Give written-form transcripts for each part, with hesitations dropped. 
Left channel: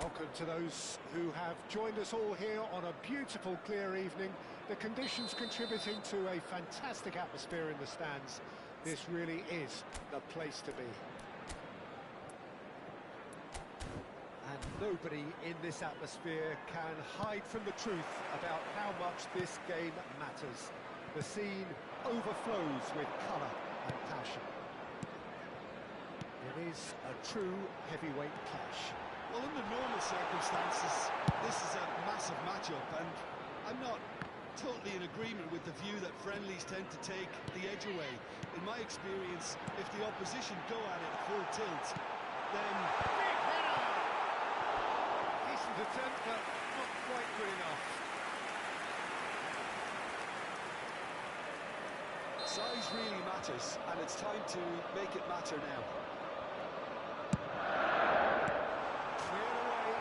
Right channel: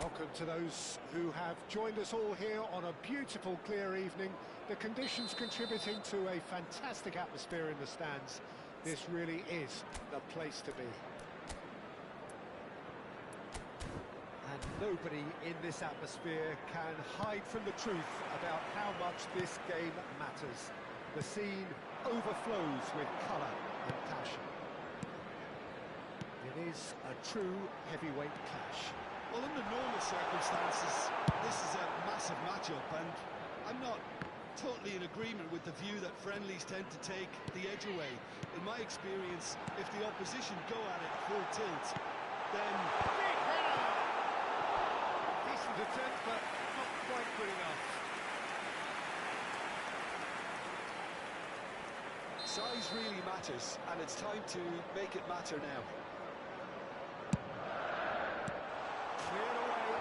Welcome to those who have joined us all here on a beautiful, clear evening. The conditions contributing to a fantastic atmosphere in the stands. This really is the place to be. And nobody in this atmosphere can hide from the truth about how much this game matters. The scene overflows with colour and passion. It is a true heavyweight clash. Well, under normal circumstances, this is a massive matchup, and I'm not totally in agreement with the view that friendlies tend to take the edge away. In my experience, if the opposition go at it full tilt, then... Big header! Decent attempt, but not quite good enough. Size really matters, and it's time to make it matter now. Cleared away,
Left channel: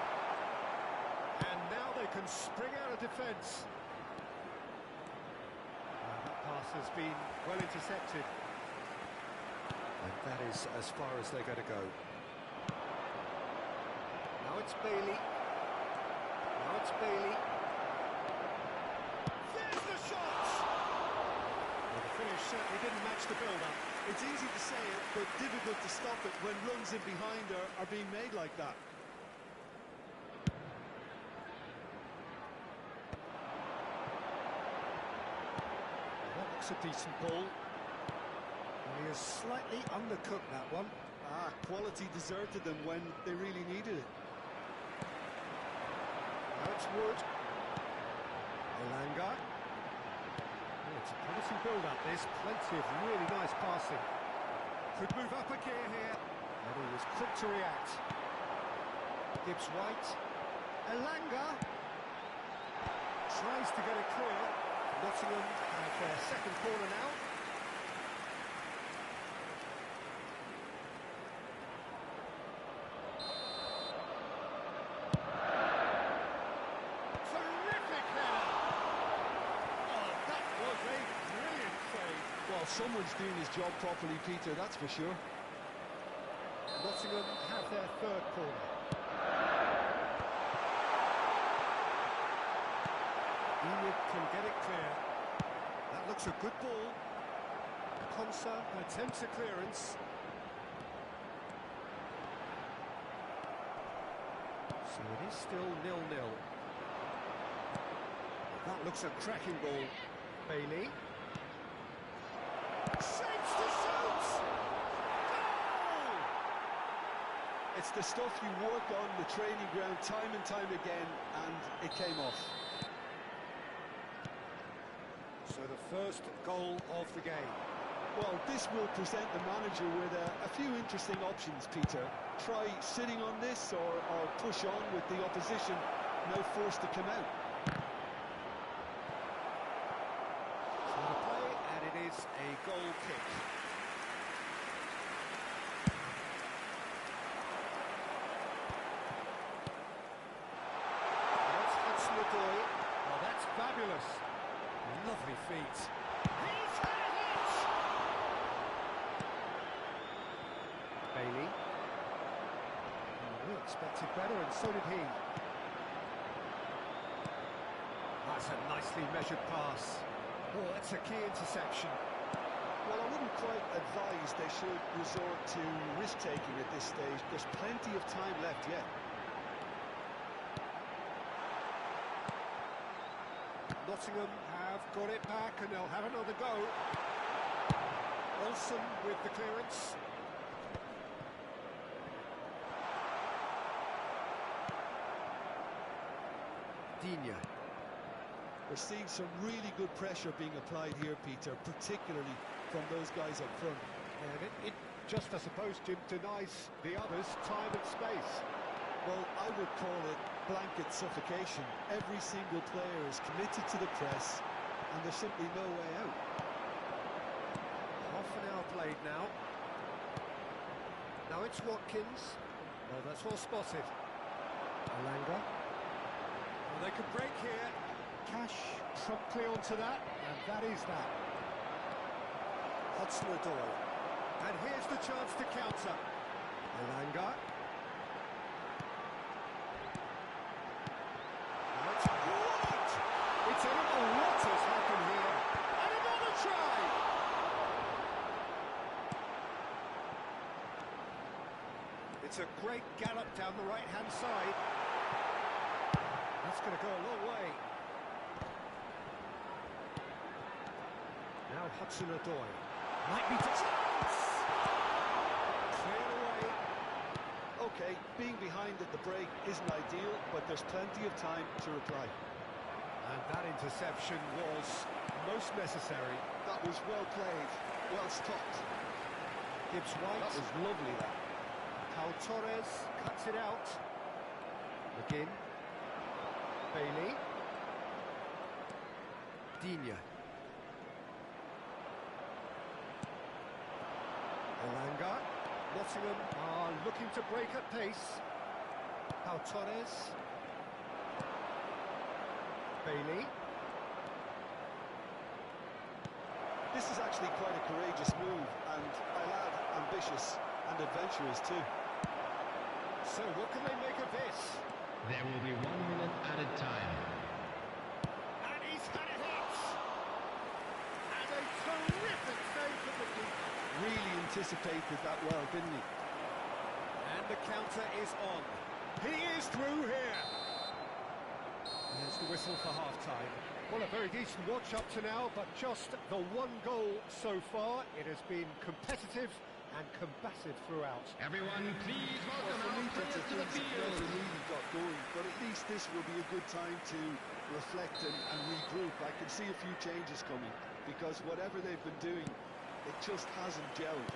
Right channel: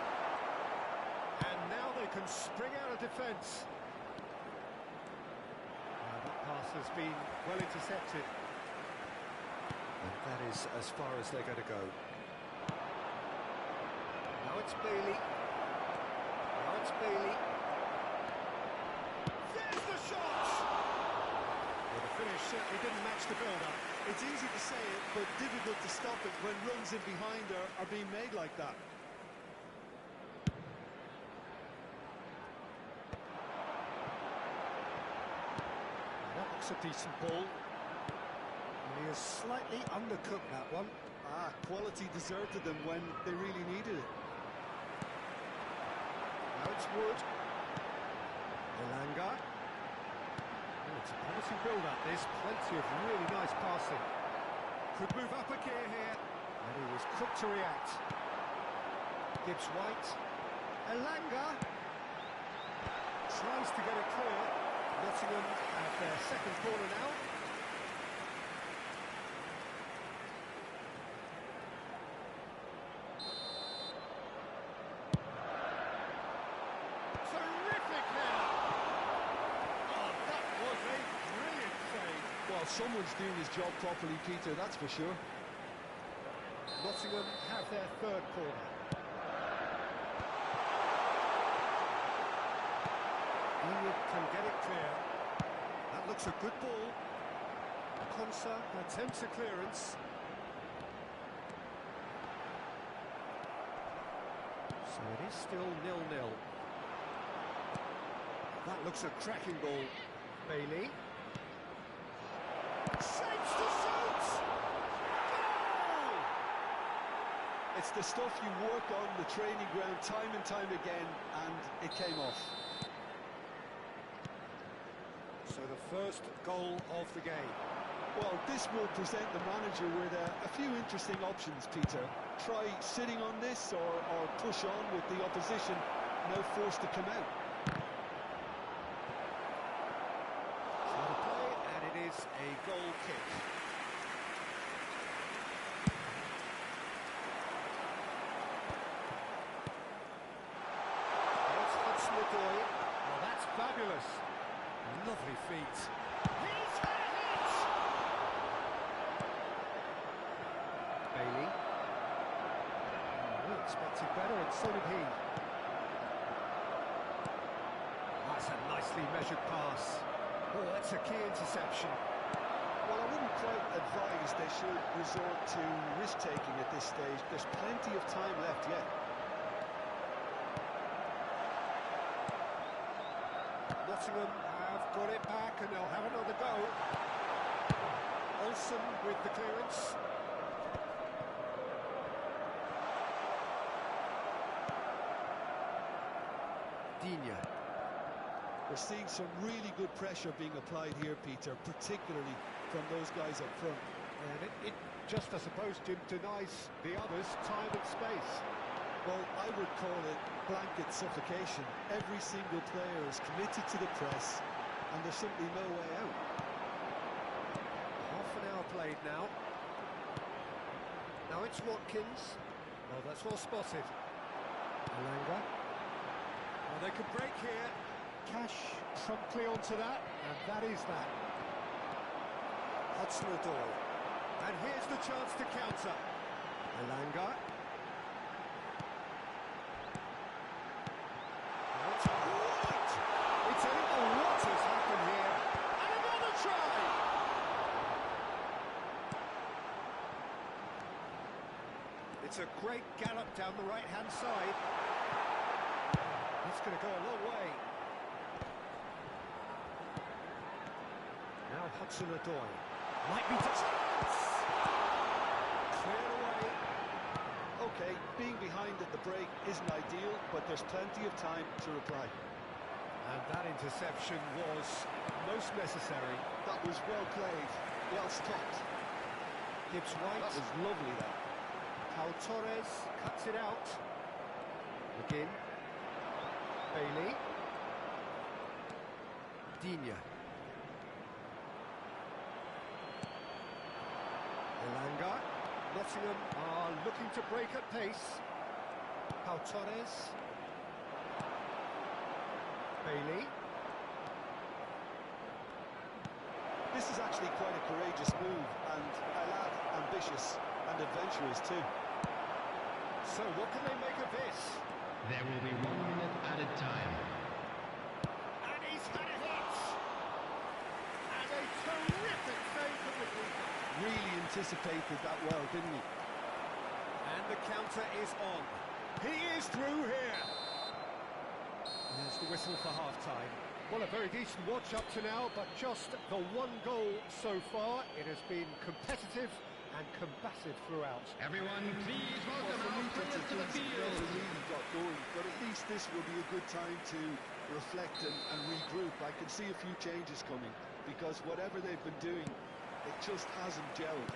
and now they can spring out of defence. That pass has been well intercepted, and that is as far as they're going to go. Now it's Bailey. Now it's Bailey. There's the shot! Well, the finish certainly didn't match the build-up. It's easy to say it, but difficult to stop it when runs in behind are being made like that. That looks a decent ball. He has slightly undercooked that one. Quality deserted them when they really needed it. Now it's Wood. Elanga. Oh, it's a promising build-up, this. Plenty of really nice passing. Could move up a gear here. And he was quick to react. Gibbs-White. Elanga. Tries to get it clear. Nottingham have their second corner now. Terrific header! Oh, that was a brilliant save. Well, someone's doing his job properly, Peter, that's for sure. Nottingham have their third corner. Enid can get it clear. That looks a good ball. Konsa attempts a clearance. So it is still 0-0. That looks a cracking ball. Bailey. Shapes to shoot! Goal! It's the stuff you work on the training ground time and time again, and it came off. So the first goal of the game. Well, this will present the manager with a few interesting options, Peter. Try sitting on this or push on with the opposition, no force to come out. So the play, and it is a goal kick. That's Hudson-Odoi. Oh, that's fabulous. Lovely feet. He's had it! Bailey. We expected better, and so did he. That's a nicely measured pass. Oh, that's a key interception. Well, I wouldn't quite advise they should resort to risk-taking at this stage. There's plenty of time left yet. Nottingham have got it back, and they'll have another go. Olsen with the clearance. Digne. We're seeing some really good pressure being applied here, Peter, particularly from those guys up front. And it just, I suppose, Jim, denies the others time and space. Well, I would call it blanket suffocation. Every single player is committed to the press, and there's simply no way out. Half an hour played now. Now it's Watkins. Oh, that's well spotted. Elanga. Oh, they could break here. Cash promptly onto that, and that is that. Hudson-Odoi. And here's the chance to counter. Elanga. That's right! It's a little what has happened here. And another try! It's a great gallop down the right-hand side. That's going to go a long way. Now Hudson-Odoi. Might be to chance! Cleared away. Okay, being behind at the break isn't ideal, but there's plenty of time to reply. And that interception was most necessary. That was well played, well stopped. Gibbs-White. That was lovely, that. Pau Torres cuts it out. McGinn. Bailey. Digne. Elanga. Nottingham are looking to break at pace. Pau Torres. Bailey. This is actually quite a courageous move, and I'll add ambitious and adventurous too. So what can they make of this? There will be 1 minute added time. And he's had a hit! And a terrific save from the keeper. Really anticipated that well, didn't he? And the counter is on. He is through here. There's the whistle for half-time. Well, a very decent watch up to now, but just the one goal so far. It has been competitive and combative throughout. Everyone, please welcome our players to the field. Never really got going, but at least this will be a good time to reflect and regroup. I can see a few changes coming, because whatever they've been doing, it just hasn't gelled.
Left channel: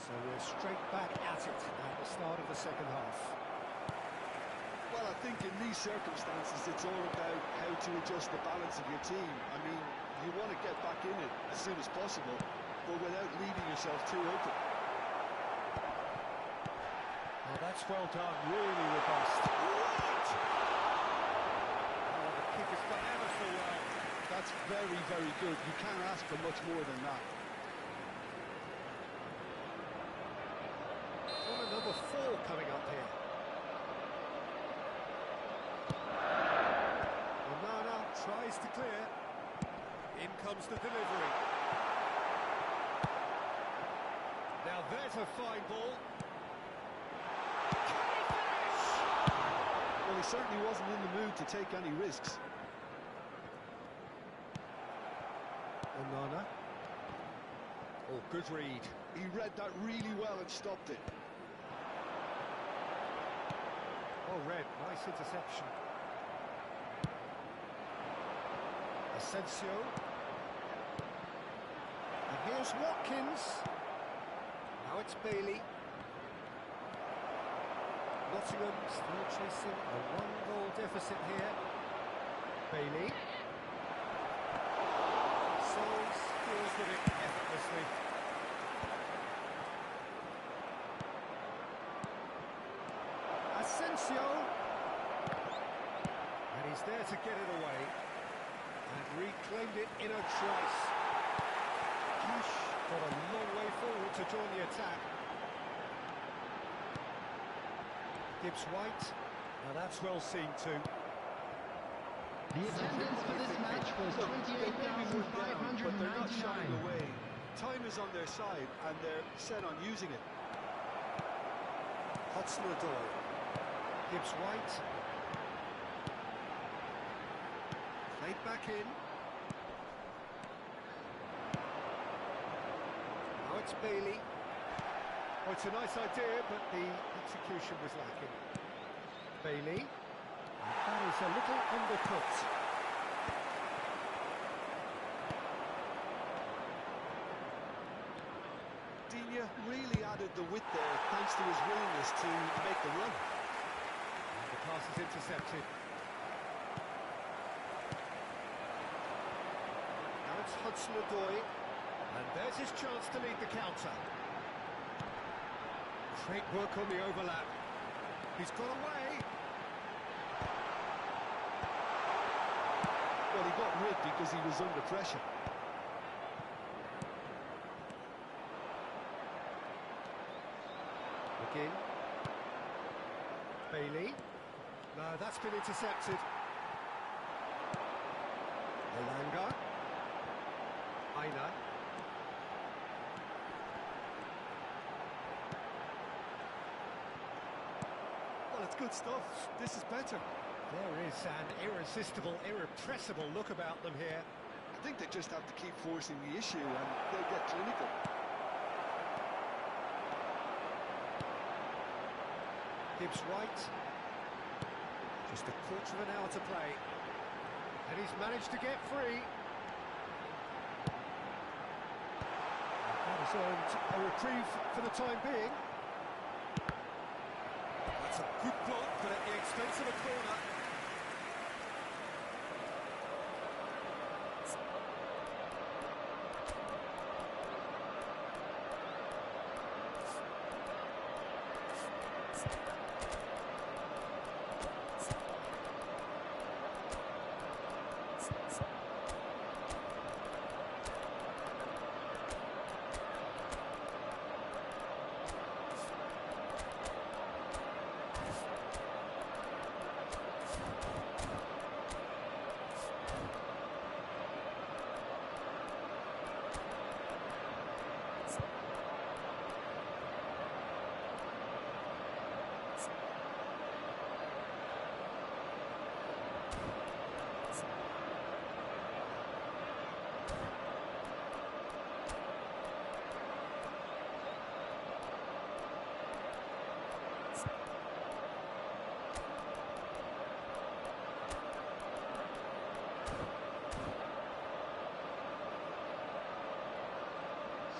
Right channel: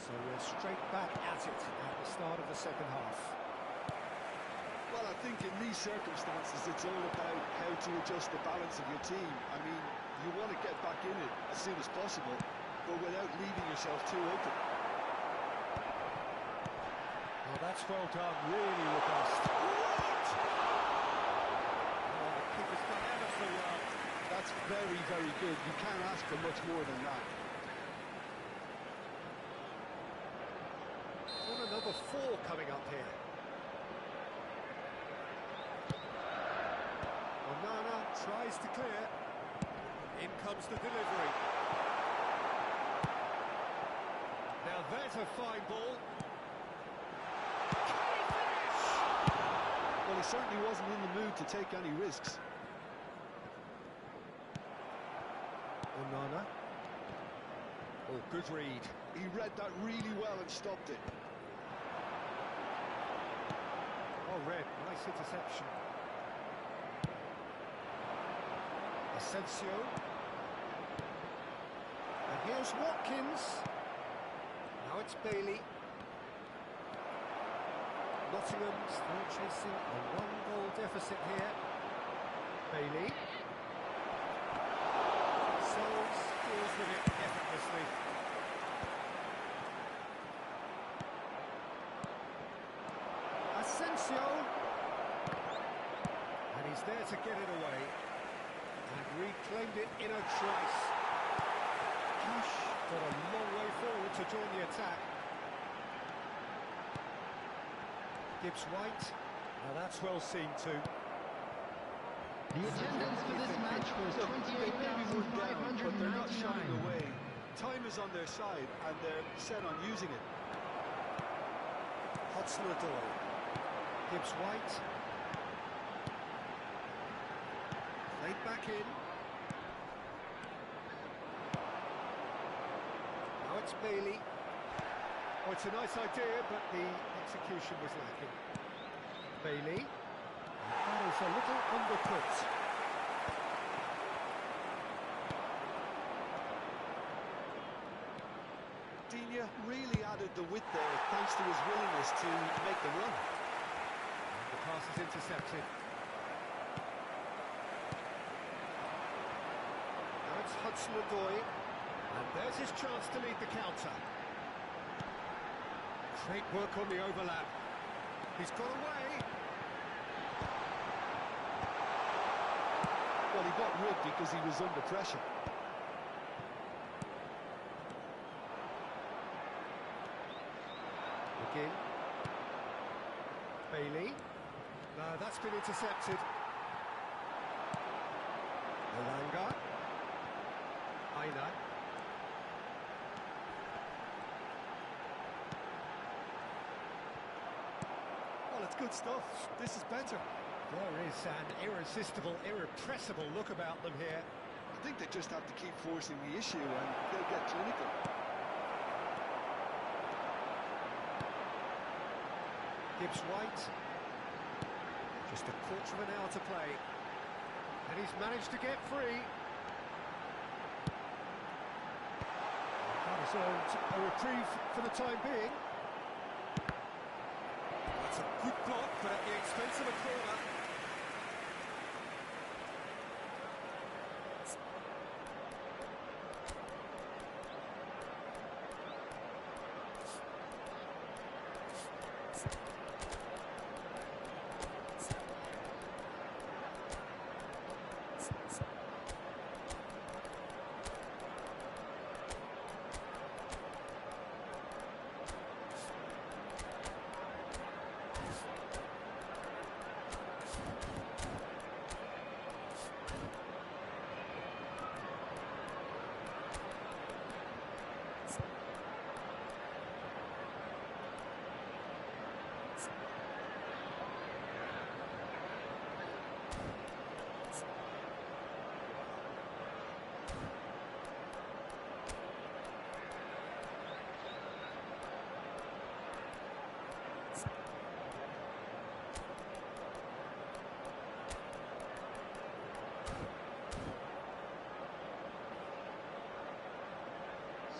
So we're straight back at it at the start of the second half. Well, I think in these circumstances, it's all about how to adjust the balance of your team. I mean, you want to get back in it as soon as possible, but without leaving yourself too open. Well, that's well done, really robust. What? Oh, the keeper's done ever so well. That's very, very good. You can't ask for much more than that. Corner number 4 coming up here. Onana tries to clear. In comes the delivery. Now there's a fine ball. Can he finish? Well, he certainly wasn't in the mood to take any risks. Onana. Oh, good read. He read that really well and stopped it. Well read, nice interception. Asensio. And here's Watkins. Now it's Bailey. Nottingham still chasing a 1-goal deficit here. Bailey. Sells, deals with it effortlessly. Asensio. And he's there to get it away. And reclaimed it in a trice. Cash got a long way forward to join the attack. Gibbs-White. Now that's well seen too. The attendance for this match was Look, they may be one down, but they're not shying 28,599. away. Time is on their side, and they're set on using it. Hudson-Odoi. Gibbs-White. Played back in. Now it's Bailey. Oh, it's a nice idea, but the execution was lacking. Bailey. And that is a little undercut. Digne really added the width there, thanks to his willingness to make the run. And the pass is intercepted. Now it's Hudson-Odoi. And there's his chance to lead the counter. Great work on the overlap. He's got away. Well, he got rid because he was under pressure. McGinn. Bailey. No, that's been intercepted. Elanga. Aina. Well, it's good stuff. This is better. There is an irresistible, irrepressible look about them here. I think they just have to keep forcing the issue and they'll get clinical. Gibbs White. Just a quarter of an hour to play. And he's managed to get free. That has earned a reprieve for the time being. That's a good block, but at the expense of a corner.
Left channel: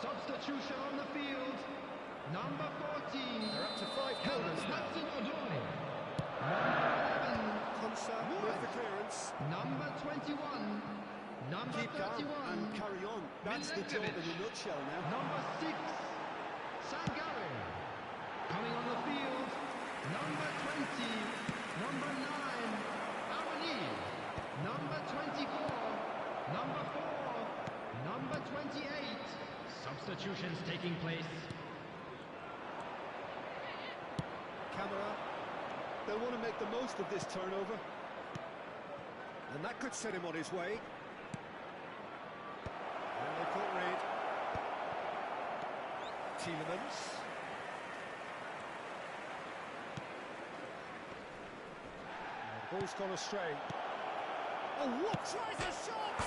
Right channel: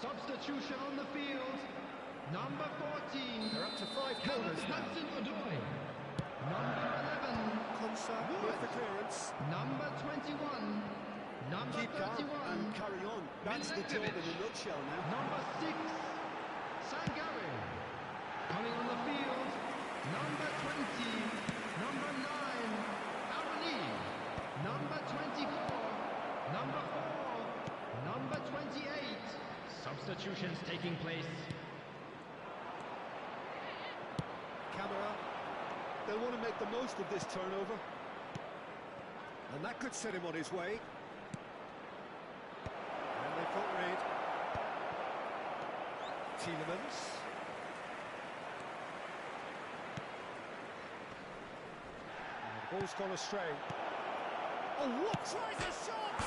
Substitution on the field. Number 14. They're up to 5 corners now. Odoi. Number 11. Konsa with the clearance. Number 21. Number Keep 31. calm and carry on. That's the job in a nutshell now. Number 6. Sangare. Coming on the field. Number 20. Number 9. Arani. Number 24. Number 4. Number 28. Substitutions taking place. Camera. They'll want to make the most of this turnover. And that could set him on his way. And they've got rid. Tielemans. And the ball's gone astray. Oh, what? Tries a shot!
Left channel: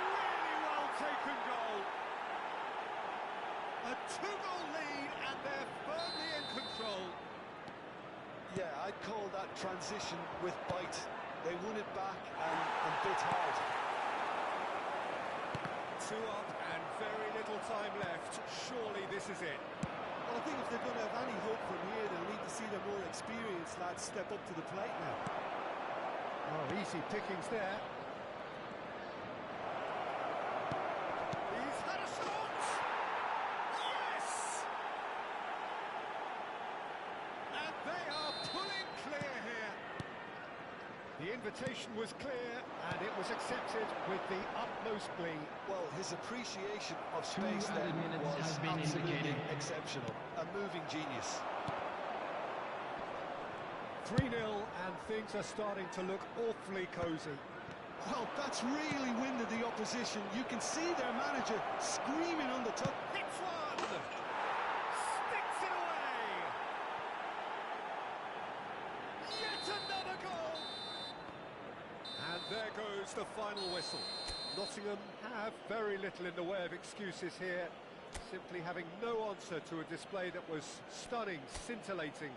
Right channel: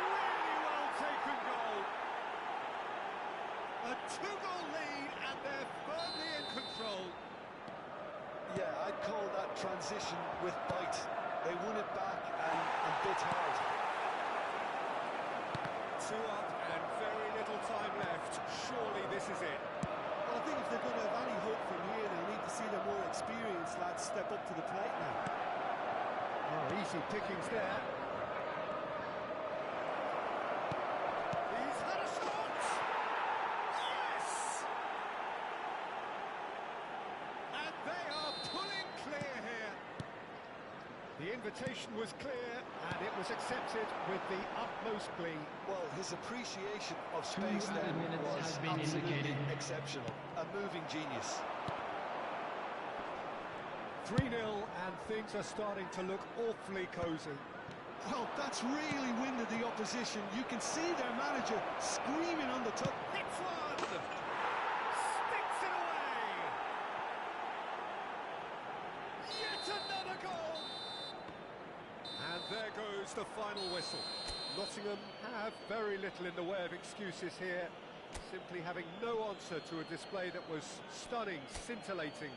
Really well taken goal. A 2-goal lead, and they're firmly in control. Yeah, I'd call that transition with bite. They won it back and bit hard. 2 up and very little time left. Surely this is it. Well, I think if they're going to have any hope from here, they'll need to see their more experienced lads step up to the plate now. Oh, easy pickings there. He's had a shot! Yes! And they are pulling clear here. The invitation was clear, and it was accepted with the utmost glee. Well, his appreciation of space then was absolutely exceptional. A moving genius. 3-0, and things are starting to look awfully cosy. Well, that's really winded the opposition. You can see their manager screaming on the top. Hits one! Sticks it away! Yet another goal! And there goes the final whistle. Nottingham have very little in the way of excuses here, simply having no answer to a display that was stunning, scintillating.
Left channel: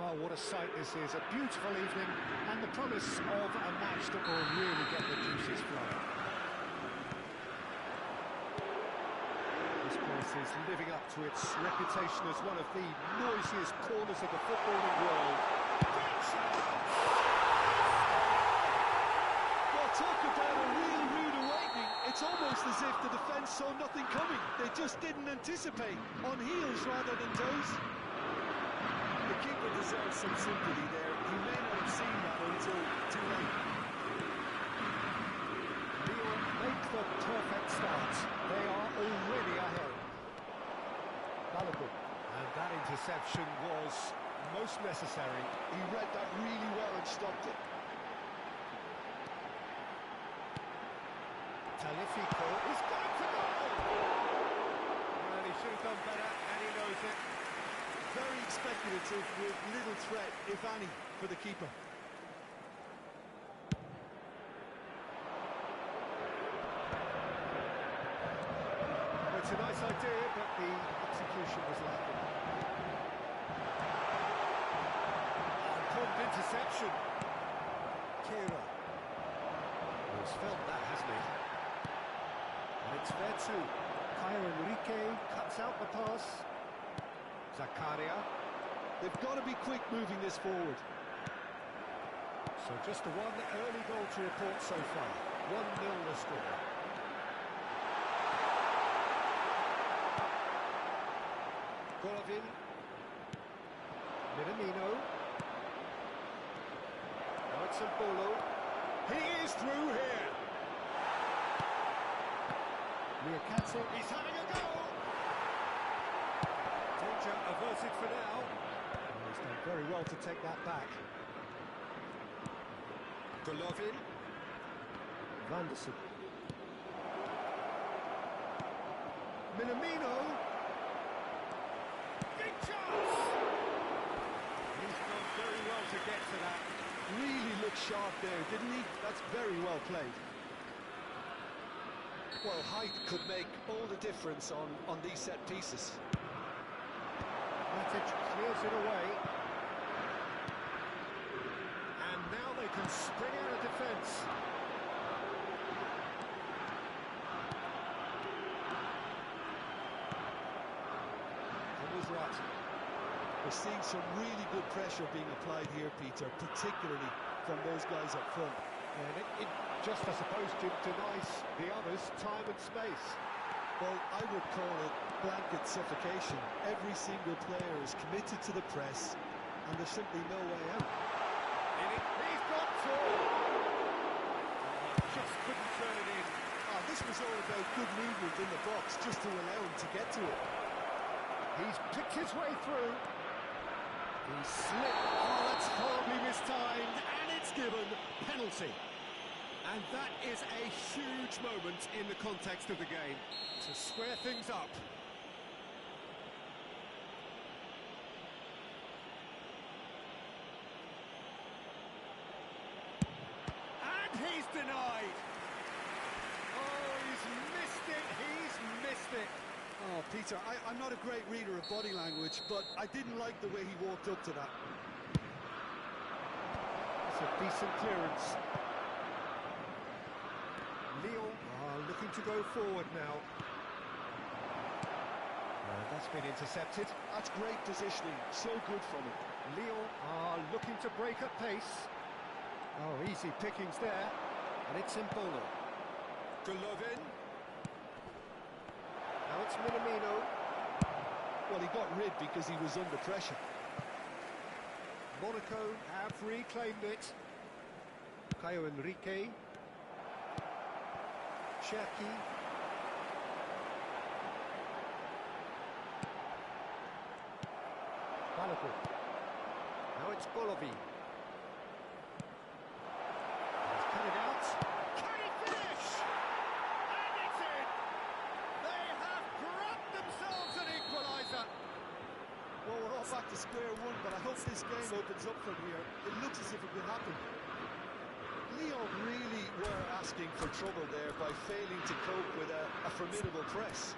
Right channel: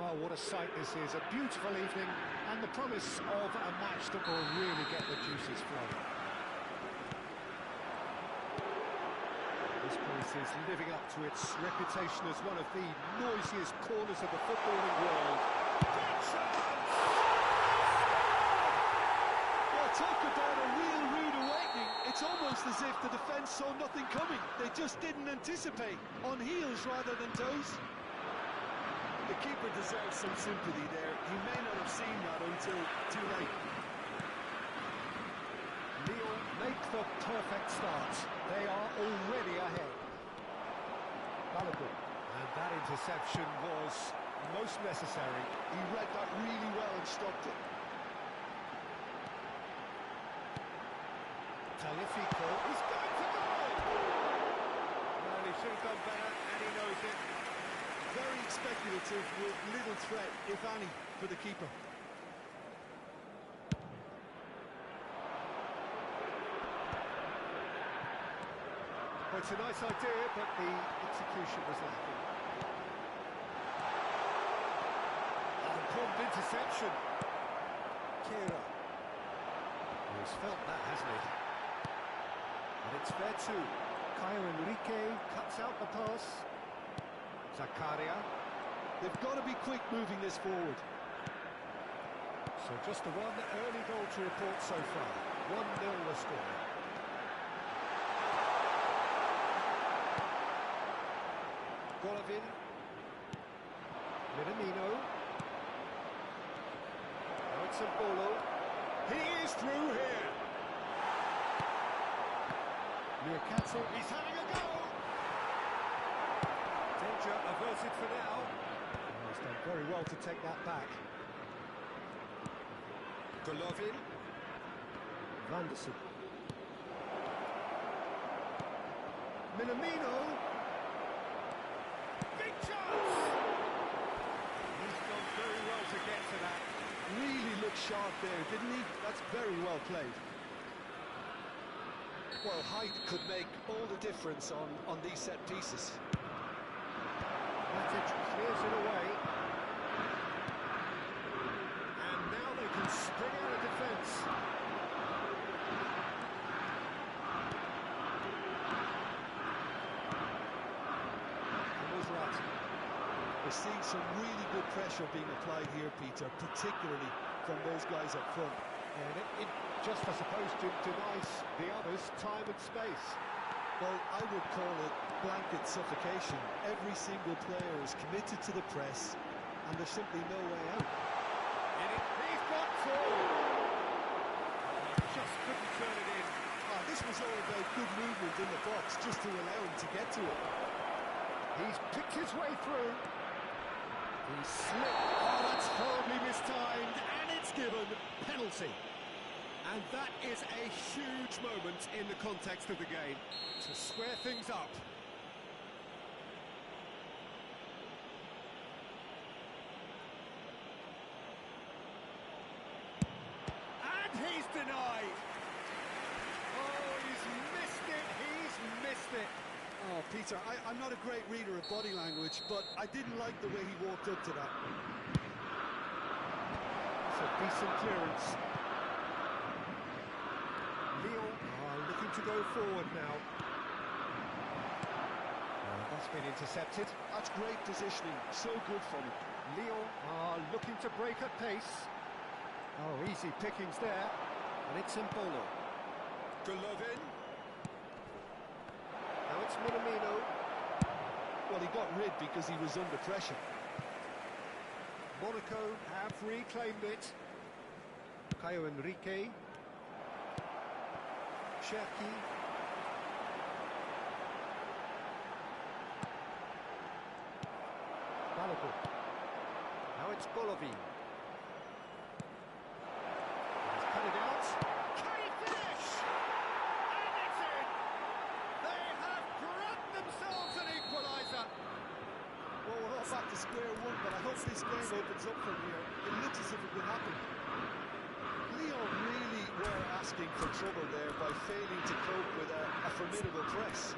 Well, what a sight this is. A beautiful evening and the promise of a match that will really get the juices flowing. This place is living up to its reputation as one of the noisiest corners of the footballing world. Great chance! Well, talk about a real rude awakening. It's almost as if the defence saw nothing coming. They just didn't anticipate. On heels rather than toes. The keeper deserves some sympathy there. He may not have seen that until too late. Lille make the perfect start. They are already ahead. Balogun. And that interception was most necessary. He read that really well and stopped it. Talifico is going to goal! Well, he should have done better, and he knows it. Very speculative with little threat, if any, for the keeper. Well, it's a nice idea, but the execution was lacking. Important interception. Kira. He's felt that, hasn't he? And it's fair too. Caio Enrique cuts out the pass. Zakaria. They've got to be quick moving this forward. So just the one early goal to report so far. 1-0 the score. Golovin. Minamino. Now it's Bolo. He is through here. Liakatsu. He's having a go. Danger averted for now. Oh, he's done very well to take that back. Golovin. Vanderson. Minamino. Big chance! He's done very well to get to that. Really looked sharp there, didn't he? That's very well played. Well, height could make all the difference on these set pieces. Matic clears it away. And now they can spring out of defence. We're seeing some really good pressure being applied here, Peter, particularly from those guys up front. And it just, I suppose, denies the others time and space. Well, I would call it blanket suffocation. Every single player is committed to the press, and there's simply no way out. He's got through! Just couldn't turn it in. Oh, this was all about good movement in the box, just to allow him to get to it. He's picked his way through. He slipped. Oh, that's horribly mistimed, and it's given penalty. And that is a huge moment in the context of the game to square things up. And he's denied. Oh, he's missed it. He's missed it. Oh, Peter, I'm not a great reader of body language, but I didn't like the way he walked up to that. It's a decent clearance. Lyon are looking to go forward now. That's been intercepted. That's great positioning, so good from him. Lyon are looking to break at pace. Oh, easy pickings there. And it's Embolo. Golovin. Now it's Minamino. Well, he got rid because he was under pressure. Monaco have reclaimed it. Caio Henrique. Cherki. Balogun. Now it's Golovin. He's cut it out. Can he finish? And it's in! They have grabbed themselves an equaliser. Well, we're all back to square one, but I hope this game opens up from here. It looks as if it could happen. Lyon really were asking for trouble there by failing to cope with a formidable press.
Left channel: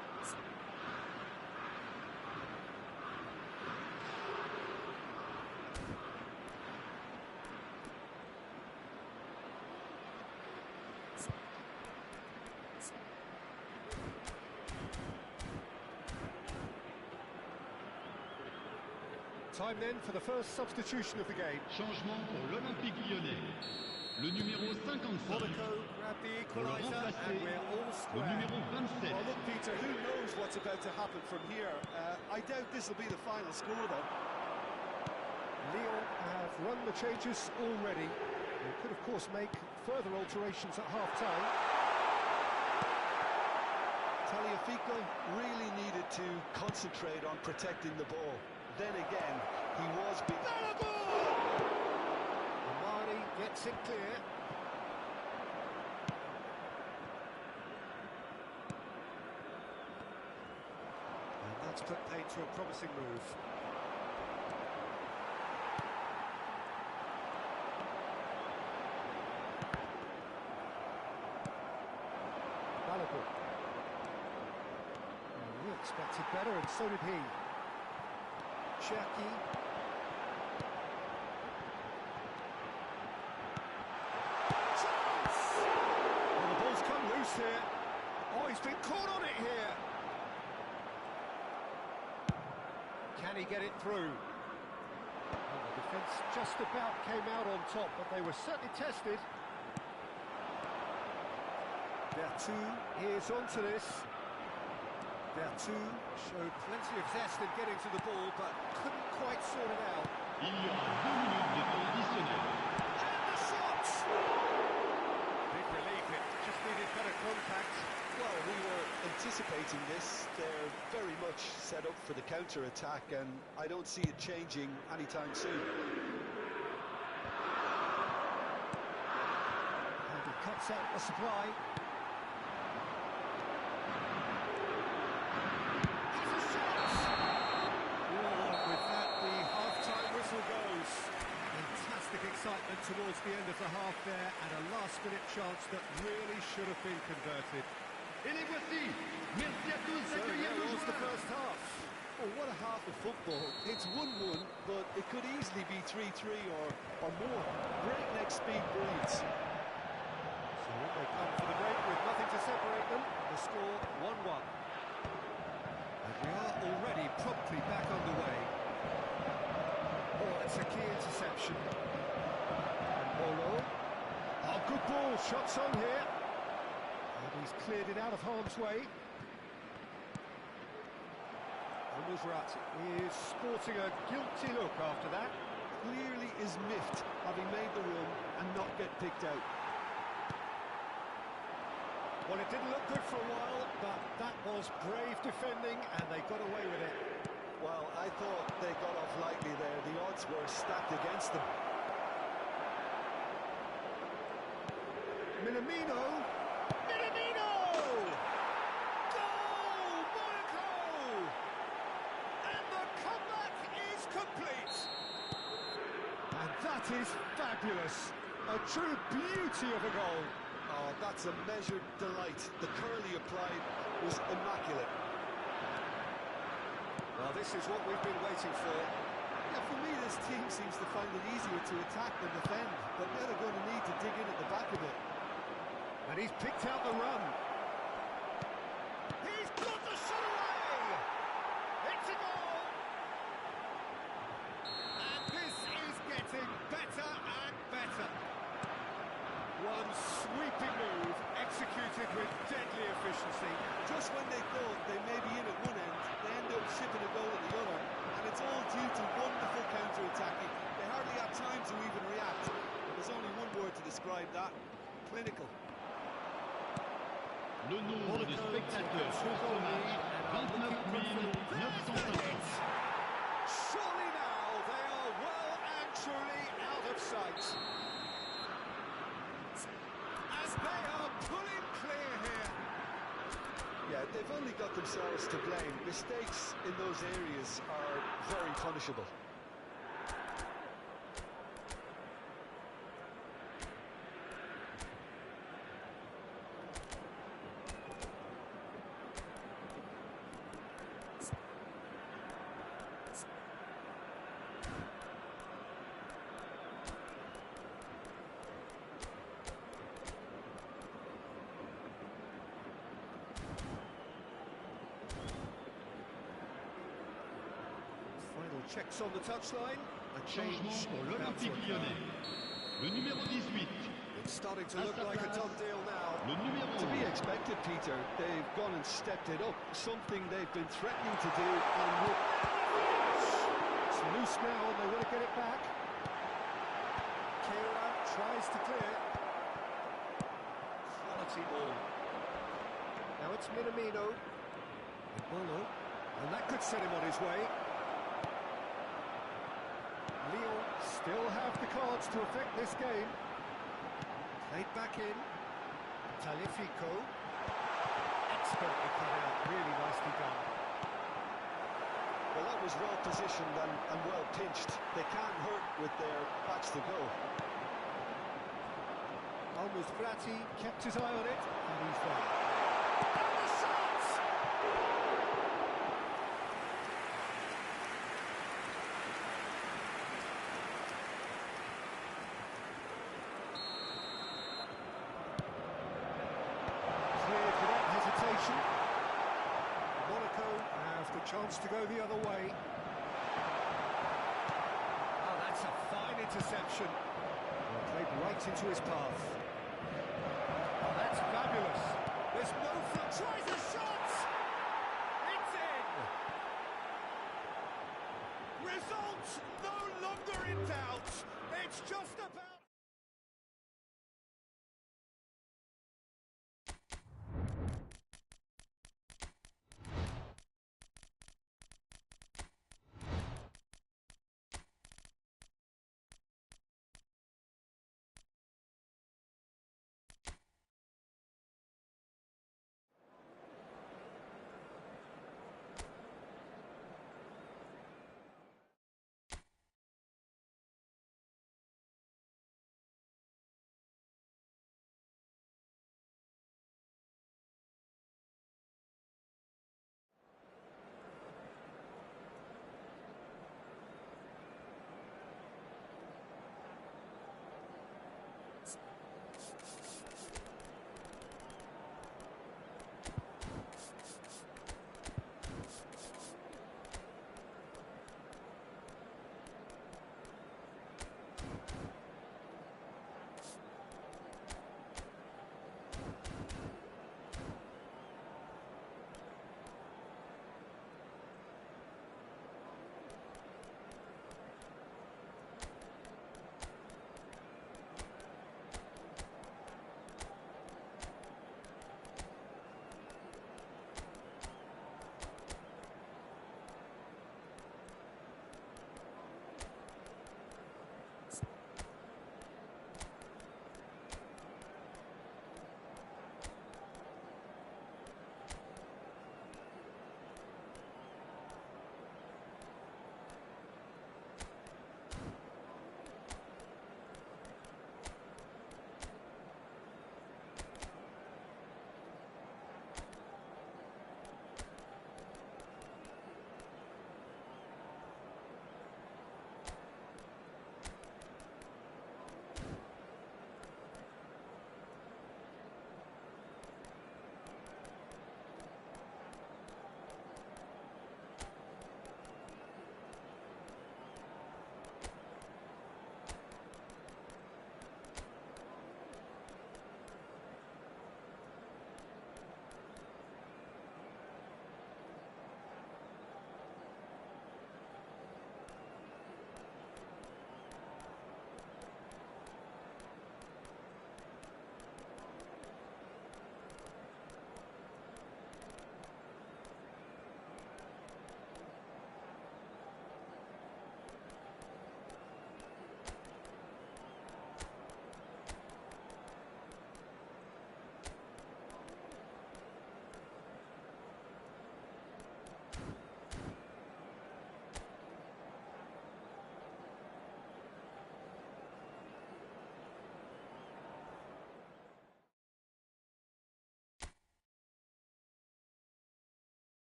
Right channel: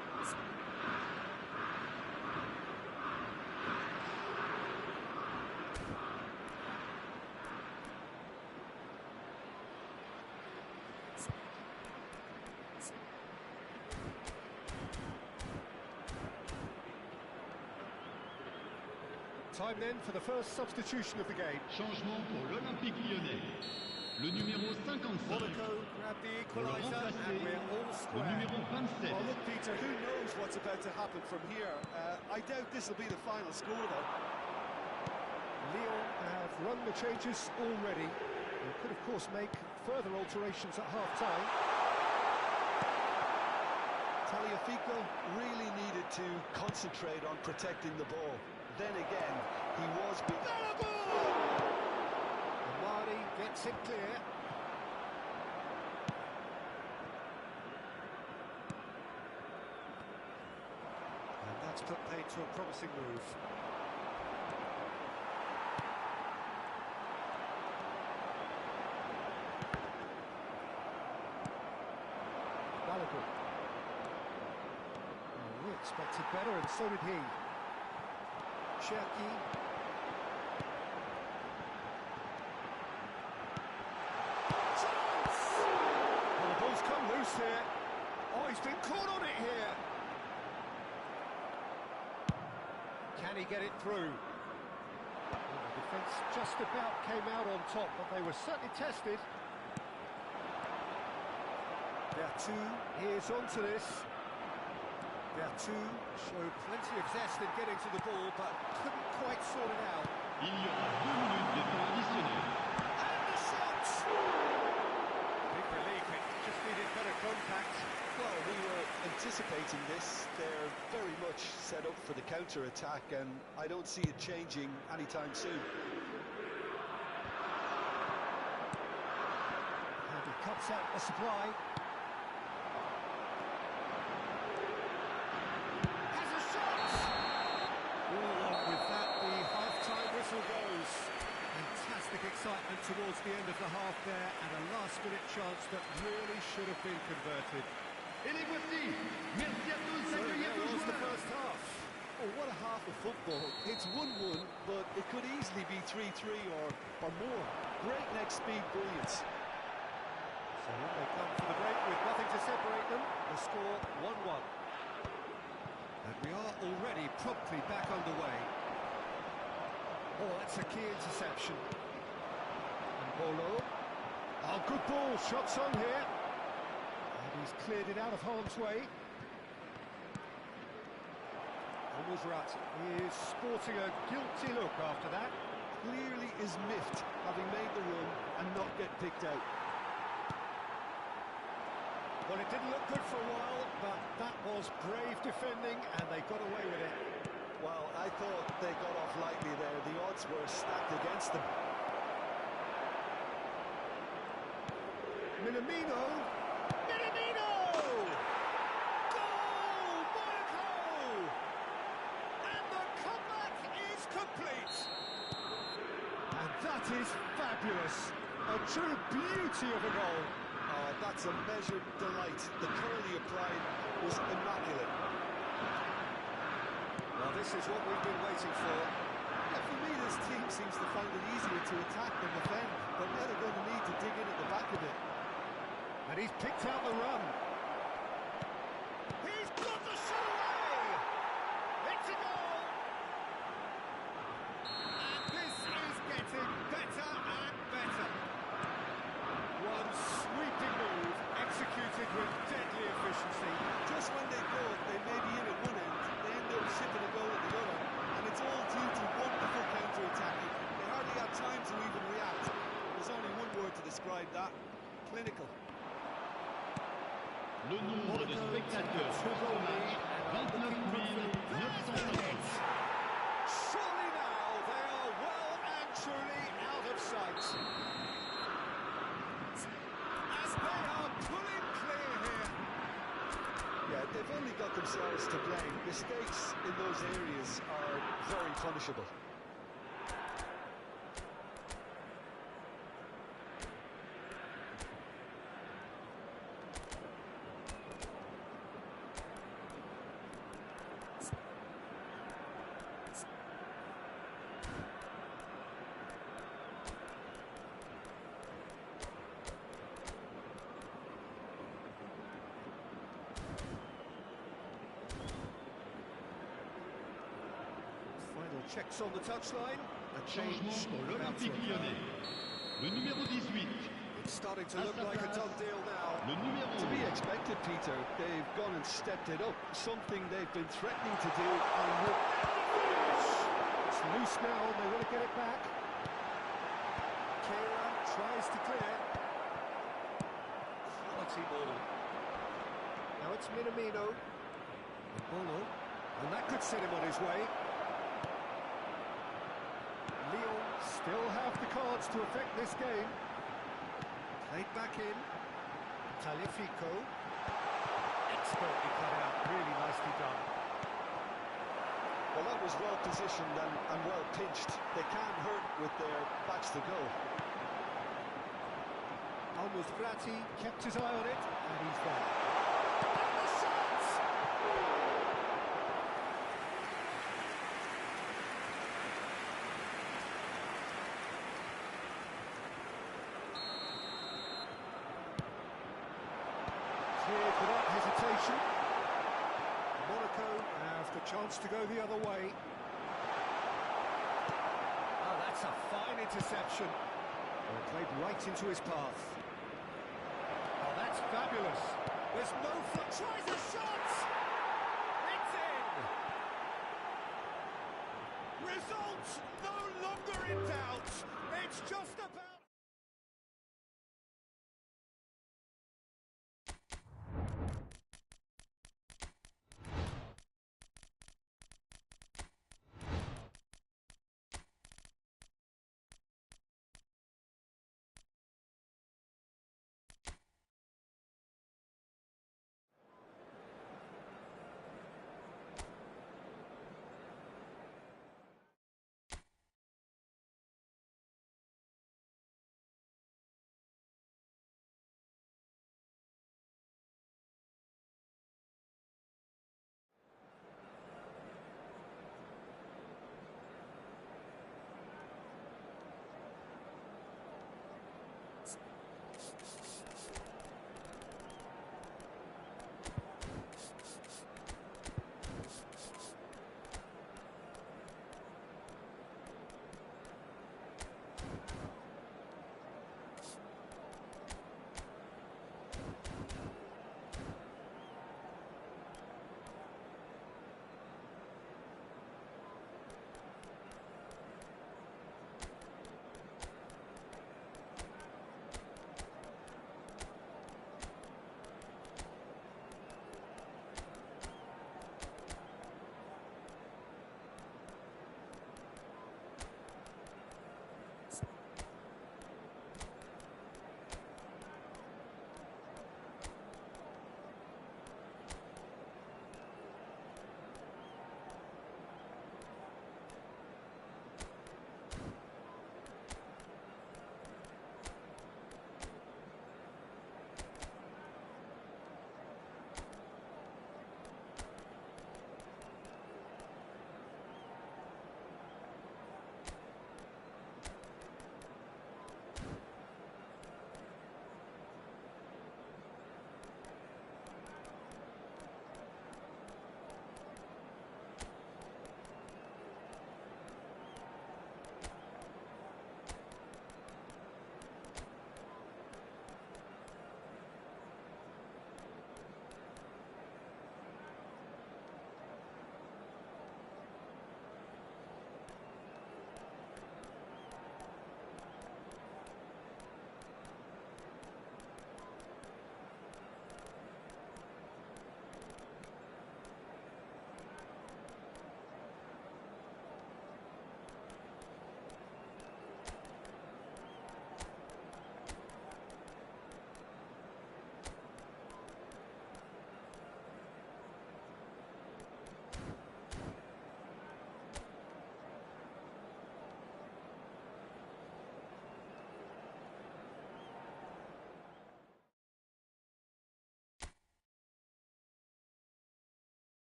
Time then for the first substitution of the game. Changement pour l'Olympique Lyonnais. Le numéro 55. Monaco grab the Pour le equaliser and we're all le square. numéro 27. Well, look, Peter, who knows what's about to happen from here? I doubt this will be the final score, though. Lyon have run the changes already. They could, of course, make further alterations at half-time. Tagliafico really needed to concentrate on protecting the ball. Then again, he was beat. Amari gets it clear. And that's put paid to a promising move. Balogun. We expected better, and so did he. Cherki. Chance! Well, the ball's come loose here. Oh, he's been caught on it here. Can he get it through? Well, the defence just about came out on top, but they were certainly tested. Bertu is onto this. Bertu showed plenty of zest in getting to the ball, but couldn't quite sort it out. Il y aura 2 minutes de temps additionnel. And the shot! Big relief, it just needed better contact. Well, we were anticipating this. They're very much set up for the counter-attack, and I don't see it changing anytime soon. And he cuts out the supply. Goes. Fantastic excitement towards the end of the half there, and a last-minute chance that really should have been converted. Et les voici. Merci à tous So d'accueillir there nos was the joueurs. first half. Oh, what a half of football. It's 1-1, but it could easily be 3-3 or more. Breakneck speed brilliance. So in they come for the break with nothing to separate them. The score 1-1. And we are already promptly back underway. Oh, it's a key interception. And Bolo. Oh, good ball. Shots on here. And he's cleared it out of harm's way. And brat is sporting a guilty look after that. Clearly is miffed, having made the run and not get picked out. Well, it didn't look good for a while, but that was brave defending, and they got away with it. Well, I thought they got off lightly there. The odds were stacked against them. Minamino! Minamino! Goal! Monaco! And the comeback is complete! And that is fabulous. A true beauty of a goal. Oh, that's a measured delight. The curl he applied was immaculate. Well, this is what we've been waiting for. Yeah, for me, this team seems to find it easier to attack than defend, but now they're going to need to dig in at the back a bit. And he's picked out the run. He's got the shot away! It's a goal! And this is getting better and better. One sweeping move, executed with deadly efficiency. Just when they thought they may be in at one end, they end up shipping a goal at the other, and it's all due to wonderful counter-attacking. They hardly have time to even react. There's only one word to describe that: clinical. Le nombre de spectateurs pour ce match, 29 950. Surely now they are well and truly out of sight. And they are pulling clear here. Yeah, they've only got themselves to blame. Mistakes in those areas are very punishable. Checks on the touchline. A Changement change pour about to l'Olympique occur. Lyonnais. Le numéro 18. It's starting to look like a done deal now. Le numéro To be 11. expected, Peter. They've gone and stepped it up, something they've been threatening to do, and It's loose now, and they want to get it back. Kera tries to clear. Quality ball. Now it's Minamino. Bolo. And that could set him on his way. Lyon still have the cards to affect this game. Played back in. Taliafico. Expertly cut out, really nicely done. well, that was well positioned and well pinched. They can't hurt with their backs to goal. Almost Verratti kept his eye on it, and he's there. And the shot! Cleared without hesitation. Monaco have the chance to go the other way. Oh, that's a fine interception. Well, played right into his path. Oh, that's fabulous. There's no tries a shot! It's in! Result no longer in doubt. It's just about...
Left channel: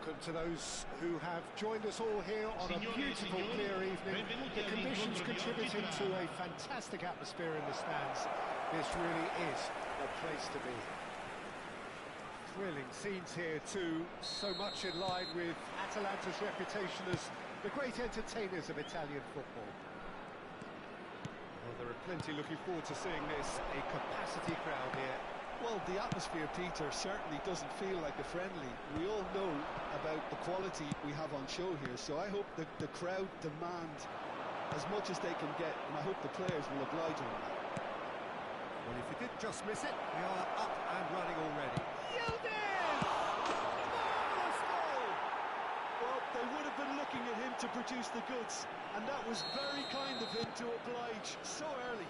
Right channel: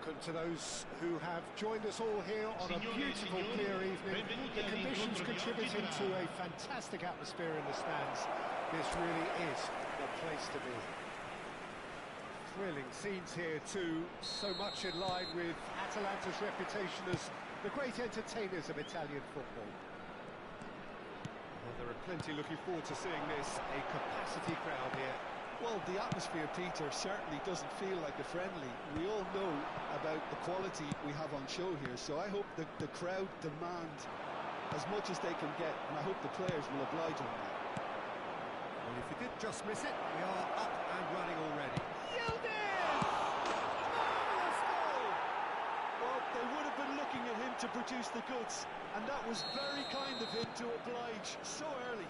welcome to those who have joined us all here on a beautiful, clear evening. The conditions contributing to a fantastic atmosphere in the stands. This really is the place to be. Thrilling scenes here too, so much in line with Atalanta's reputation as the great entertainers of Italian football. Well, there are plenty looking forward to seeing this, a capacity crowd here. Well, the atmosphere, Peter, certainly doesn't feel like a friendly. We all know about the quality we have on show here, so I hope that the crowd demand as much as they can get, and I hope the players will oblige on that. Well, if you did just miss it, we are up and running already. Yildiz! Marvellous goal! Well, they would have been looking at him to produce the goods, and that was very kind of him to oblige so early.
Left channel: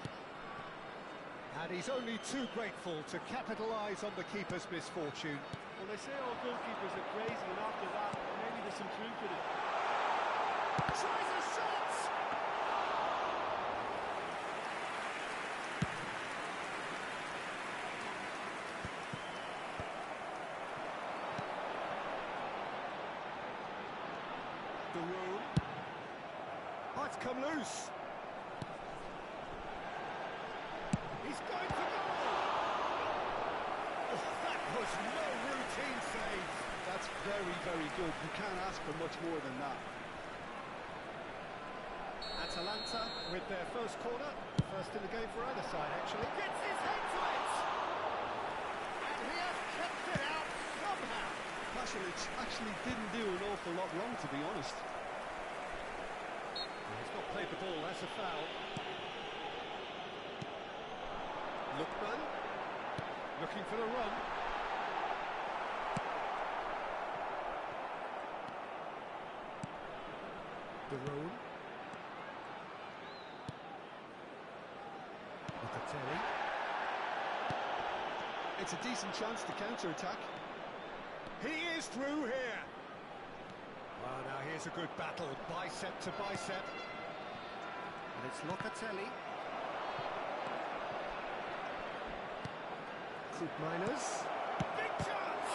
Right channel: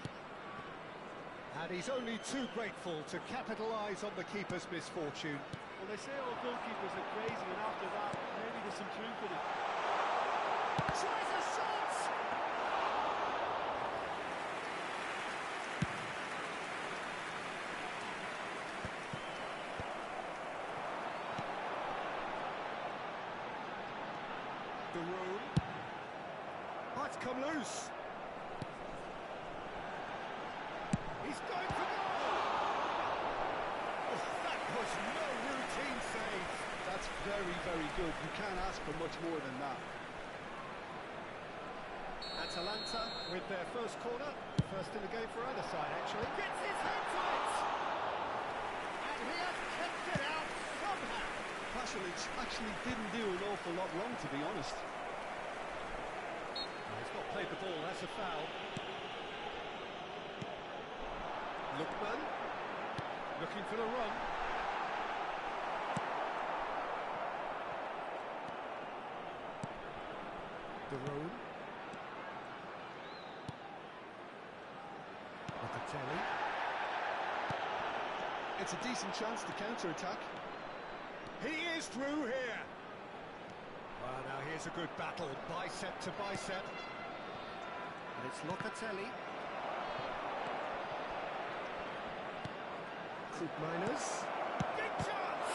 And he's only too grateful to capitalise on the keeper's misfortune. Well, they say all goalkeepers are crazy, and after that, maybe there's some truth in it. Tries a shot! The room. Oh, it's come loose. He's going for goal! Oh, that was no routine save. That's very, very good. You can't ask for much more than that. Atalanta with their first corner. First in the game for either side, actually. Gets his head to it! And he has kept it out somehow. Pasalic actually didn't do an awful lot wrong, to be honest. He's not played the ball, that's a foul. Lookman, looking for the run. De Roon. Locatelli. It's a decent chance to counter-attack. He is through here. Well, now here's a good battle, bicep to bicep. And it's Locatelli. Miners. Big chance!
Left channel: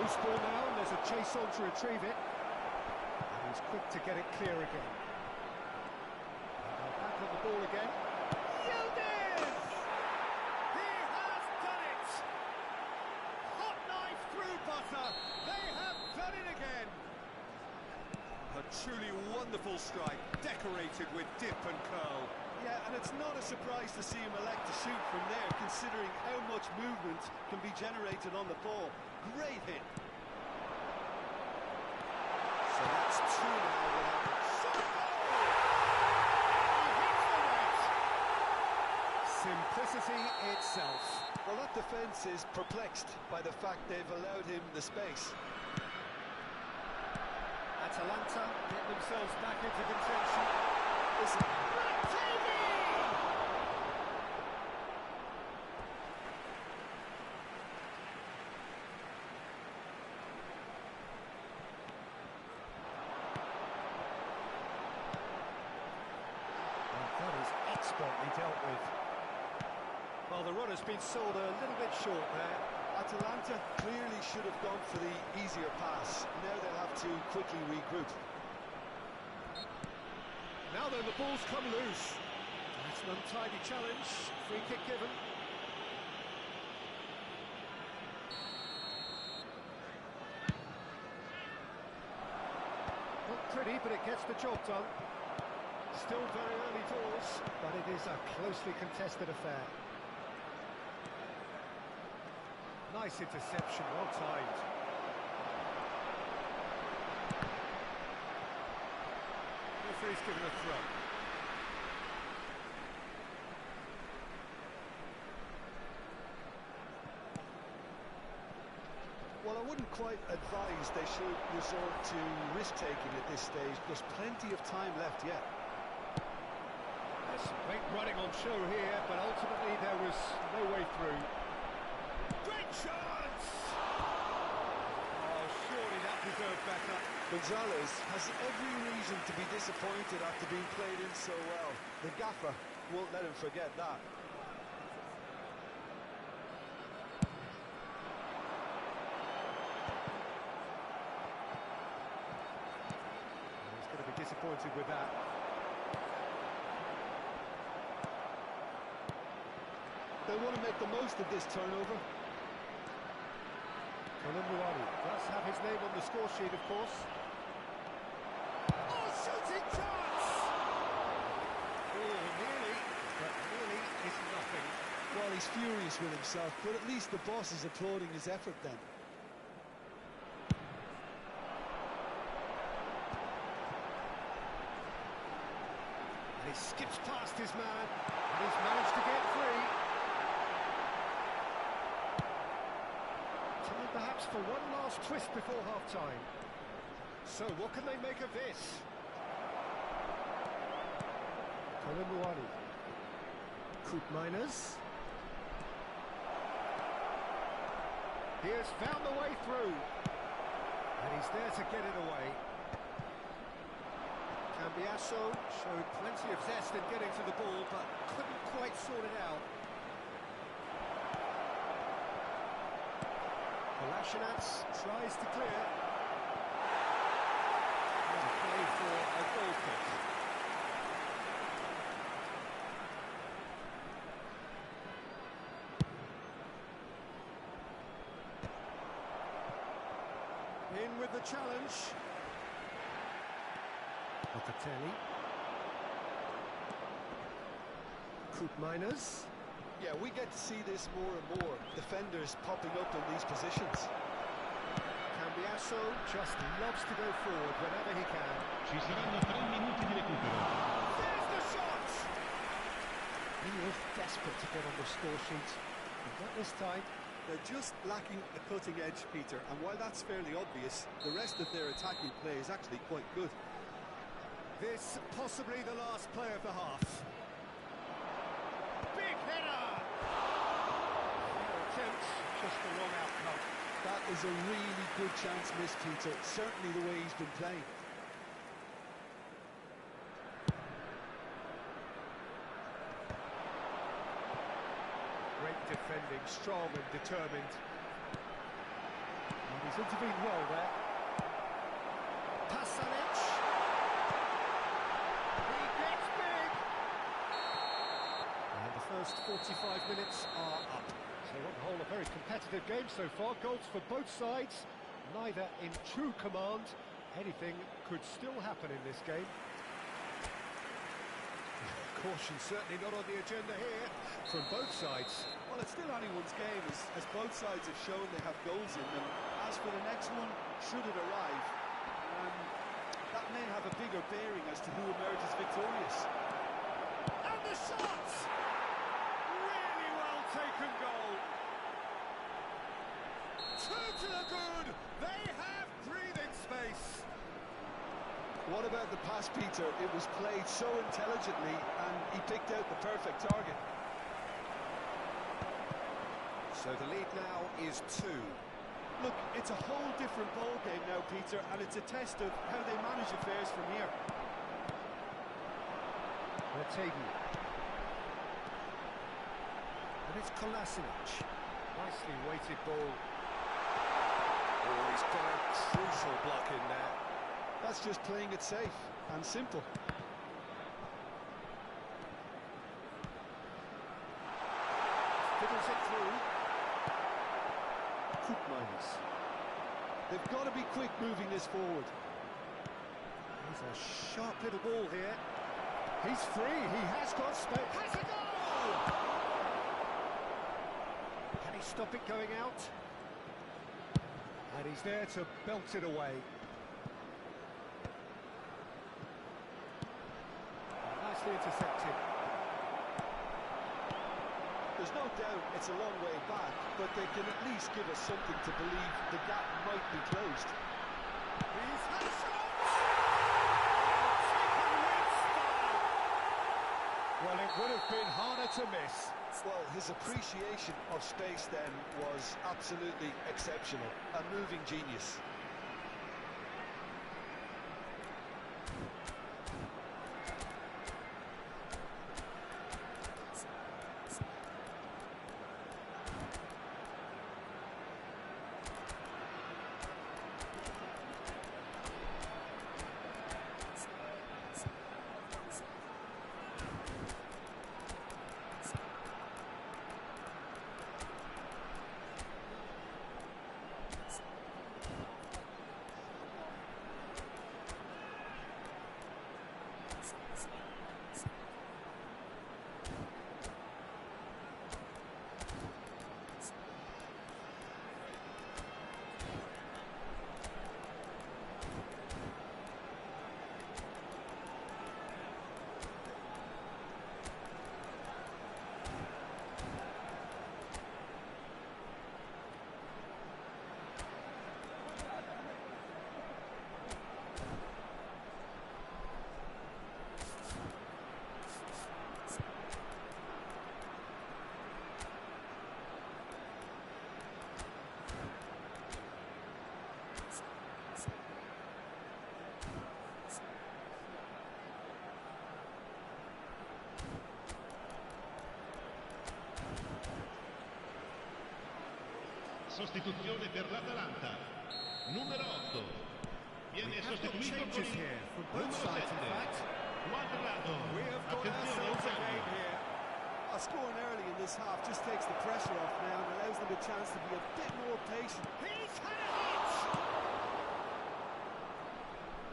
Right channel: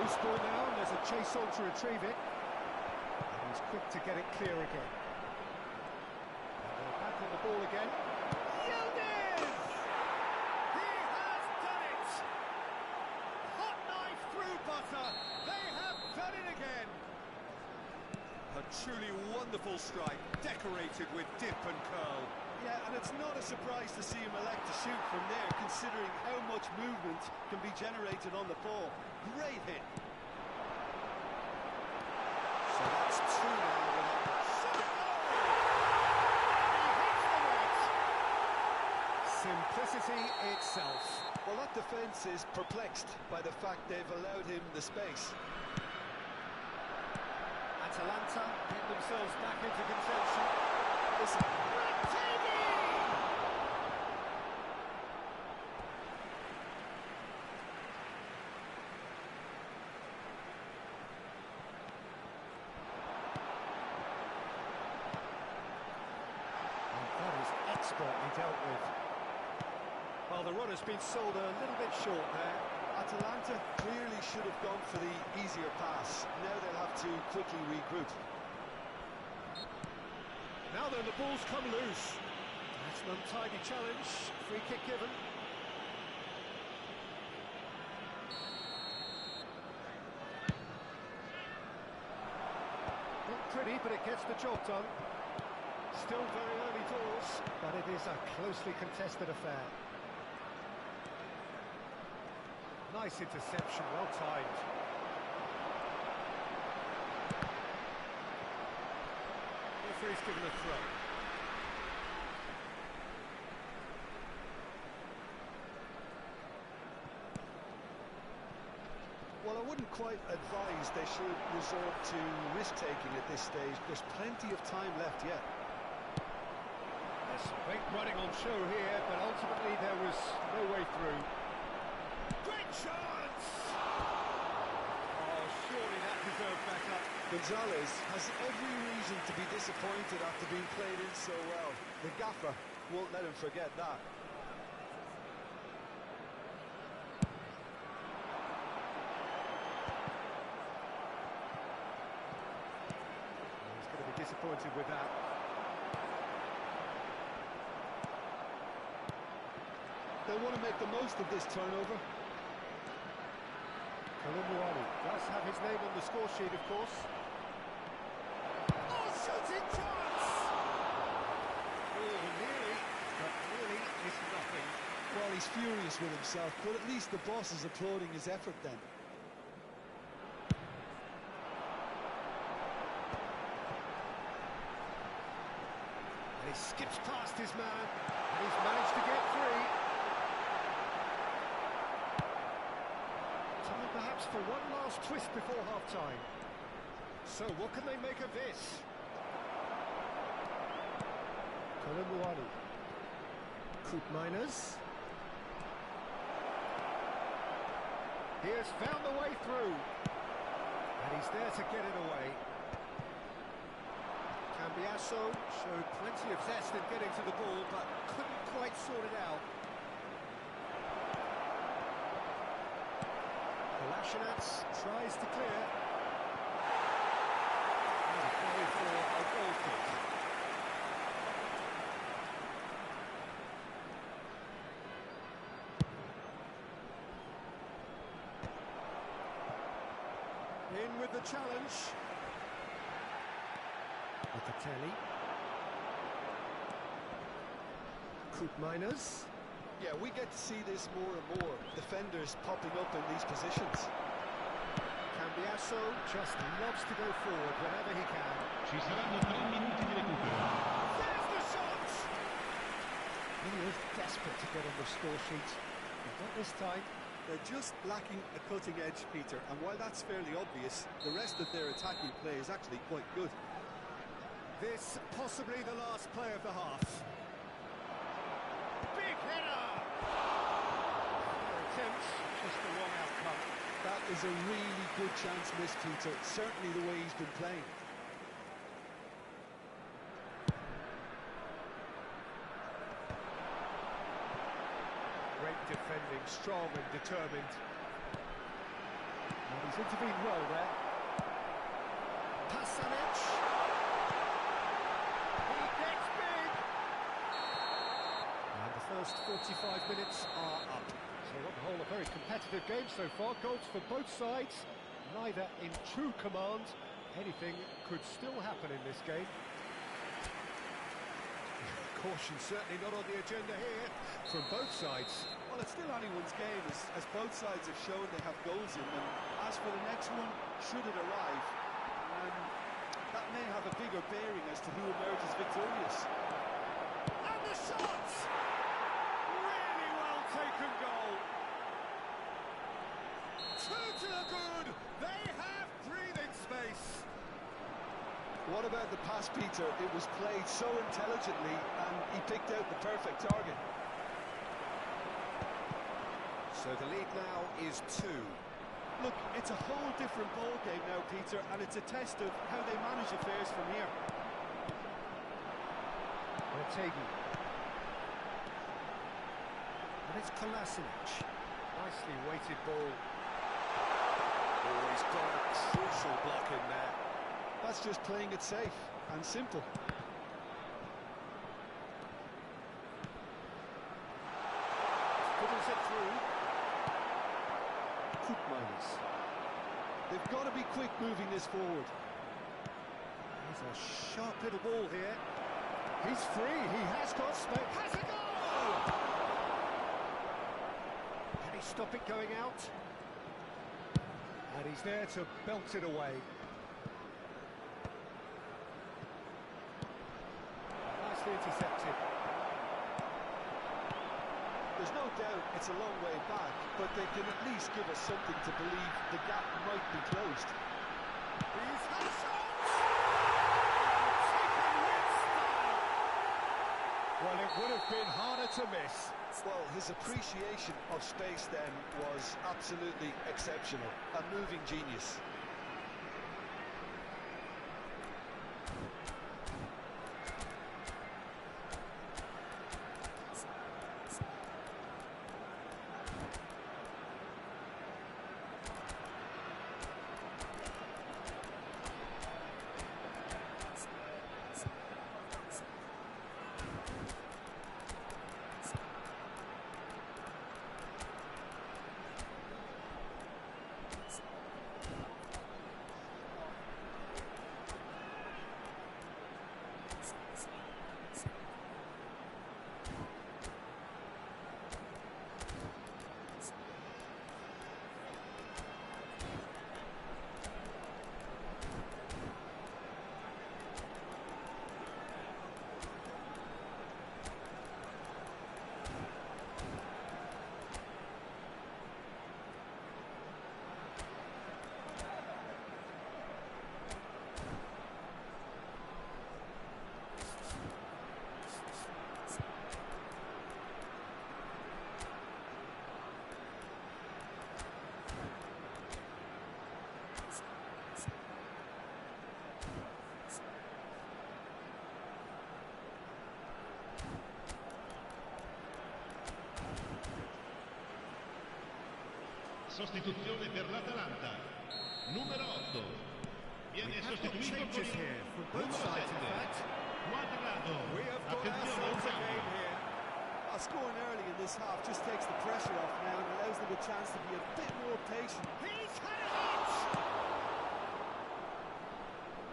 Loose ball now, and there's a chase on to retrieve it. And he's quick to get it clear again. And they're back on the ball again. Yildiz! He has done it! Hot knife through butter. They have done it again. A truly wonderful strike, decorated with dip and curl. Yeah, and it's not a surprise to see him elect to shoot from there, considering how much movement can be generated on the ball. Great hit. So that's two now without the shot goal! And he hits the net! Simplicity itself. Well, that defence is perplexed by the fact they've allowed him the space. Atalanta get themselves back into contention. Listen. That is expertly dealt with. Well, the run has been sold a little bit short there. Atalanta clearly should have gone for the easier pass. Now they'll have to quickly regroup. Now then, the ball's come loose. That's an untidy challenge. Free kick given. Not pretty, but it gets the job done. Still very early doors, but it is a closely contested affair. Nice interception, well timed. Referee's given a throw. Well, I wouldn't quite advise they should resort to risk-taking at this stage. There's plenty of time left yet. There's some great running on show here, but ultimately there was no way through. Great chance! Oh, surely that deserved backup. Gonzalez has every reason to be disappointed after being played in so well. The gaffer won't let him forget that. Be disappointed with that. They want to make the most of this turnover. Kolumbuani does have his name on the score sheet, of course. Oh, shooting chance! Oh, nearly, but nearly is nothing. Well, he's furious with himself, but at least the boss is applauding his effort then. And he skips past his man, and he's managed to get free. Time perhaps for one last twist before half-time. So what can they make of this? Kolumbuani. Koopmeiners. He has found the way through. And he's there to get it away. Cambiasso showed plenty of zest in getting to the ball, but couldn't quite sort it out. Kolasinac tries to clear. And play for a goal kick. In with the challenge. Locatelli. Koopmeiners. Yeah, we get to see this more and more. Defenders popping up in these positions. Cambiasso just loves to go forward whenever he can. Ci saranno 3 minuti di recupero. There's the shot! He is desperate to get on the score sheet. But not this time. They're just lacking a cutting edge, Peter, and while that's fairly obvious, the rest of their attacking play is actually quite good. This possibly the last play of the half. Big header! Fair attempt, just the wrong outcome. That is a really good chance missed, Peter. Certainly the way he's been playing. Great defending, strong and determined. And he's intervened well there. Pasalic. He gets big. And the first 45 minutes are up. So on the whole, a very competitive game so far. Goals for both sides, neither in true command. Anything could still happen in this game. Caution certainly not on the agenda here from both sides. Well, it's still anyone's game, as both sides have shown they have goals in them. As for the next one, should it arrive, that may have a bigger bearing as to who emerges victorious. And the shot! Really well taken goal. Two to the good. They have breathing space. What about the pass, Peter? It was played so intelligently and he picked out the perfect target. So the lead now is 2. Look, it's a whole different ball game now, Peter, and it's a test of how they manage affairs from here. Ortegi. And it's Kolasinac. Nicely weighted ball. Oh, he's got a crucial block in there. That's just playing it safe and simple. Fiddles it through. Koopmeiners. They've got to be quick moving this forward. There's a sharp little ball here. He's free, he has got space. Has a goal! Can he stop it going out? And he's there to belt it away. Nicely intercepted. There's no doubt it's a long way back, but they can at least give us something to believe the gap might be closed. He's had a shot! Taken with style! Well, it would have been harder to miss. Well, his appreciation of space then was absolutely exceptional. A moving genius. Sostituzione per l'Atalanta. Numero 8. Viene sostituito con il numero 7. Quadrado. Attenzione, un cambio. Scoring early in this half just takes the pressure off now and allows them a chance to be a bit more patient. He's had a hit!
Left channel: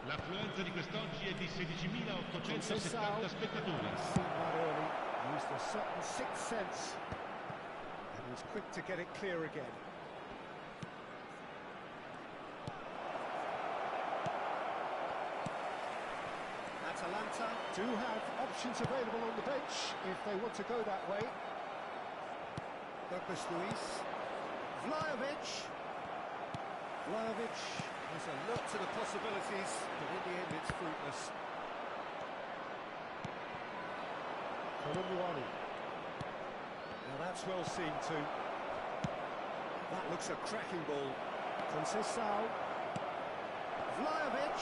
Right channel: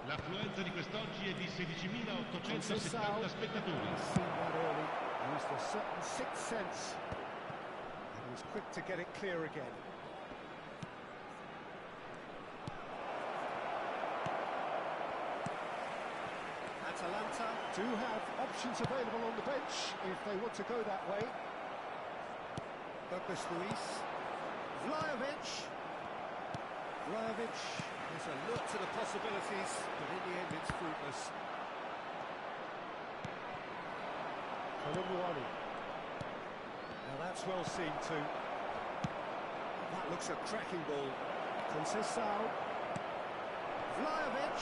L'affluenza di quest'oggi è di 16.870 spettatori. Seen that early, used a certain sixth sense, and was quick to get it clear again. Atalanta do have options available on the bench if they want to go that way. Douglas Luiz, Vlahovic has a look to the possibilities, but in the end it's fruitless. Colomwani. Now that's well seen too. That looks a cracking ball. Conceição. Vlahovic.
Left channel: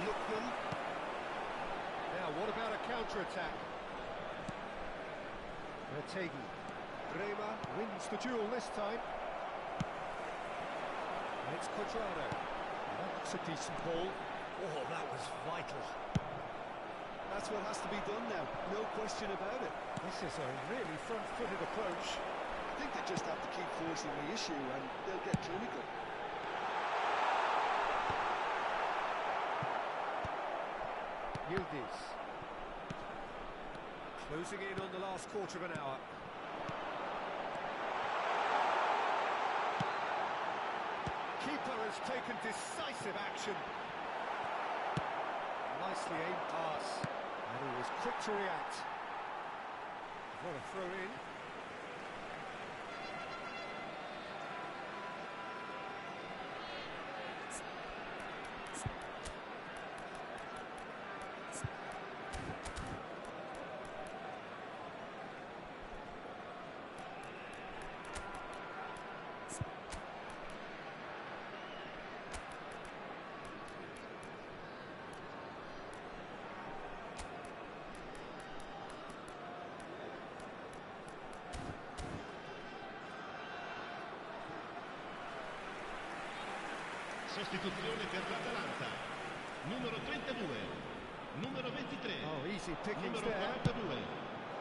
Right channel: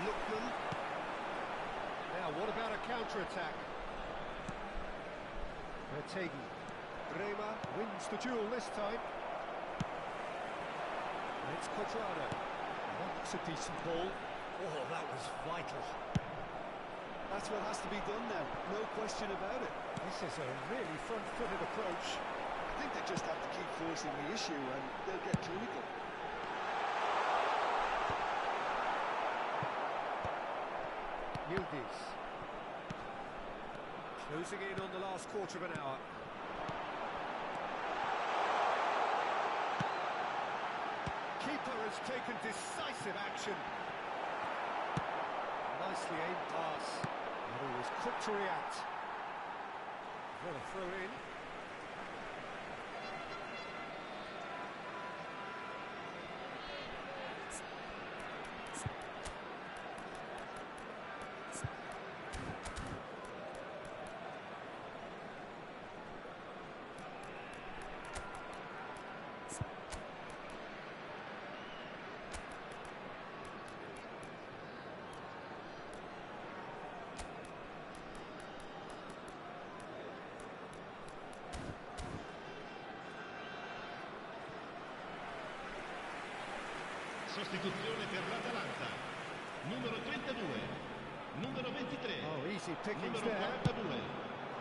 Lookman. Now what about a counter-attack? Retegi. Bremer wins the duel this time. And it's Quadrado. That looks a decent ball. Oh, that was vital. That's what has to be done now, no question about it. This is a really front-footed approach. I think they just have to keep forcing the issue and they'll get clinical. Yildiz. Closing in on the last quarter of an hour. Keeper has taken decisive action. Nicely aimed pass. And he was quick to react. What a throw in. Sostituzione per l'Atalanta. Numero 32. Numero 23. Oh, easy pickings Numero there. 42.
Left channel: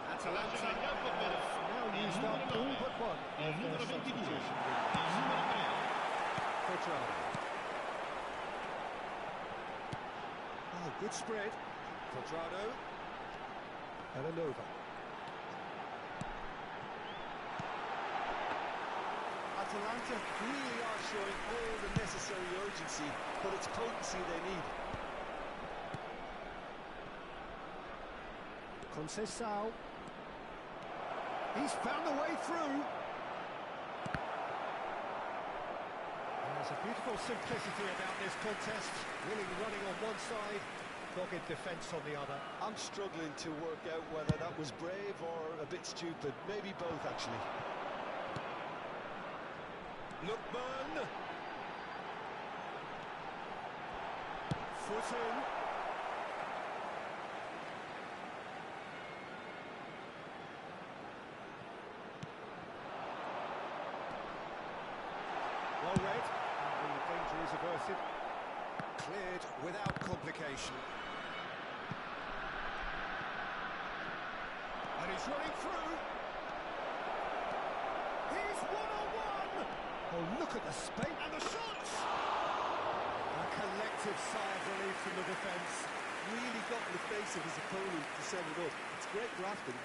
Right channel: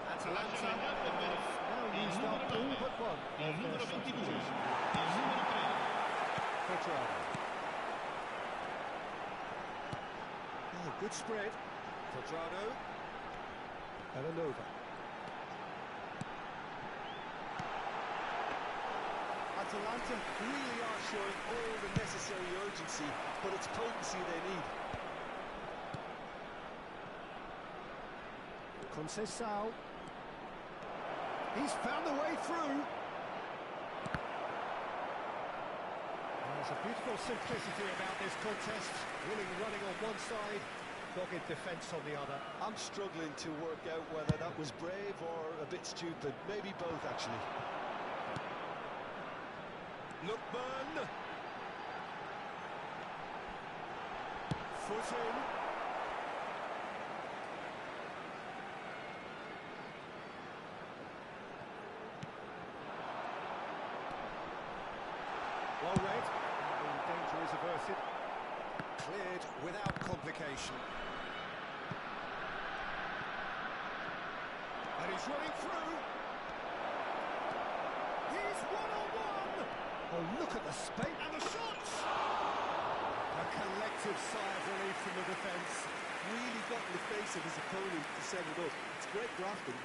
Atalanta in campo per now il used numero up all 9. but one Il of numero their 22. substitution Il numero 3. Quadrado. Oh, good spread. Quadrado. Elanova. Atalanta really are showing all the necessary urgency, but it's potency they need. Conceição. He's found a way through. There's a beautiful simplicity about this contest. Willing running on one side, dogged defence on the other. I'm struggling to work out whether that was brave or a bit stupid. Maybe both, actually. Lookman. Foot in. Well read. The danger is averted. Cleared without complication. And he's running through. He's one-on-one. Oh, look at the space and the shots! A collective sigh of relief from the defence. Really got in the face of his opponent to set it up. It's great drafting.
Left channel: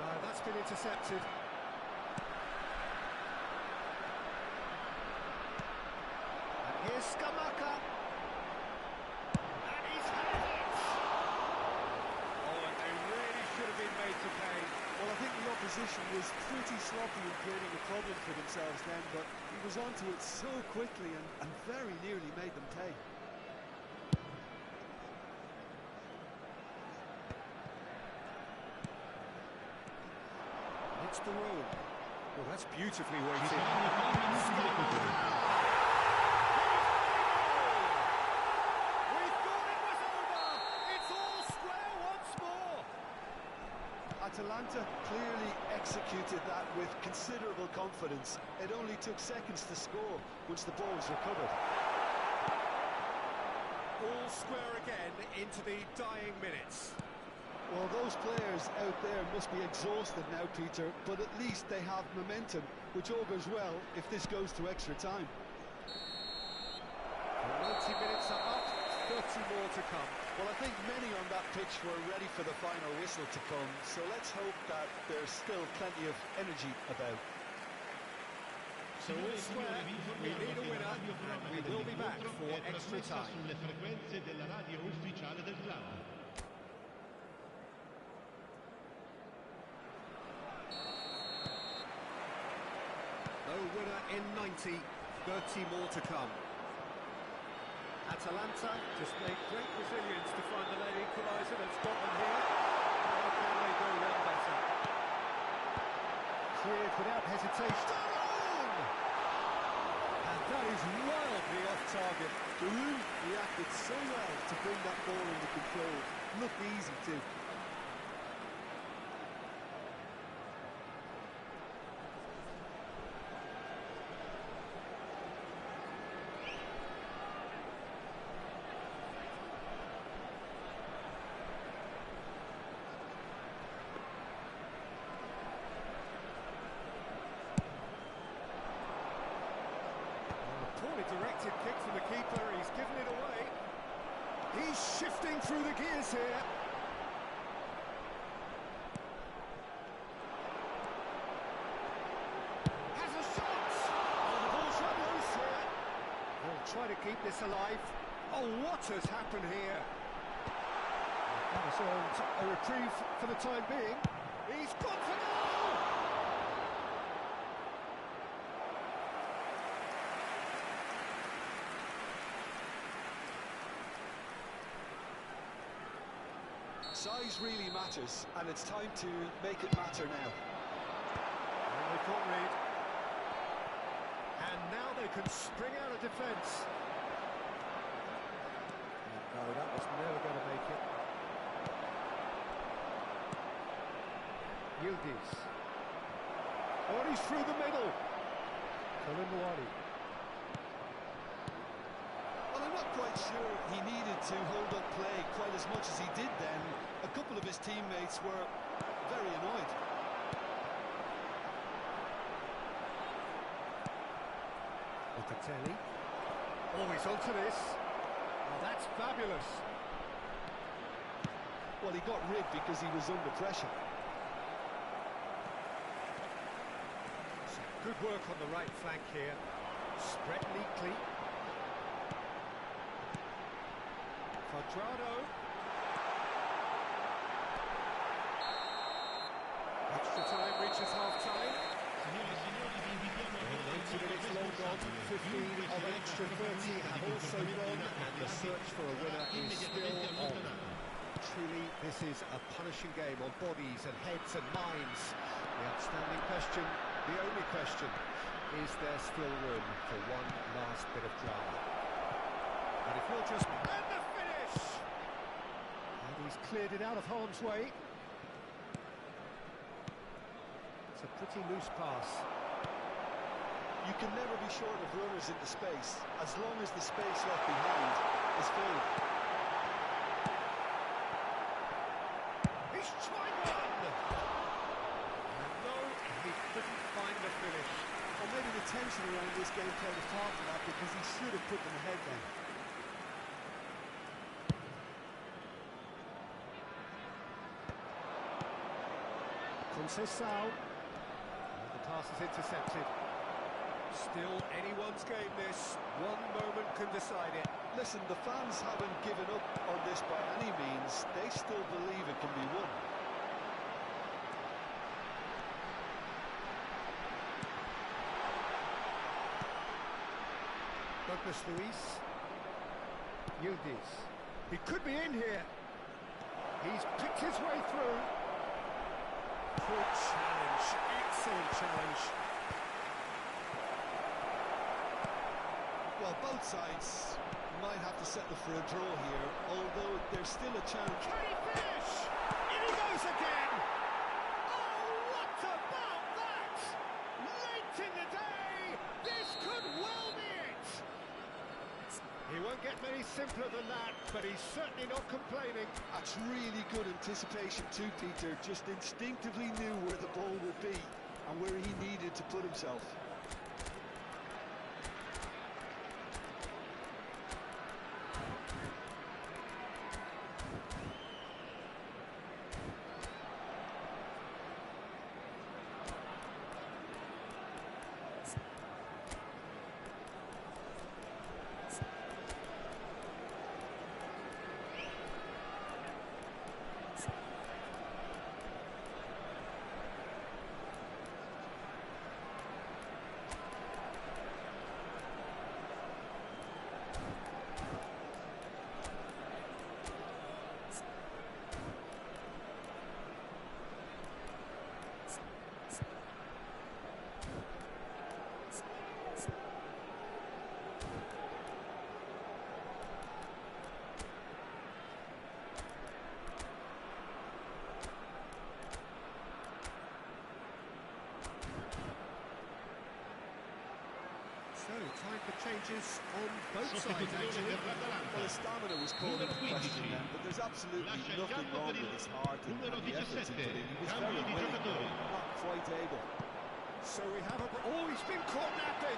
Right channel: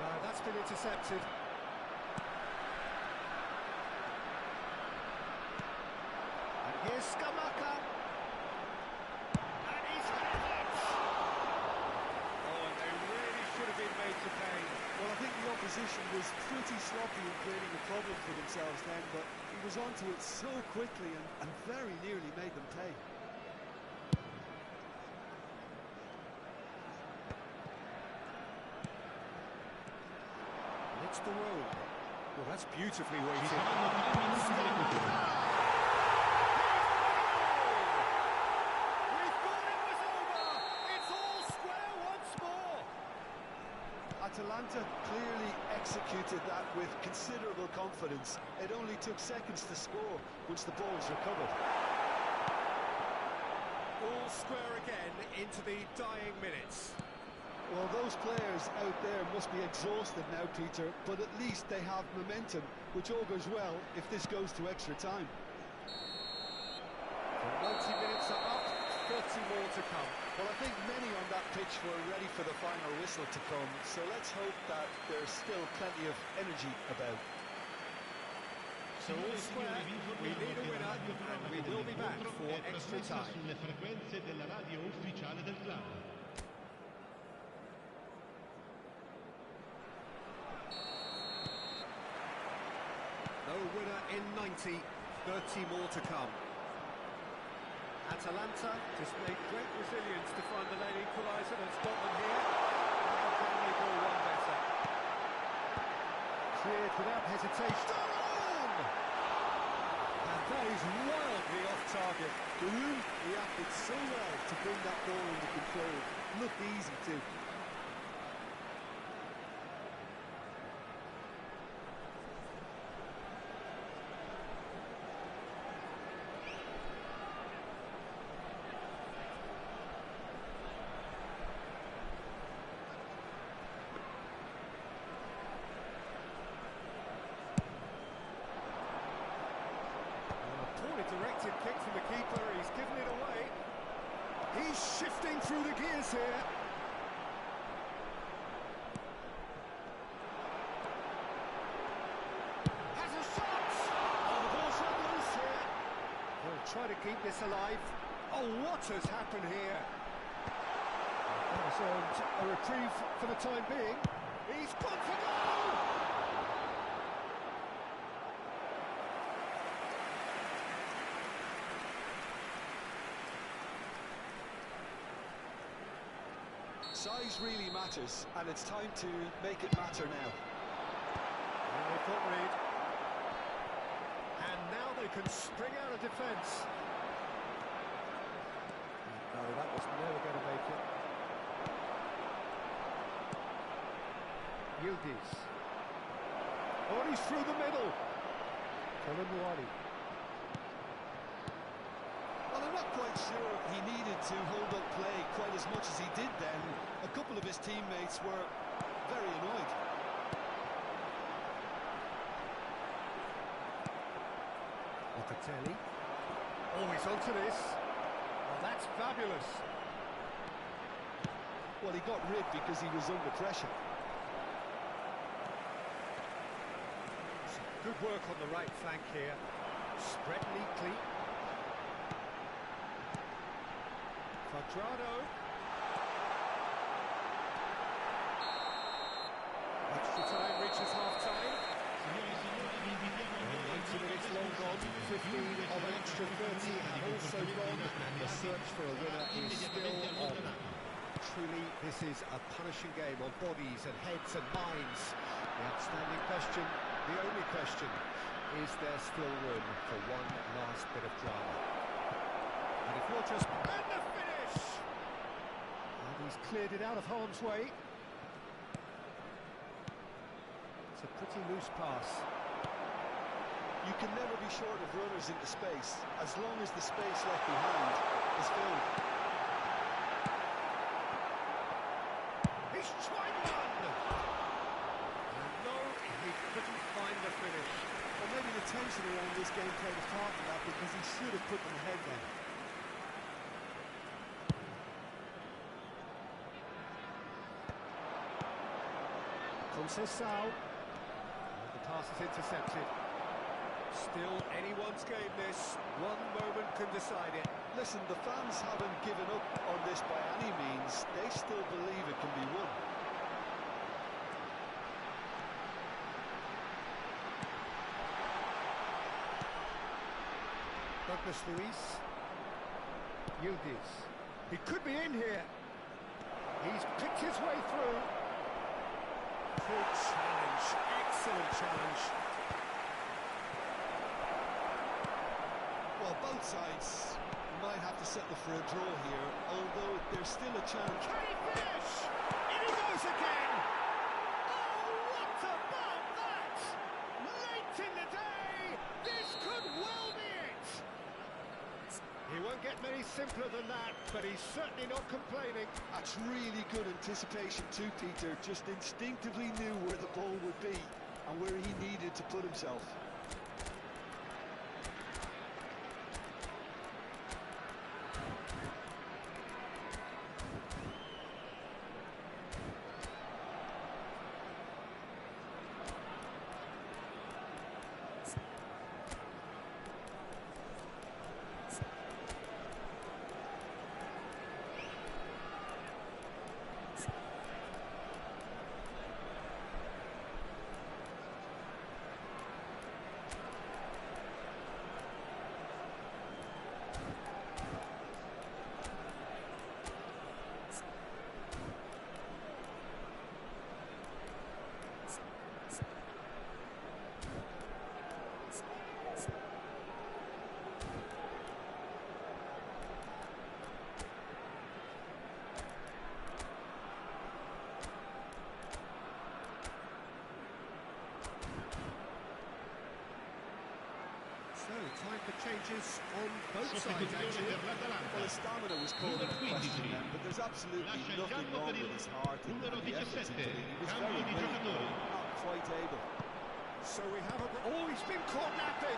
No, that's been intercepted. And here's Skamaka. And he's had a hit! Oh, and they really should have been made to pay. Well, I think the opposition was pretty sloppy in creating a problem for themselves then, but he was onto it so quickly and very nearly made them pay. It's the road. Well, that's beautifully weighted. Ci saranno 3 minuti di recupero. With Atalanta clearly executed that with considerable confidence. It only took seconds to score once the ball was recovered. All square again into the dying minutes. Well, those players out there must be exhausted now, Peter, but at least they have momentum, which augurs well if this goes to extra time. The 90 minutes are up, 30 more to come. Well, I think many on that pitch were ready for the final whistle to come, so let's hope that there's still plenty of energy about. So all square, we need a winner, and we will be back for extra time. Sulle frequenze della radio ufficiale del club. No winner in 90, 30 more to come. Atalanta displayed great resilience to find the late equaliser that's got them here. How can they go one better? Cleared without hesitation. And that is wildly off target. Giroud reacted so well to bring that ball into control. Looked easy too. Poorly directed kick from the keeper, he's given it away. He's shifting through the gears here. Has a shot! Oh, the ball's run loose here. He'll try to keep this alive. Oh, what has happened here? That has earned a reprieve for the time being. He's gone for goal! Size really matters, and it's time to make it matter now. And they can't read. And now they can spring out of defence. No, that was never going to make it. Yildiz. Oh, he's through the middle. Koulibaly. Well, I'm not quite sure he needed to hold up play quite as much as he did then. A couple of his teammates were very annoyed. Locatelli. Oh, he's onto this. Oh, that's fabulous. Well, he got rid because he was under pressure. Some good work on the right flank here. Spread neatly. Quadrado. Extra time reaches half-time. Signore e signori, vi invitiamo a vedere 90 minutes long gone, 15 of an extra 30 have also gone, and the search for a winner is still on. Truly, this is a punishing game on bodies and heads and minds. The outstanding question, the only question, is there still room for one last bit of drama? And if you're just... And the finish! And he's cleared it out of harm's way. It's a pretty loose pass. You can never be short of runners into space, as long as the space left behind is filled. He's tried one! And no, he couldn't find the finish. Or maybe the tension around this game played a part in that, because he should have put them ahead then. Conceição. And the pass is intercepted. Still anyone's game this. One moment can decide it. Listen, the fans haven't given up on this by any means. They still believe it can be won. Douglas Luiz. Yildiz. He could be in here. He's picked his way through. Good challenge. Excellent challenge. Well, both sides might have to settle for a draw here, although there's still a chance. Can he finish? In he goes again! won't get many simpler than that, but he's certainly not complaining. That's really good anticipation too, Peter. Just instinctively knew where the ball would be and where he needed to put himself. So, time for changes on both sides, actually. Well, his stamina was called into question then, but there's absolutely nothing wrong with his heart and the efforts he put in. He was very willing, but not quite able. So we have a... Oh, he's been caught napping!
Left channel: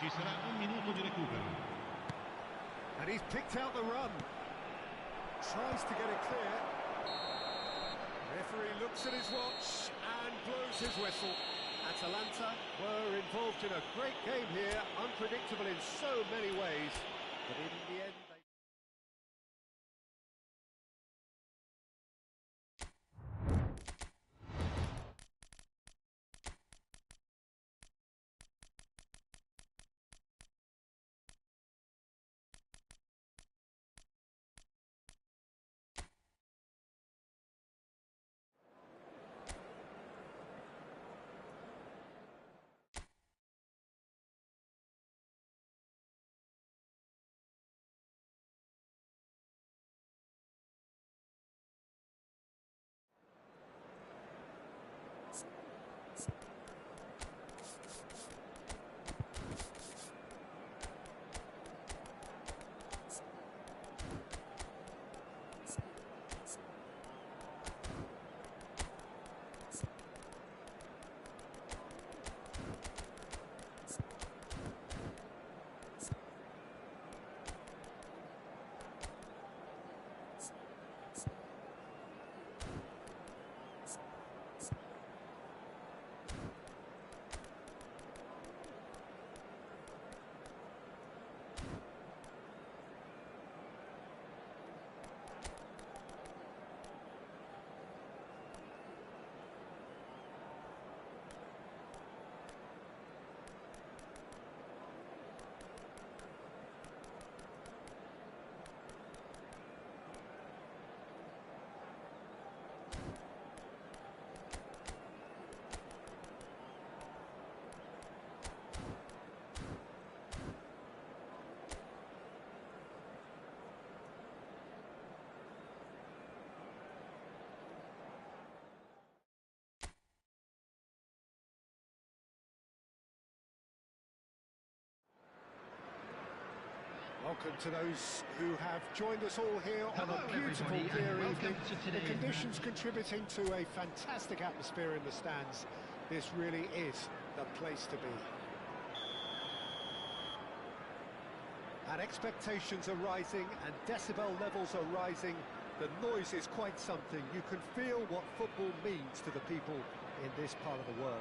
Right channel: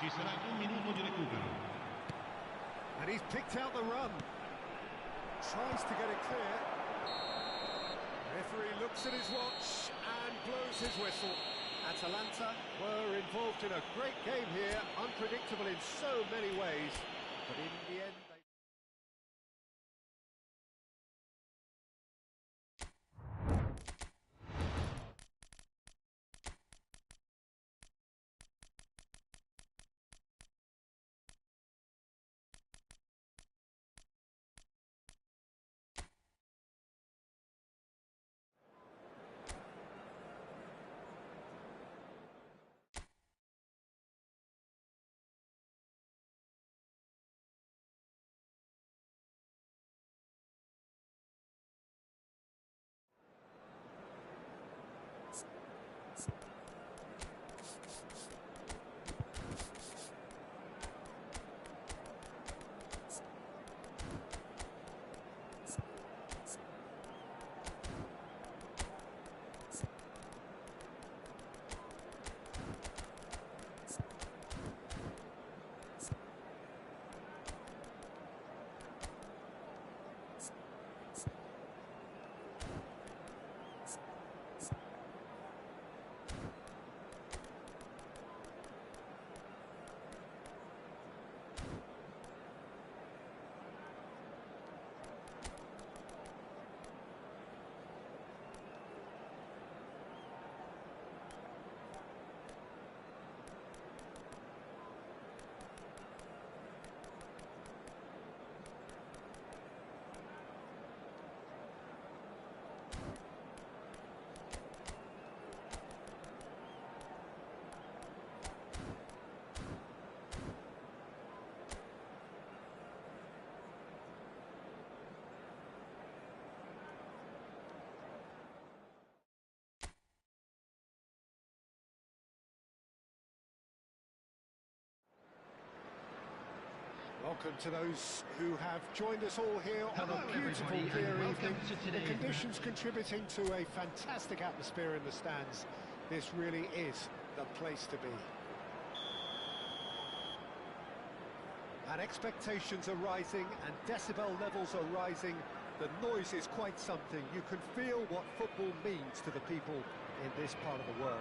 Ci sarà un minuto di recupero. And he's picked out the run. Tries to get it clear. Referee looks at his watch and blows his whistle. Atalanta were involved in a great game here, unpredictable in so many ways, but in the end they... Welcome to those who have joined us all here on a beautiful clear evening. The conditions contributing to a fantastic atmosphere in the stands. This really is the place to be. And expectations are rising and decibel levels are rising. The noise is quite something. You can feel what football means to the people in this part of the world.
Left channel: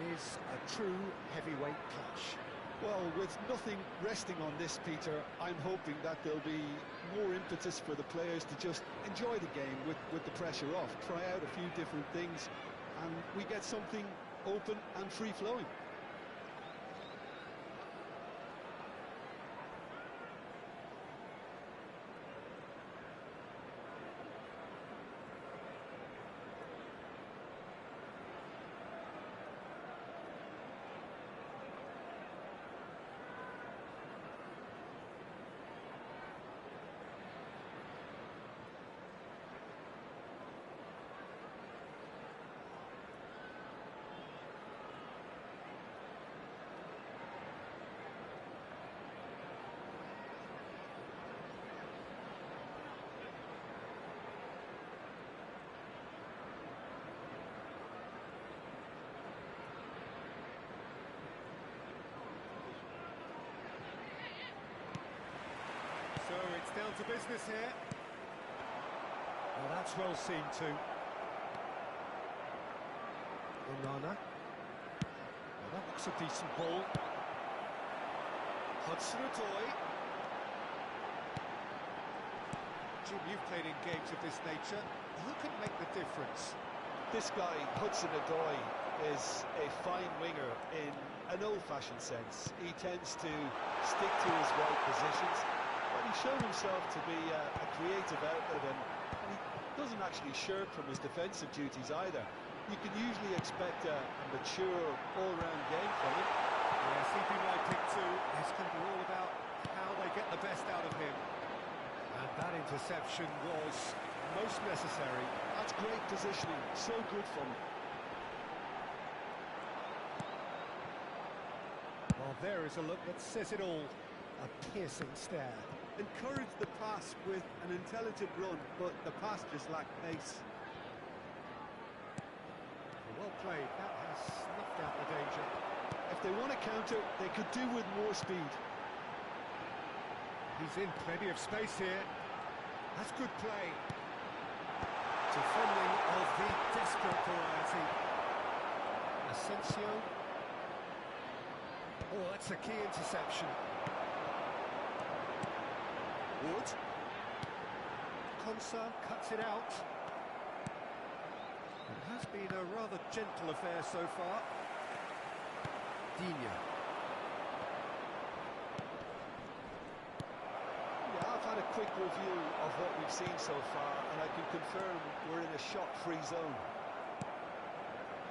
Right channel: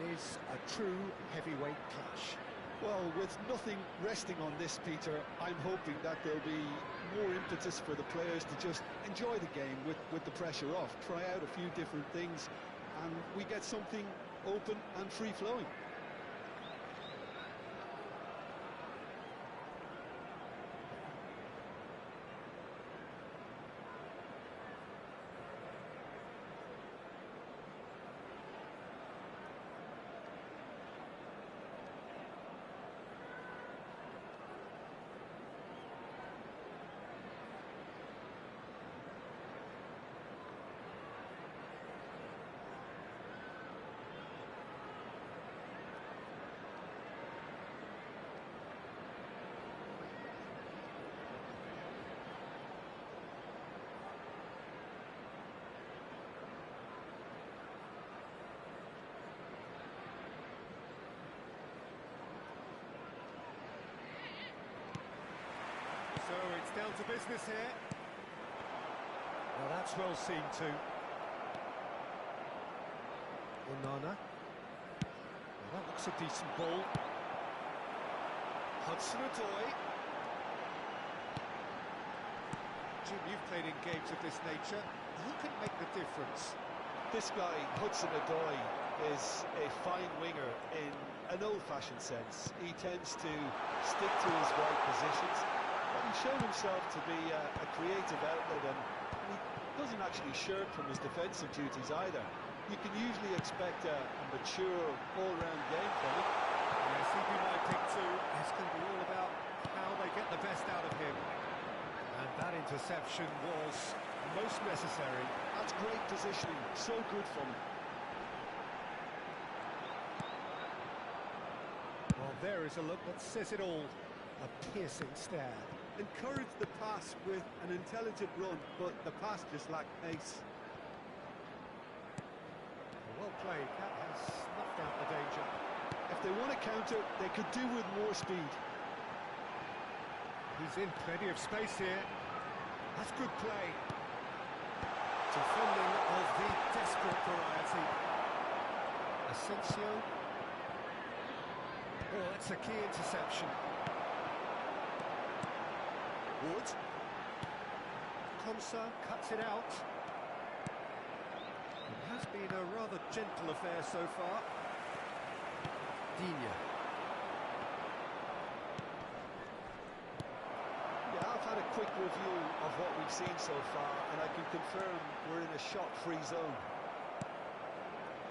It is a true heavyweight clash. Well, with nothing resting on this, Peter, I'm hoping that there'll be more impetus for the players to just enjoy the game with the pressure off, try out a few different things, and we get something open and free-flowing. So it's down to business here. Well, that's well seen too. Onana. Well, that looks a decent ball. Hudson-Odoi. Jim, you've played in games of this nature. Who can make the difference? This guy, Hudson-Odoi, is a fine winger in an old-fashioned sense. He tends to stick to his right positions, but he's shown himself to be a creative outlet, and he doesn't actually shirk from his defensive duties either. You can usually expect a mature, all-round game from him. Yes, he'd be my pick too. It's going to be all about how they get the best out of him. And that interception was most necessary. That's great positioning, so good from him. Well, there is a look that says it all. A piercing stare. Encourage the pass with an intelligent run, but the pass just lacked pace. Well played. That has snuffed out the danger. If they want to counter, they could do with more speed. He's in plenty of space here. That's good play. Defending of the desperate variety. Asensio. Oh, that's a key interception. Wood. Konsa cuts it out. It has been a rather gentle affair so far. Digne. Yeah, I've had a quick review of what we've seen so far, and I can confirm we're in a shot-free zone.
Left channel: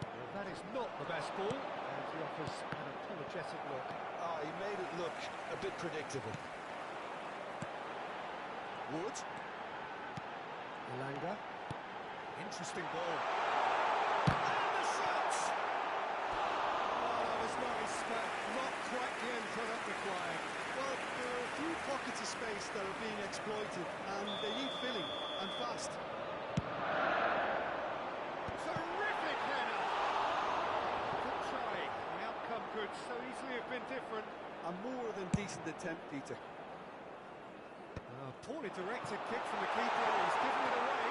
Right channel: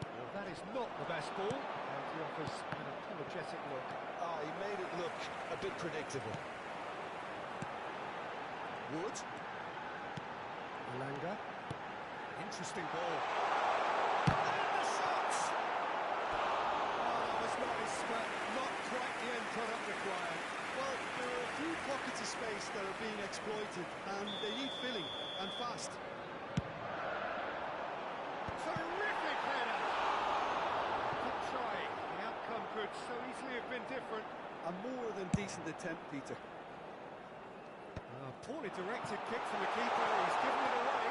Well, that is not the best ball, and he offers an apologetic look. Ah, he made it look a bit predictable. Wood. Elanga. Interesting ball. And the shot! Oh, that was nice, but not quite the end product required. Well, there are a few pockets of space that are being exploited, and they need filling, and fast. Terrific header! Good try. The outcome could so easily have been different. A more than decent attempt, Peter. Poorly directed kick from the keeper. He's given it away.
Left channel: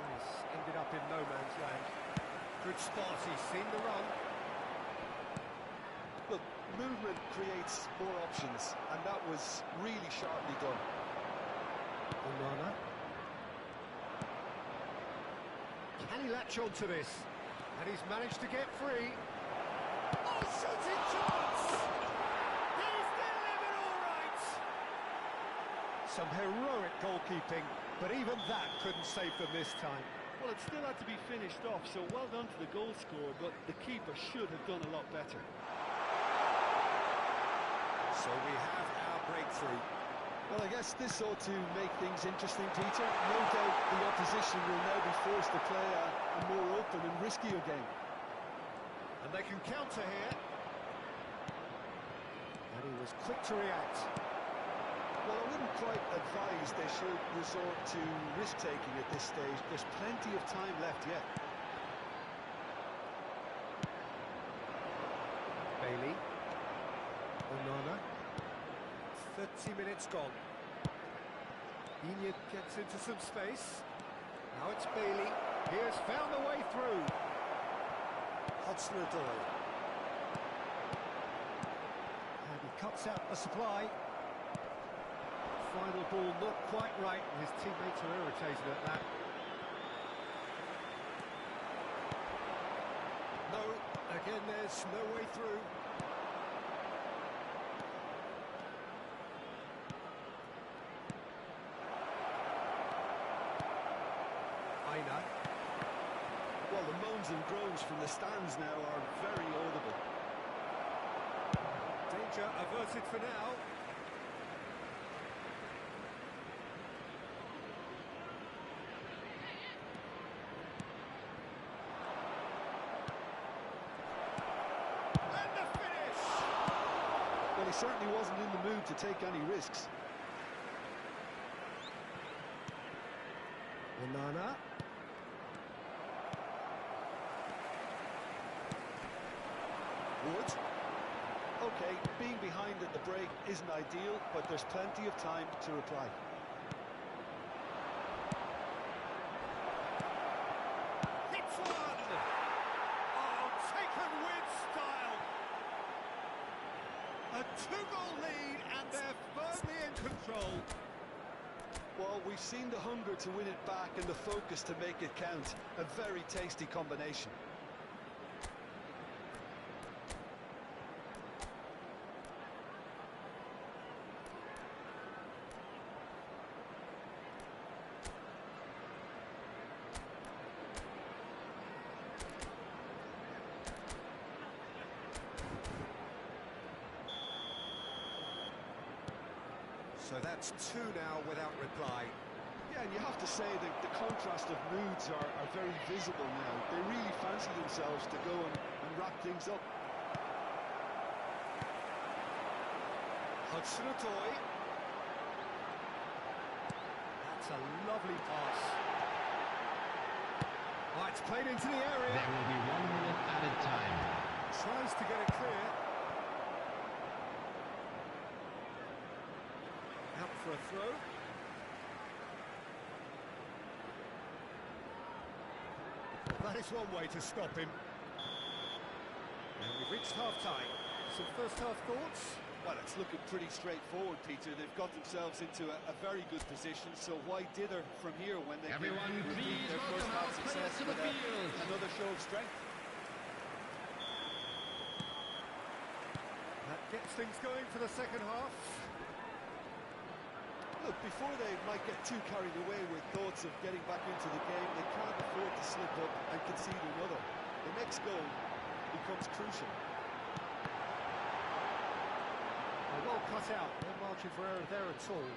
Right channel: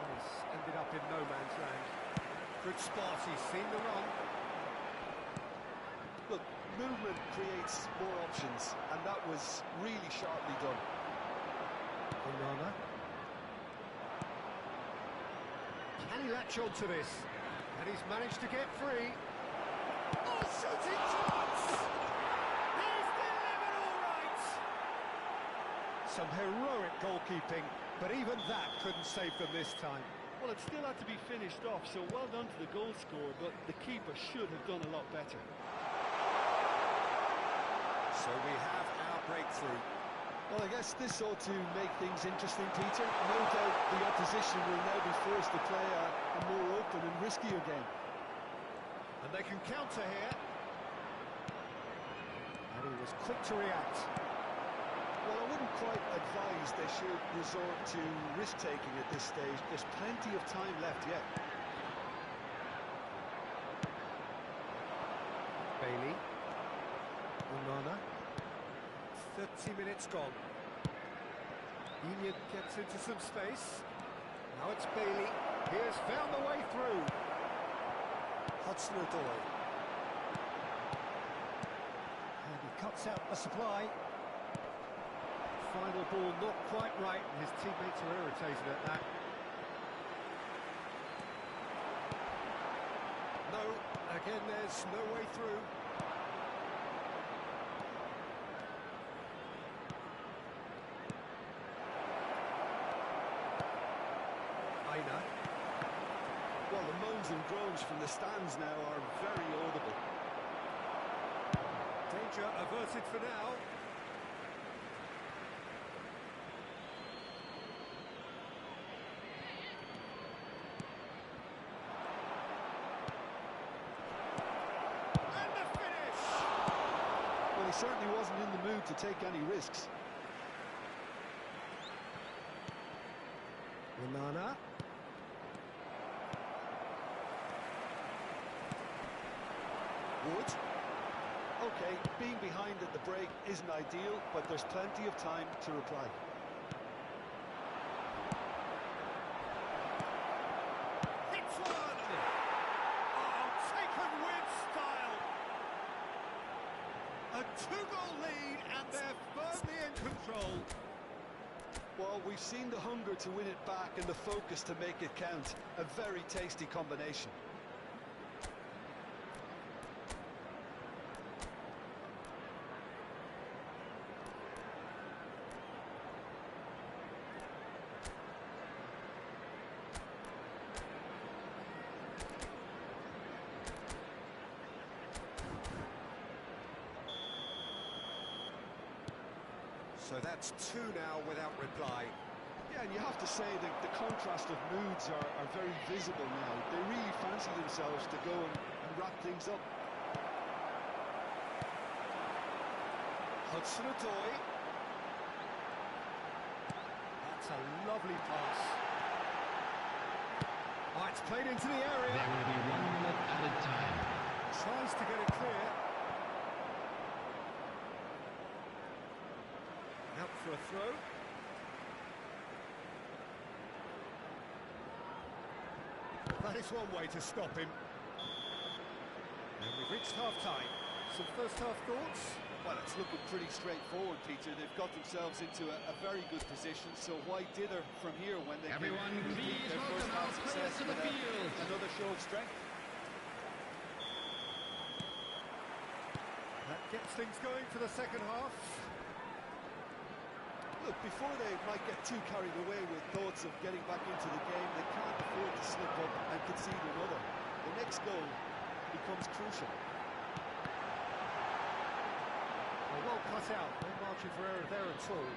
Nice. Ended up in no man's land. Good spot. He's seen the run. Look, movement creates more options, and that was really sharply done. Onana. Can he latch on to this? And he's managed to get free. Oh, shooting chance! He's delivered all right! Some heroic goalkeeping, but even that couldn't save them this time. Well, it still had to be finished off, so well done to the goal scorer, but the keeper should have done a lot better. So we have our breakthrough. Well, I guess this ought to make things interesting, Peter. No doubt the opposition will now be forced to play a more open and riskier game. And they can counter here. And he was quick to react. Well, I wouldn't quite advise they should resort to risk-taking at this stage. There's plenty of time left yet. Bailey. Onana. 30 minutes gone. Digne gets into some space. Now it's Bailey. He has found the way through. Hudson-Odoi. And he cuts out the supply. Final ball not quite right, and his teammates are irritated at that. No, again there's no way through. Aina. Well, the moans and groans from the stands now are very audible. Danger averted for now. And the finish! Well, he certainly wasn't in the mood to take any risks. Onana. Wood. OK, being behind at the break isn't ideal, but there's plenty of time to reply. Hits one! Oh, taken with style! A two-goal lead, and they're firmly in control. Well, we've seen the hunger to win it back and the focus to make it count. A very tasty combination. So that's two now without reply. Yeah, and you have to say that the contrast of moods are very visible now. They really fancy themselves to go and wrap things up. Hudson-Odoi. That's a lovely pass. Oh, it's played into the area. There will be 1 minute added time. Tries to get it clear. Out for a throw. Well, that is one way to stop him. And we've reached half-time. Some first-half thoughts? Well, it's looking pretty straightforward, Peter. They've got themselves into a very good position, so why dither from here when they Everyone, can repeat please their welcome first half our players success to the with field. another show of strength? That gets things going for the second half. Look, before they might get too carried away with thoughts of getting back into the game, they can't afford to slip up and concede another. The next goal becomes crucial. Well cut out, no margin for error there at all.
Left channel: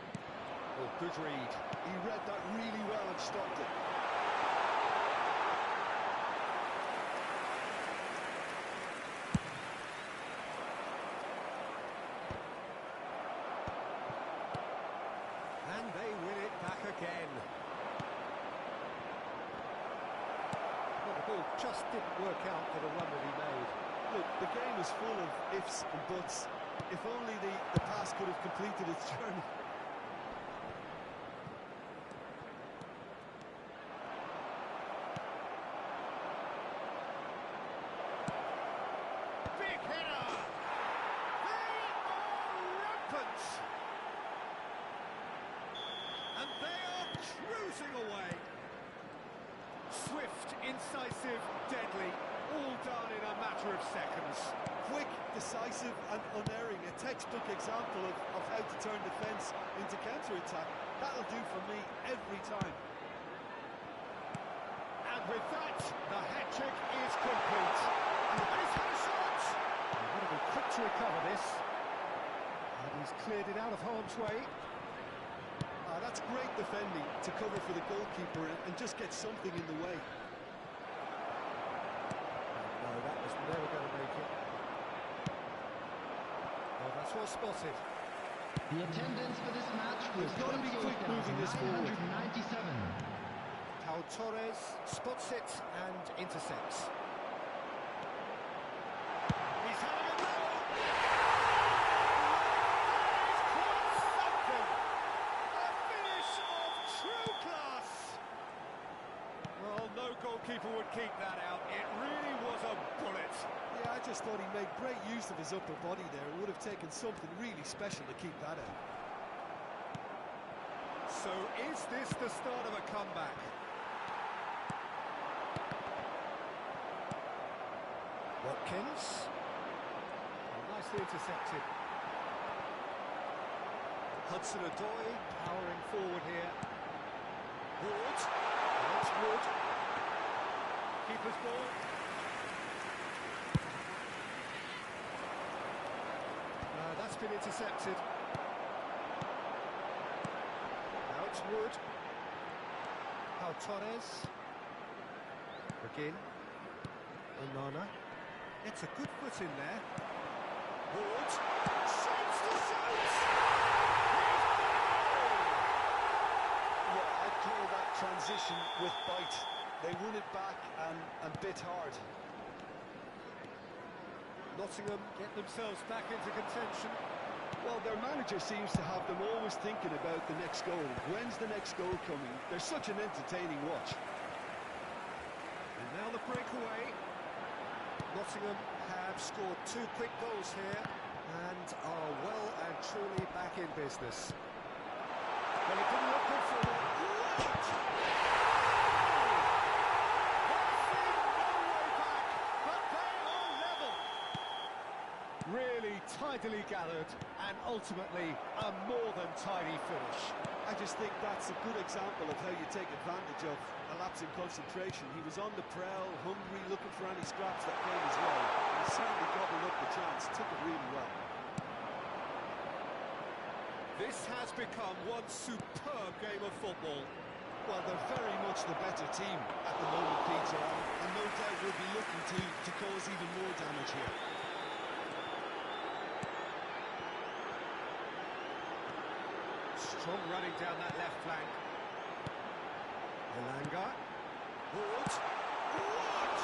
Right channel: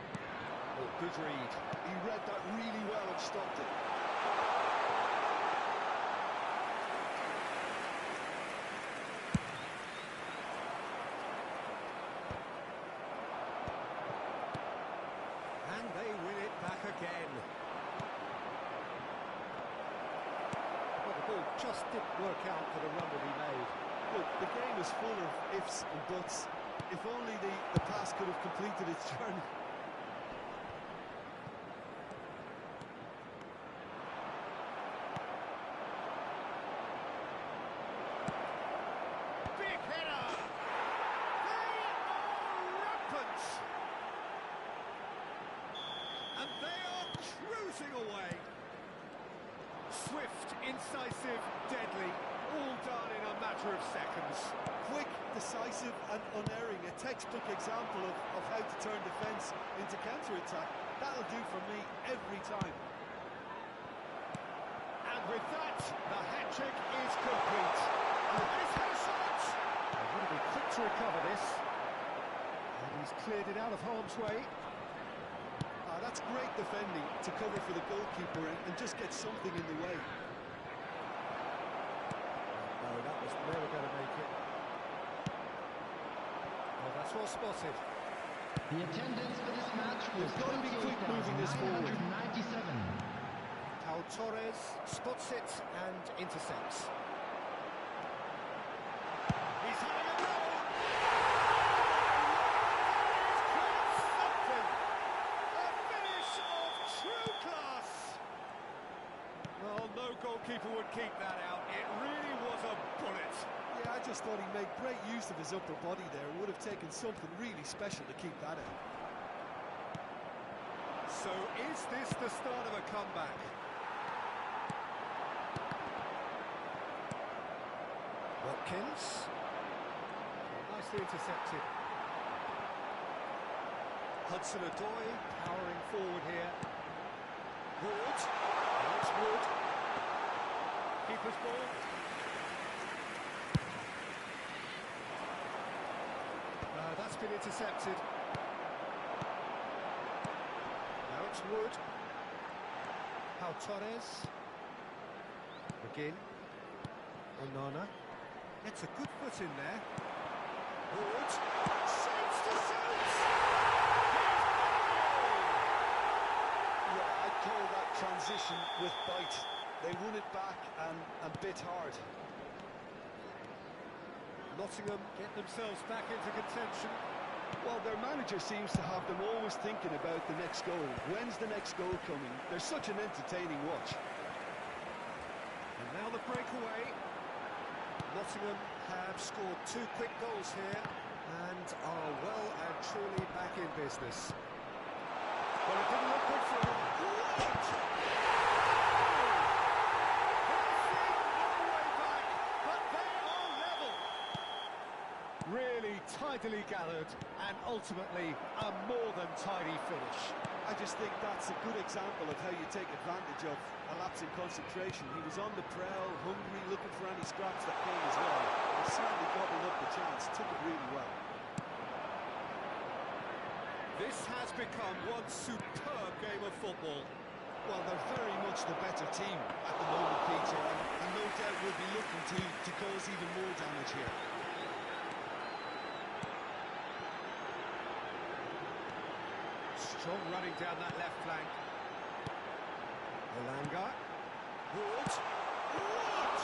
Oh, good read. He read that really well and stopped it. And they win it back again. Well, the ball just didn't work out for the run that he made. Look, the game is full of ifs and buts. If only the pass could have completed its journey. Big header! They are rampant! And they are cruising away. Swift, incisive, deadly, all done in a matter of seconds. Quick, decisive and unerring. A textbook example of how to turn defence into counter-attack. That'll do for me every time. And with that, the hat-trick is complete. And he's had a shot! They've got to be quick to recover this. And he's cleared it out of harm's way. That's great defending to cover for the goalkeeper and just get something in the way. No, that was never going to make it. Oh, that's well spotted. The attendance for this match was They've got to be quick moving this forward. 28,997. Pau Torres spots it and intercepts. He's having a go! That is quite something! A finish of true class! Well, no goalkeeper would keep that out. It really was a bullet. Yeah, I just thought he made great use of his upper body there. It would have taken something really special to keep that out. So is this the start of a comeback? Watkins. Oh, nicely intercepted. Hudson-Odoi powering forward here. Wood. That's Wood. Keeper's ball. That's been intercepted. Now it's Wood. Pau Torres. Again. Onana. It's a good foot in there. Wood. Shoots to shoot! He's got a goal! Yeah, I'd call that transition with bite. They won it back and bit hard. Nottingham get themselves back into contention. Well, their manager seems to have them always thinking about the next goal. When's the next goal coming? They're such an entertaining watch. And now the breakaway. Nottingham have scored 2 quick goals here and are well and truly back in business. Well, it didn't look good for them. What? They've seen no way back, but they are level. Really tidily gathered and ultimately a more than tidy finish. I just think that's a good example of how you take advantage of a lapse in concentration. He was on the prowl, hungry, looking for any scraps that came his way. He certainly gobbled up the chance, took it really well. This has become one superb game of football. Well, they're very much the better team at the moment, Peter, and no doubt will be looking to cause even more damage here. Strong running down that left flank. Elanga. Wood. Wood!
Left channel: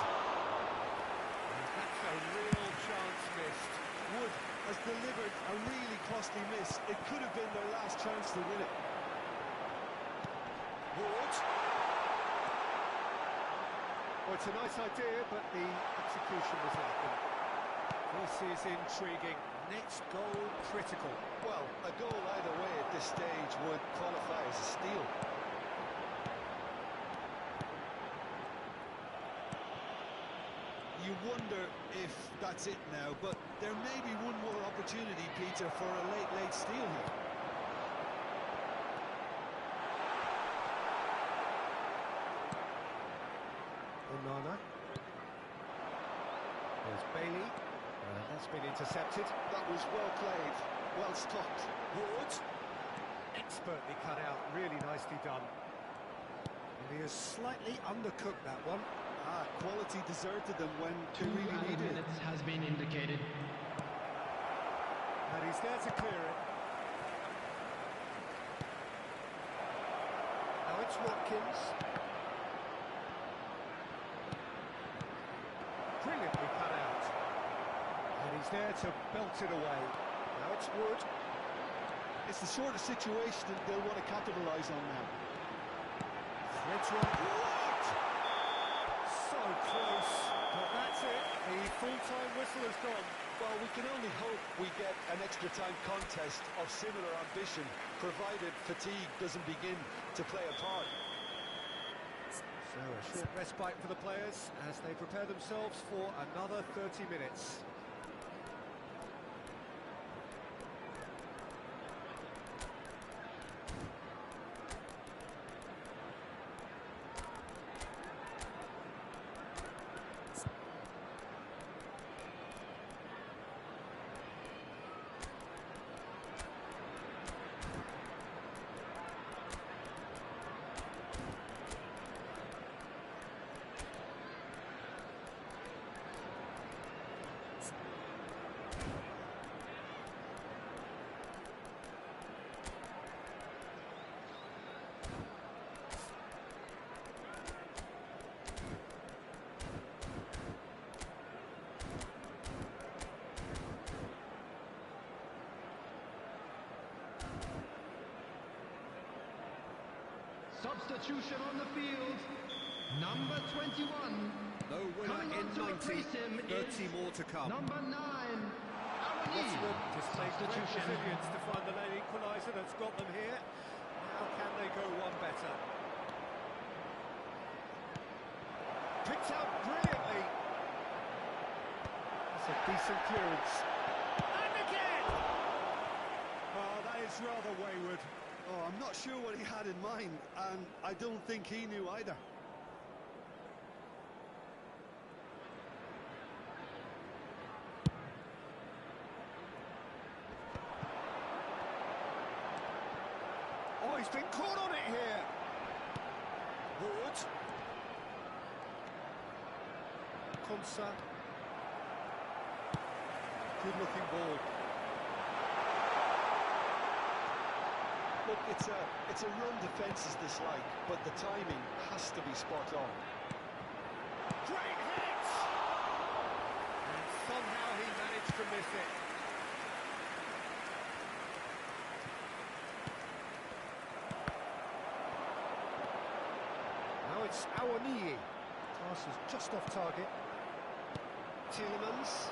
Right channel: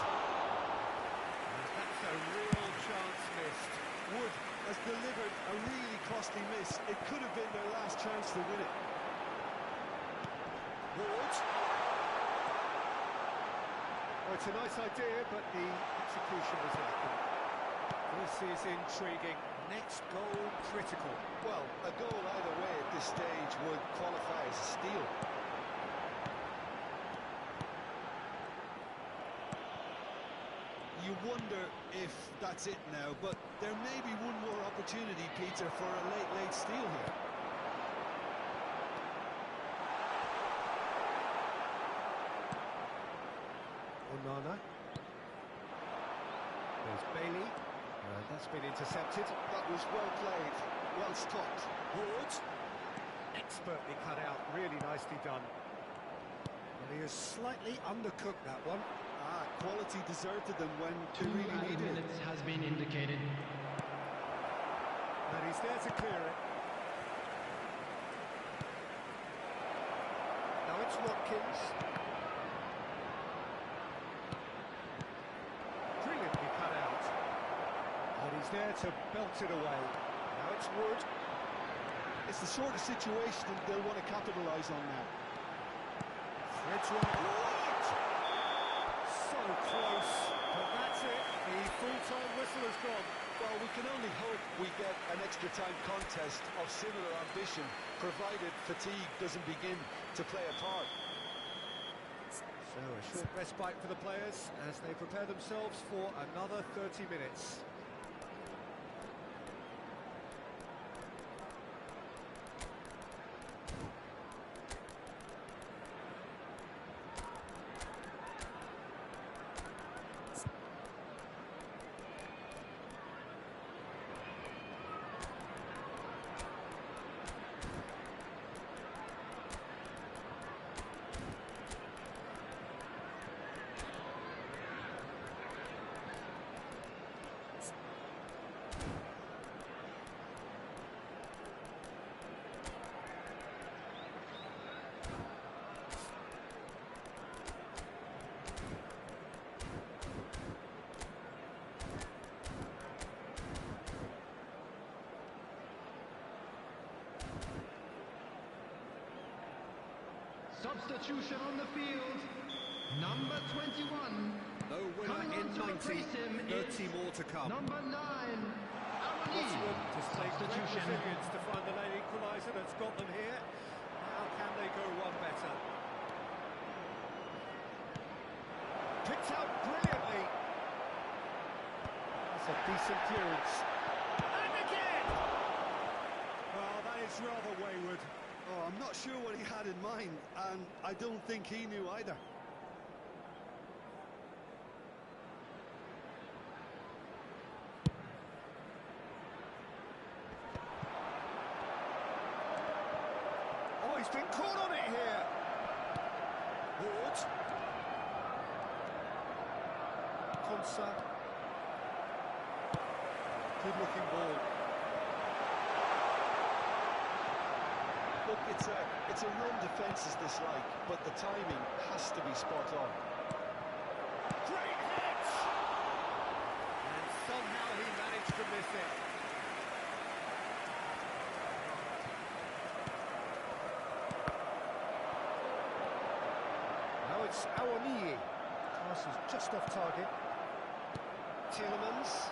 And that's a real chance missed. Wood has delivered a really costly miss. It could have been their last chance to win it. Wood. Well, it's a nice idea, but the execution was lacking. This is intriguing. Next goal critical. Well, a goal either way at this stage would qualify as a steal. You wonder if that's it now, but there may be one more opportunity, Peter, for a late steal here. Onana. There's Bailey. That's been intercepted. That was well played, well stopped. Wood. Expertly cut out, really nicely done. And he has slightly undercooked that one. Quality deserted them when they 2 really added needed it. minutes has been indicated. And he's there to clear it. Now it's Watkins. Brilliantly cut out. And he's there to belt it away. Now it's Wood. It's the sort of situation they'll want to capitalise on now. Threads one. What? So close. But that's it. The full-time whistle has gone. Well, we can only hope we get an extra time contest of similar ambition, provided fatigue doesn't begin to play a part. So a short respite for the players as they prepare themselves for another 30 minutes. Substitution on the field. Number 21. No winner Coming in on to 90, replace him 30 is more to come. Number 9. Nottingham displaying great Substitution. resilience to find the late equaliser that's got them here. Now can they go one better? Picked out brilliantly. That's a decent clearance. And again! Well, that is rather wayward. Oh, I'm not sure what he had in mind, and I don't think he knew either. Oh, he's been caught on it here. Wood. Konsa. Good-looking ball. Look, it's a run defence is dislike, but the timing has to be spot on. Great hit! And somehow he managed to miss it. Now it's Awoniyi. Pass is just off target. Tielemans.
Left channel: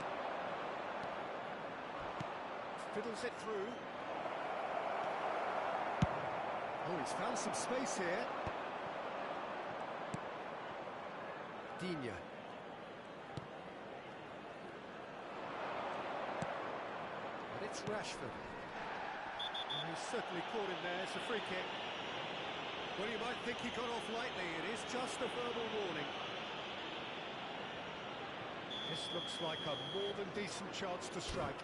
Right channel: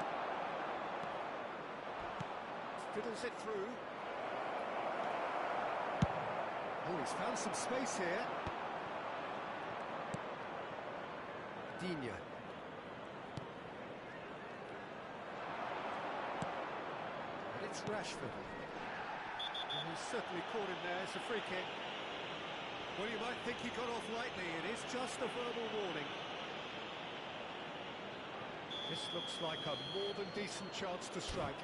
Fiddles it through. Oh, he's found some space here. Digne. But it's Rashford. And he's certainly caught him there. It's a free kick. Well, you might think he got off lightly. It is just a verbal warning. This looks like a more than decent chance to strike.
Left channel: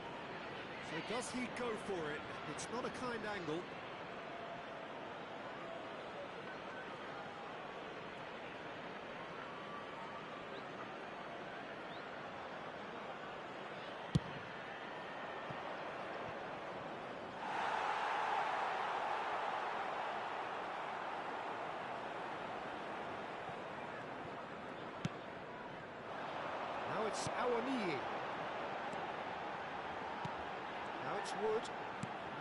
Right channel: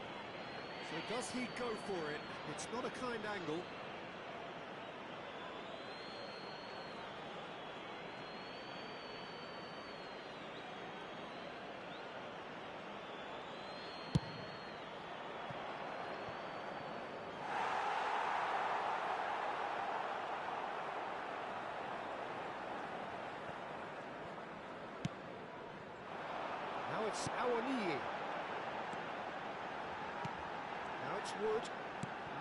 So does he go for it? It's not a kind angle. Now it's Awoniyi. Now it's Wood.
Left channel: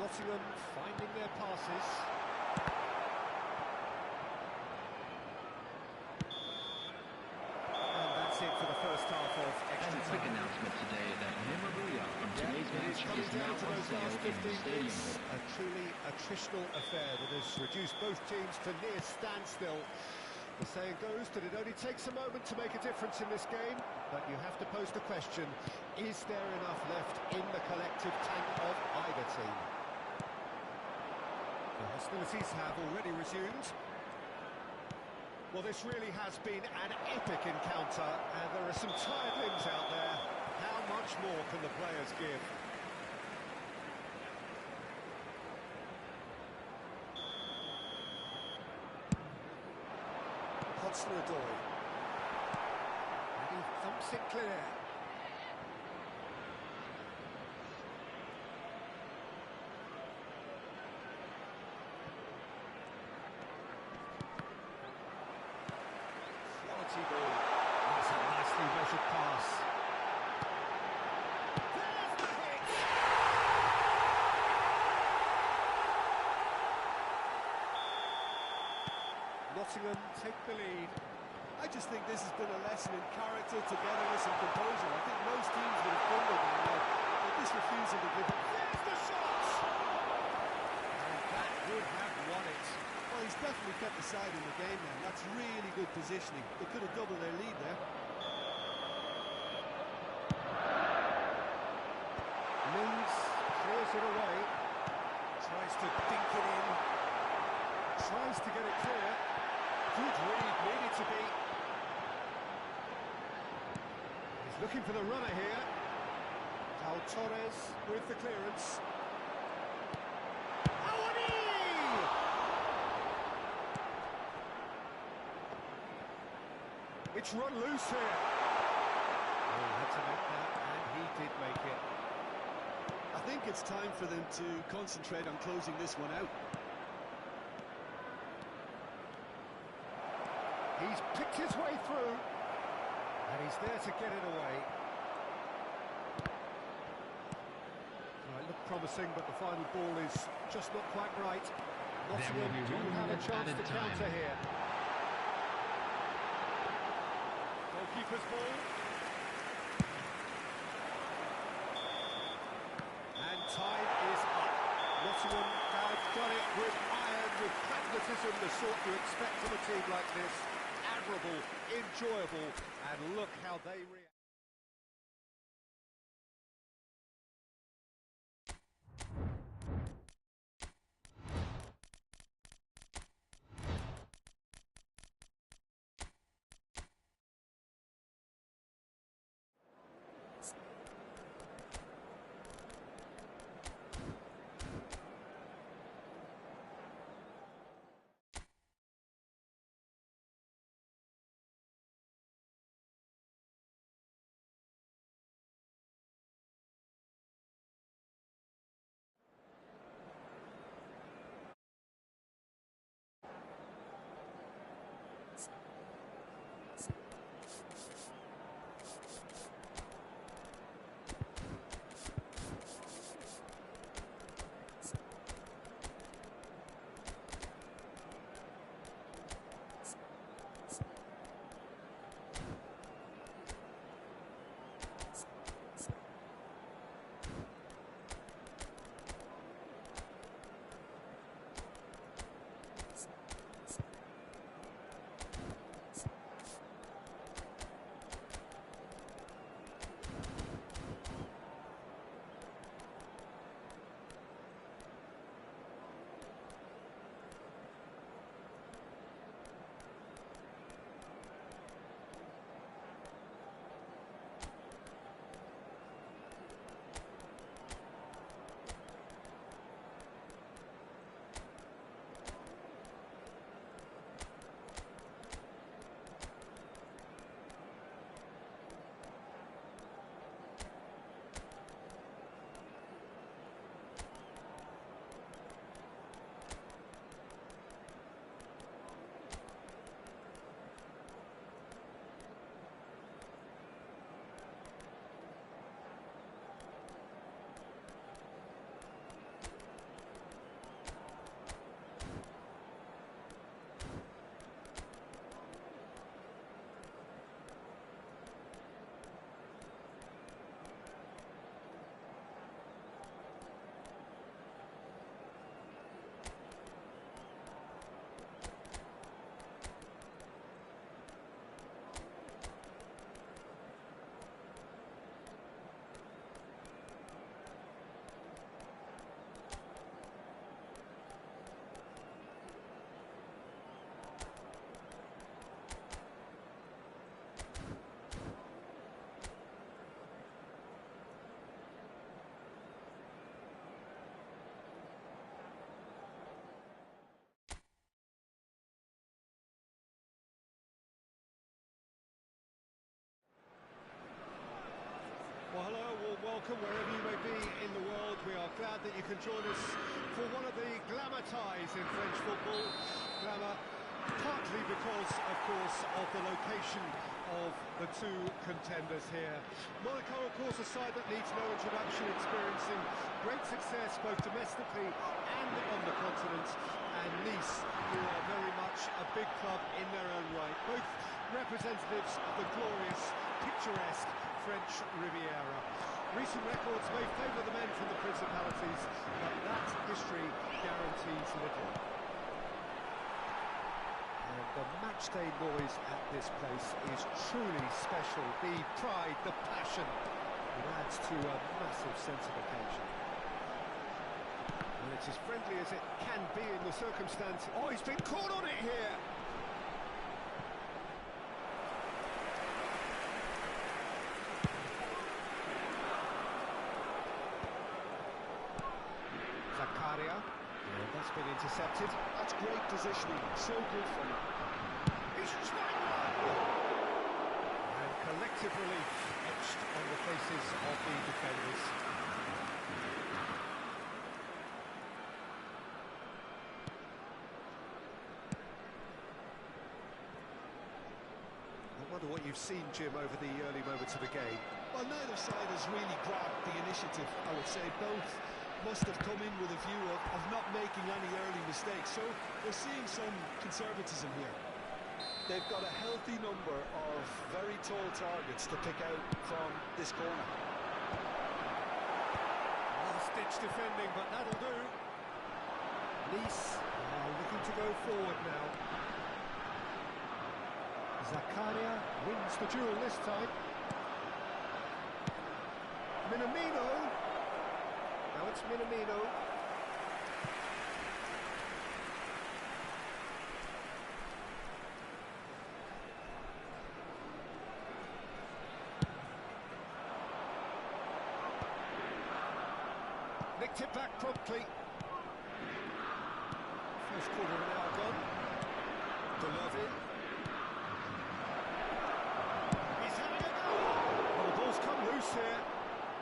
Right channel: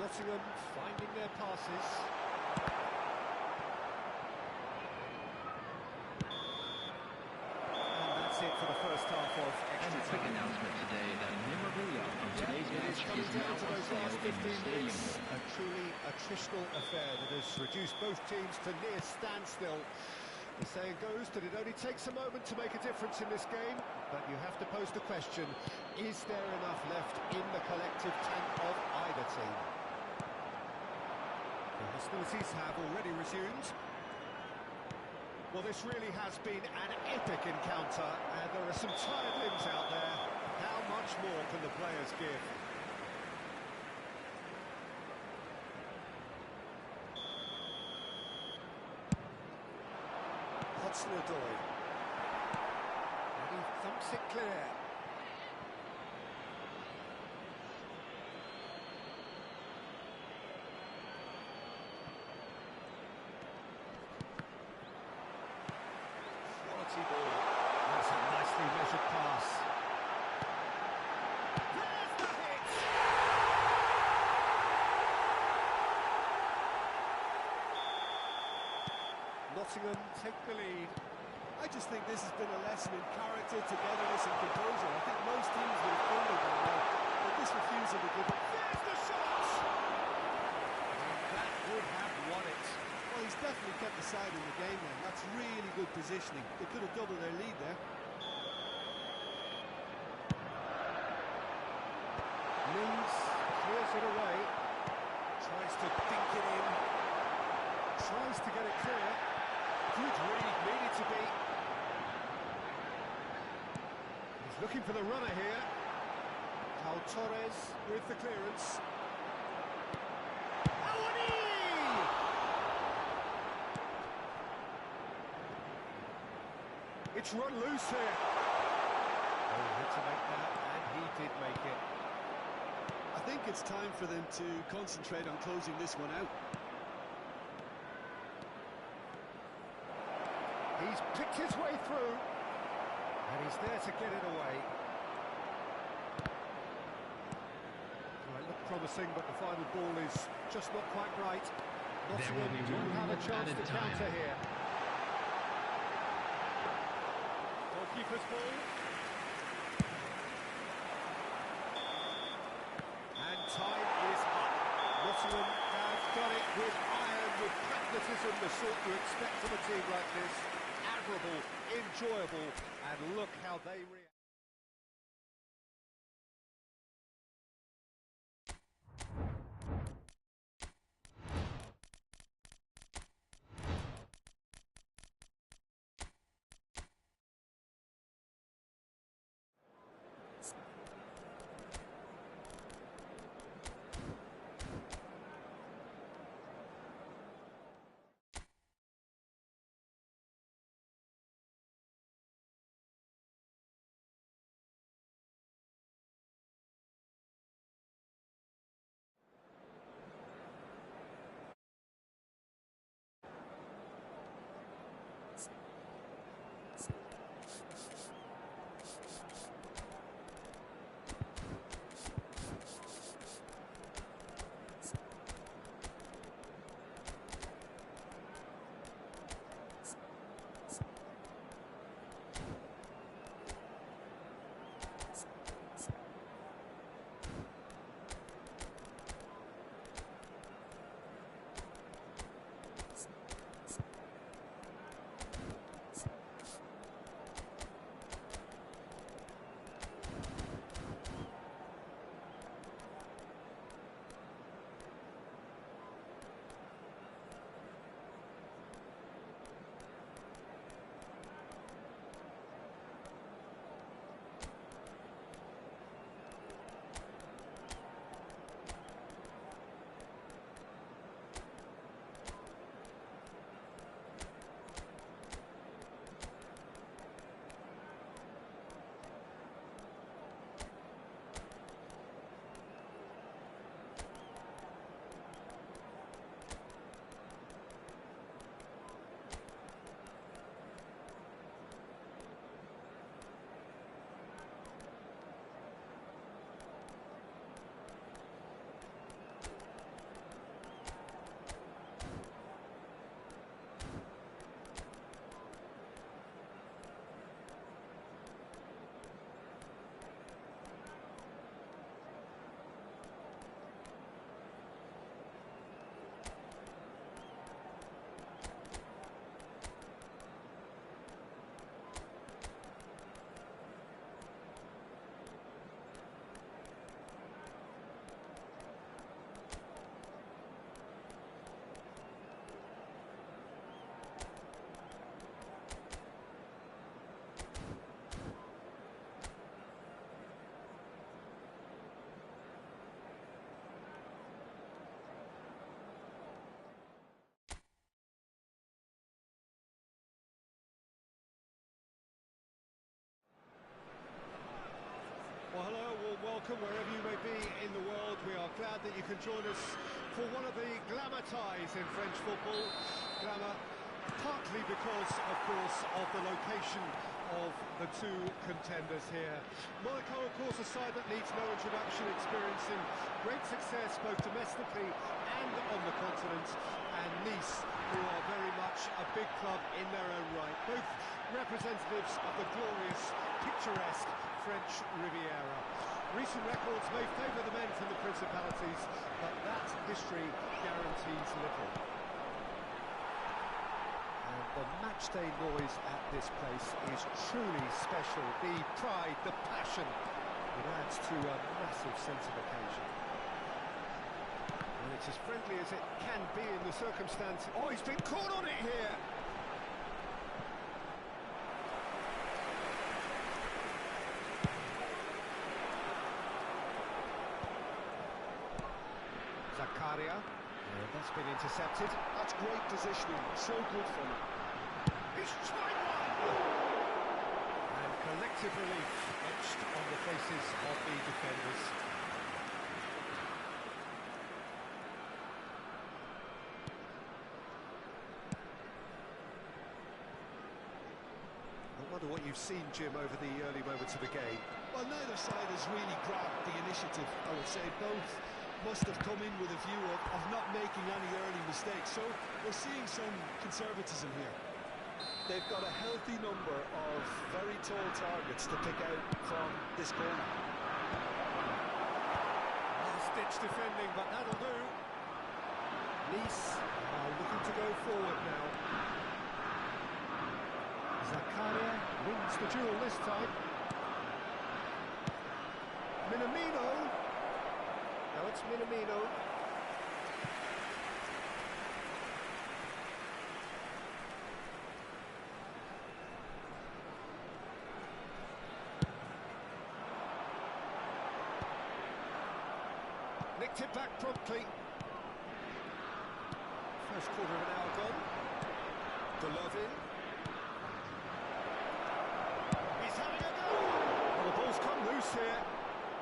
Nottingham finding their passes. And that's it for the first half of extra And a quick time. announcement today that memorabilia from today's It match is coming is down now to on those sale last in the 15 Stadium minutes. Hall. A truly attritional affair that has reduced both teams to near standstill. The saying goes that it only takes a moment to make a difference in this game, but you have to pose the question, is there enough left in the collective tank of either team? The hostilities have already resumed. Well, this really has been an epic encounter, and there are some tired limbs out there. How much more can the players give? Hudson-Odoi. And he thumps it clear. Quality ball. That's a nicely measured pass. There's the hit! Nottingham take the lead. I just think this has been a lesson in character, togetherness and composure. I think most teams would have crumbled by now, but this refusal to give up. There's the shot! And that would have won it. Well, he's definitely kept the side in the game then. That's really good positioning. They could have doubled their lead there. Mings clears it away. Tries to dink it in. Tries to get it clear. Good read, needed to be. He's looking for the runner here. Pau Torres with the clearance. Awoniyi! It's run loose here. Oh, he had to make that, and he did make it. I think it's time for them to concentrate on closing this one out. He's picked his way through, and he's there to get it away. Well, it looked promising, but the final ball is just not quite right. Nottingham do have a chance to counter here. Goalkeeper's ball. And time is up. Nottingham have done it with iron, with pragmatism, the sort you expect from a team like this. Admirable, enjoyable, and look how they react. welcome wherever you may be in the world. We are glad that you can join us for one of the glamour ties in French football. Glamour partly because, of course, of the location of the two contenders here. Monaco, of course, a side that needs no introduction, experiencing great success both domestically and on the continent, and Nice, who are very much a big club in their own right, both representatives of the glorious, picturesque French Riviera. Recent records may favour the men from the Principalities, but that history guarantees little. And the matchday noise at this place is truly special. The pride, the passion, it adds to a massive sense of occasion. And it's as friendly as it can be in the circumstance. Oh, he's been caught on it here! Zakaria. Yeah, that's been intercepted. That's great positioning, so good from him. He's tried one! And collective relief etched on the faces of the defenders. I wonder what you've seen, Jim, over the early moments of the game. Well, neither side has really grabbed the initiative, I would say. Both must have come in with a view of not making any early mistakes, so we're seeing some conservatism here. They've got a healthy number of very tall targets to pick out from this corner. Last-ditch defending, but that'll do. Nice are looking to go forward now. Zakaria wins the duel this time. Minamino. Now it's Minamino. Nicked it back promptly. First quarter of an hour gone. Golovin. He's having a go! Well, the ball's come loose here.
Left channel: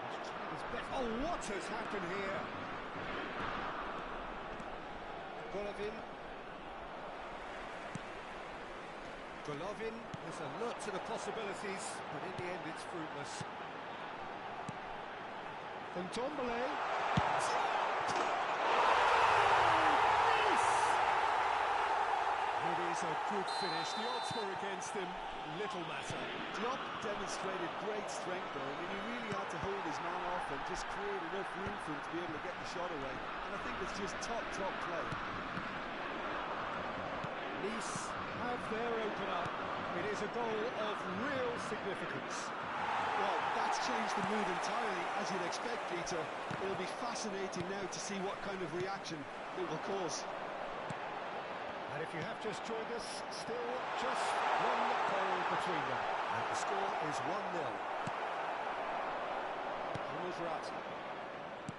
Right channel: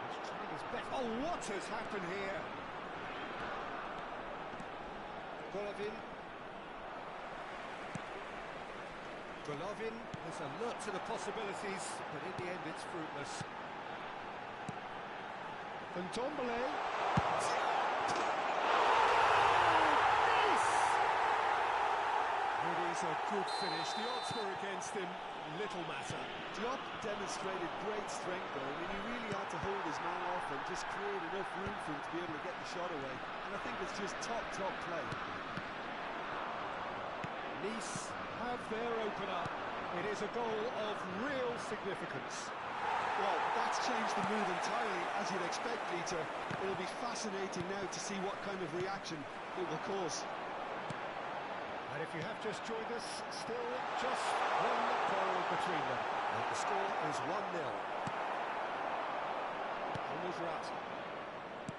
He's trying his best. Oh, what has happened here? Golovin. Golovin is alert to the possibilities, but in the end it's fruitless. And Ndombele. It is a good finish. The odds were against him. Little matter. Diop demonstrated great strength though. I mean, he really had to hold his man off and just create enough room for him to be able to get the shot away. And I think it's just top play. Nice have their opener. It is a goal of real significance. Well, that's changed the mood entirely, as you'd expect, Peter. It'll be fascinating now to see what kind of reaction it will cause. And if you have just joined us, still just one goal between them. And the score is 1-0. Brat.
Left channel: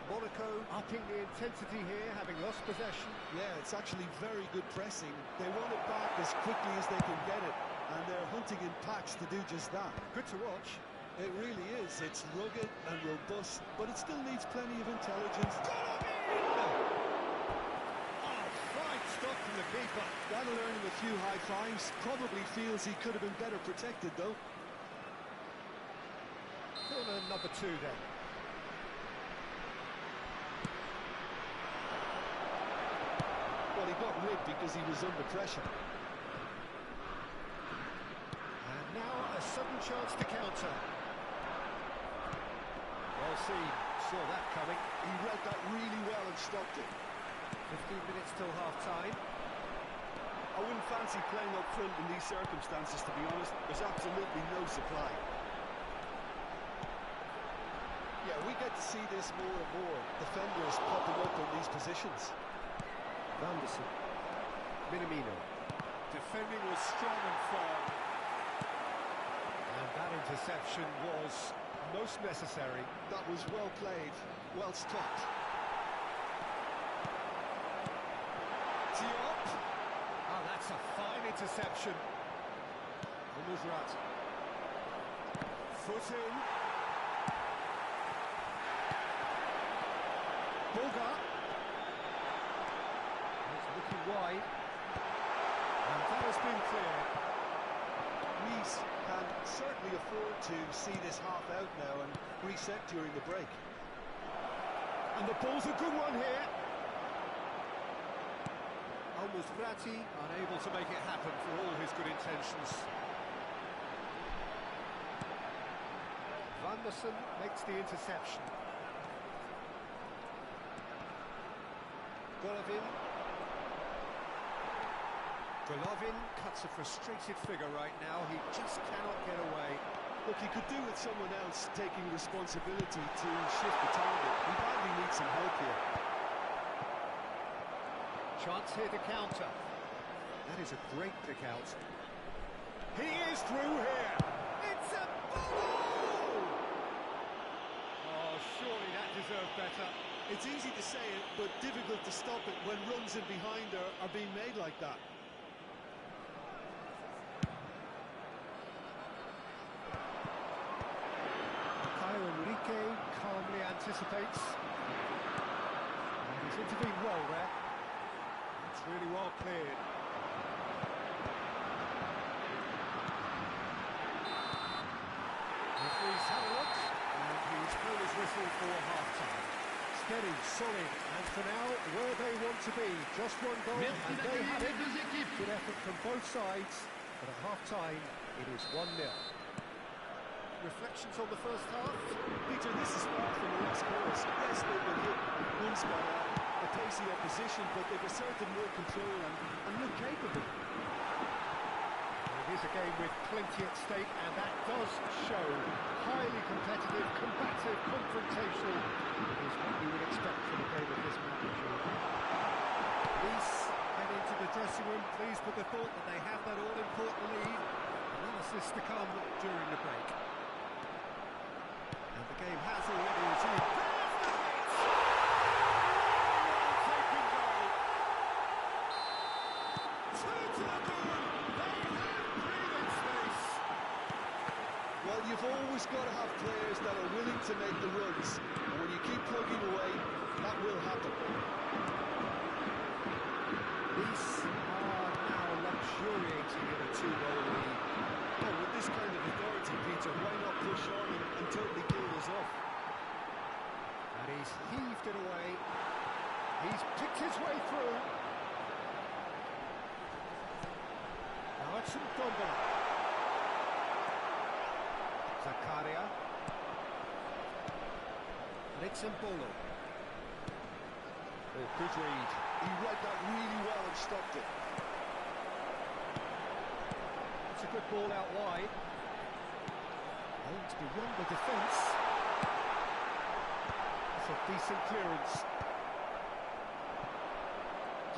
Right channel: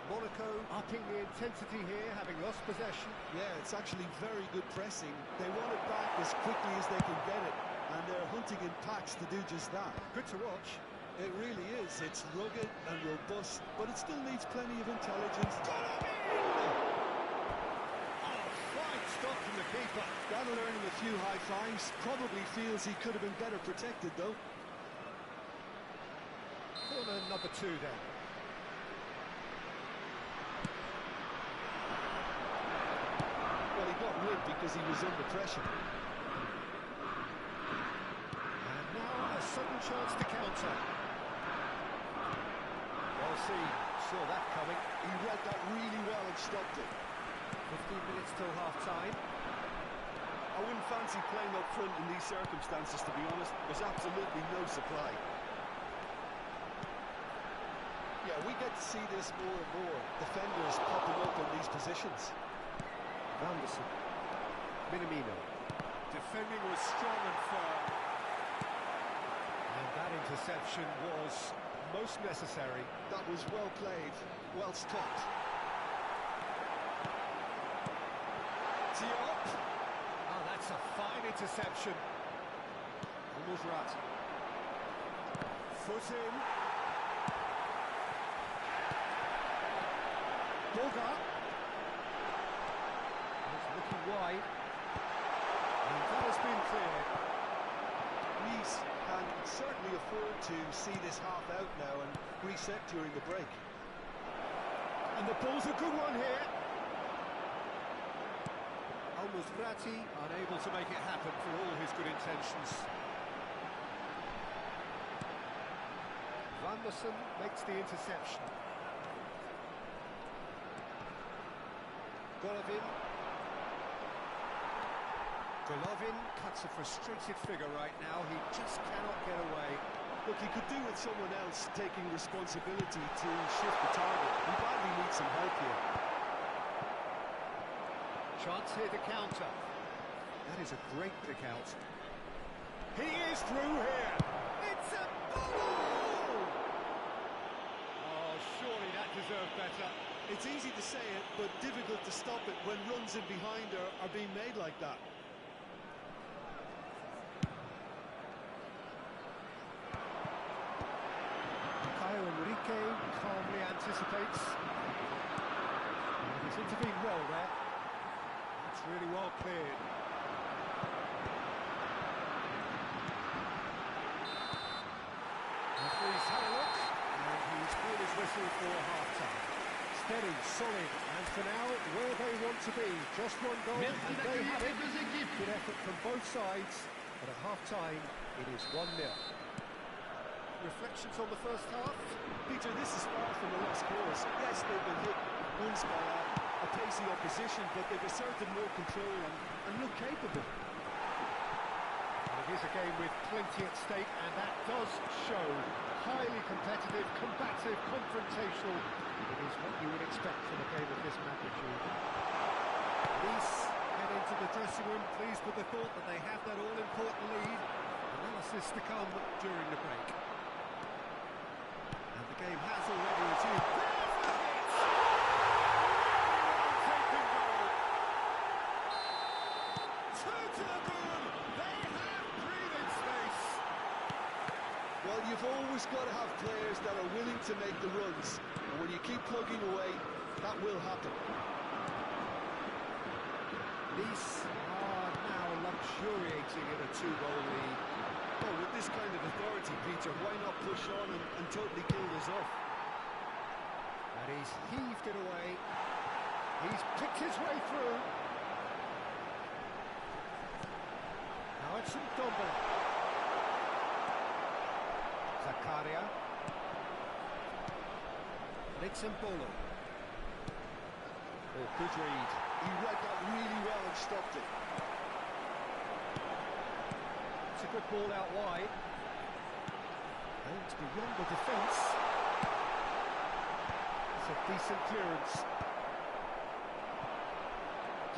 Monaco upping the intensity here, having lost possession. Yeah, it's actually very good pressing. They want it back as quickly as they can get it, and they're hunting in packs to do just that. Good to watch. It really is. It's rugged and robust, but it still needs plenty of intelligence. Stop from the keeper. That'll earn him a few high fives. Probably feels he could have been better protected, though. Corner number 2 then. Well, he got rid because he was under pressure. And now a sudden chance to counter. Well seen. Saw that coming. He read that really well and stopped it. 15 minutes till half-time. I wouldn't fancy playing up front in these circumstances, to be honest. There's absolutely no supply. Yeah, we get to see this more and more. Defenders popping up in these positions. Vanderson. Minamino. Defending was strong and firm. And that interception was most necessary. That was well played, well stopped. Diop. Oh, that's a fine interception. Brat. Foot in. Bogart. It's looking wide. And that has been cleared. Nice can certainly afford to see this half out now and reset during the break. And the ball's a good one here. Almost Bratti, unable to make it happen for all his good intentions. Vanderson makes the interception. Golovin cuts a frustrated figure right now. He just cannot get away. Look, he could do with someone else taking responsibility to shift the target. He badly needs some help here. Chance here to counter. That is a great pick out. He is through here. It's a goal! Oh, surely that deserved better. It's easy to say it, but difficult to stop it when runs in behind are being made like that. Enrique calmly anticipates. And he's intervened well there. That's really well cleared. Referee's had a look, and he's blown his whistle for half-time. Steady, solid, and for now, where they want to be. Just one goal, and they have it. Good effort from both sides, but at half-time, it is 1-0. Reflections on the first half? Peter, this is far from a lost cause. Yes, they've been hit once by a pacey opposition, but they've asserted more control and look capable. Well, it is a game with plenty at stake, and that does show. Highly competitive, combative, confrontational. It is what you would expect from a game of this magnitude. Nice head into the dressing room, pleased with the thought that they have that all-important lead. Analysis to come during the break. And the game has already resumed. There's the hit! Really well taken goal. Two to the good. They have breathing space. Well, you've always got to have players that are willing to make the runs. And when you keep plugging away, that will happen. Nice are now luxuriating in a two-goal lead. Well, with this kind of authority, Peter, why not push on and totally kill this off? And he's heaved it away. He's picked his way through. Now it's Ndombele. Zakaria. Nidza. Oh, good read. He read that really well and stopped it. It's a good ball out wide. Aimed beyond the defence. It's a decent clearance.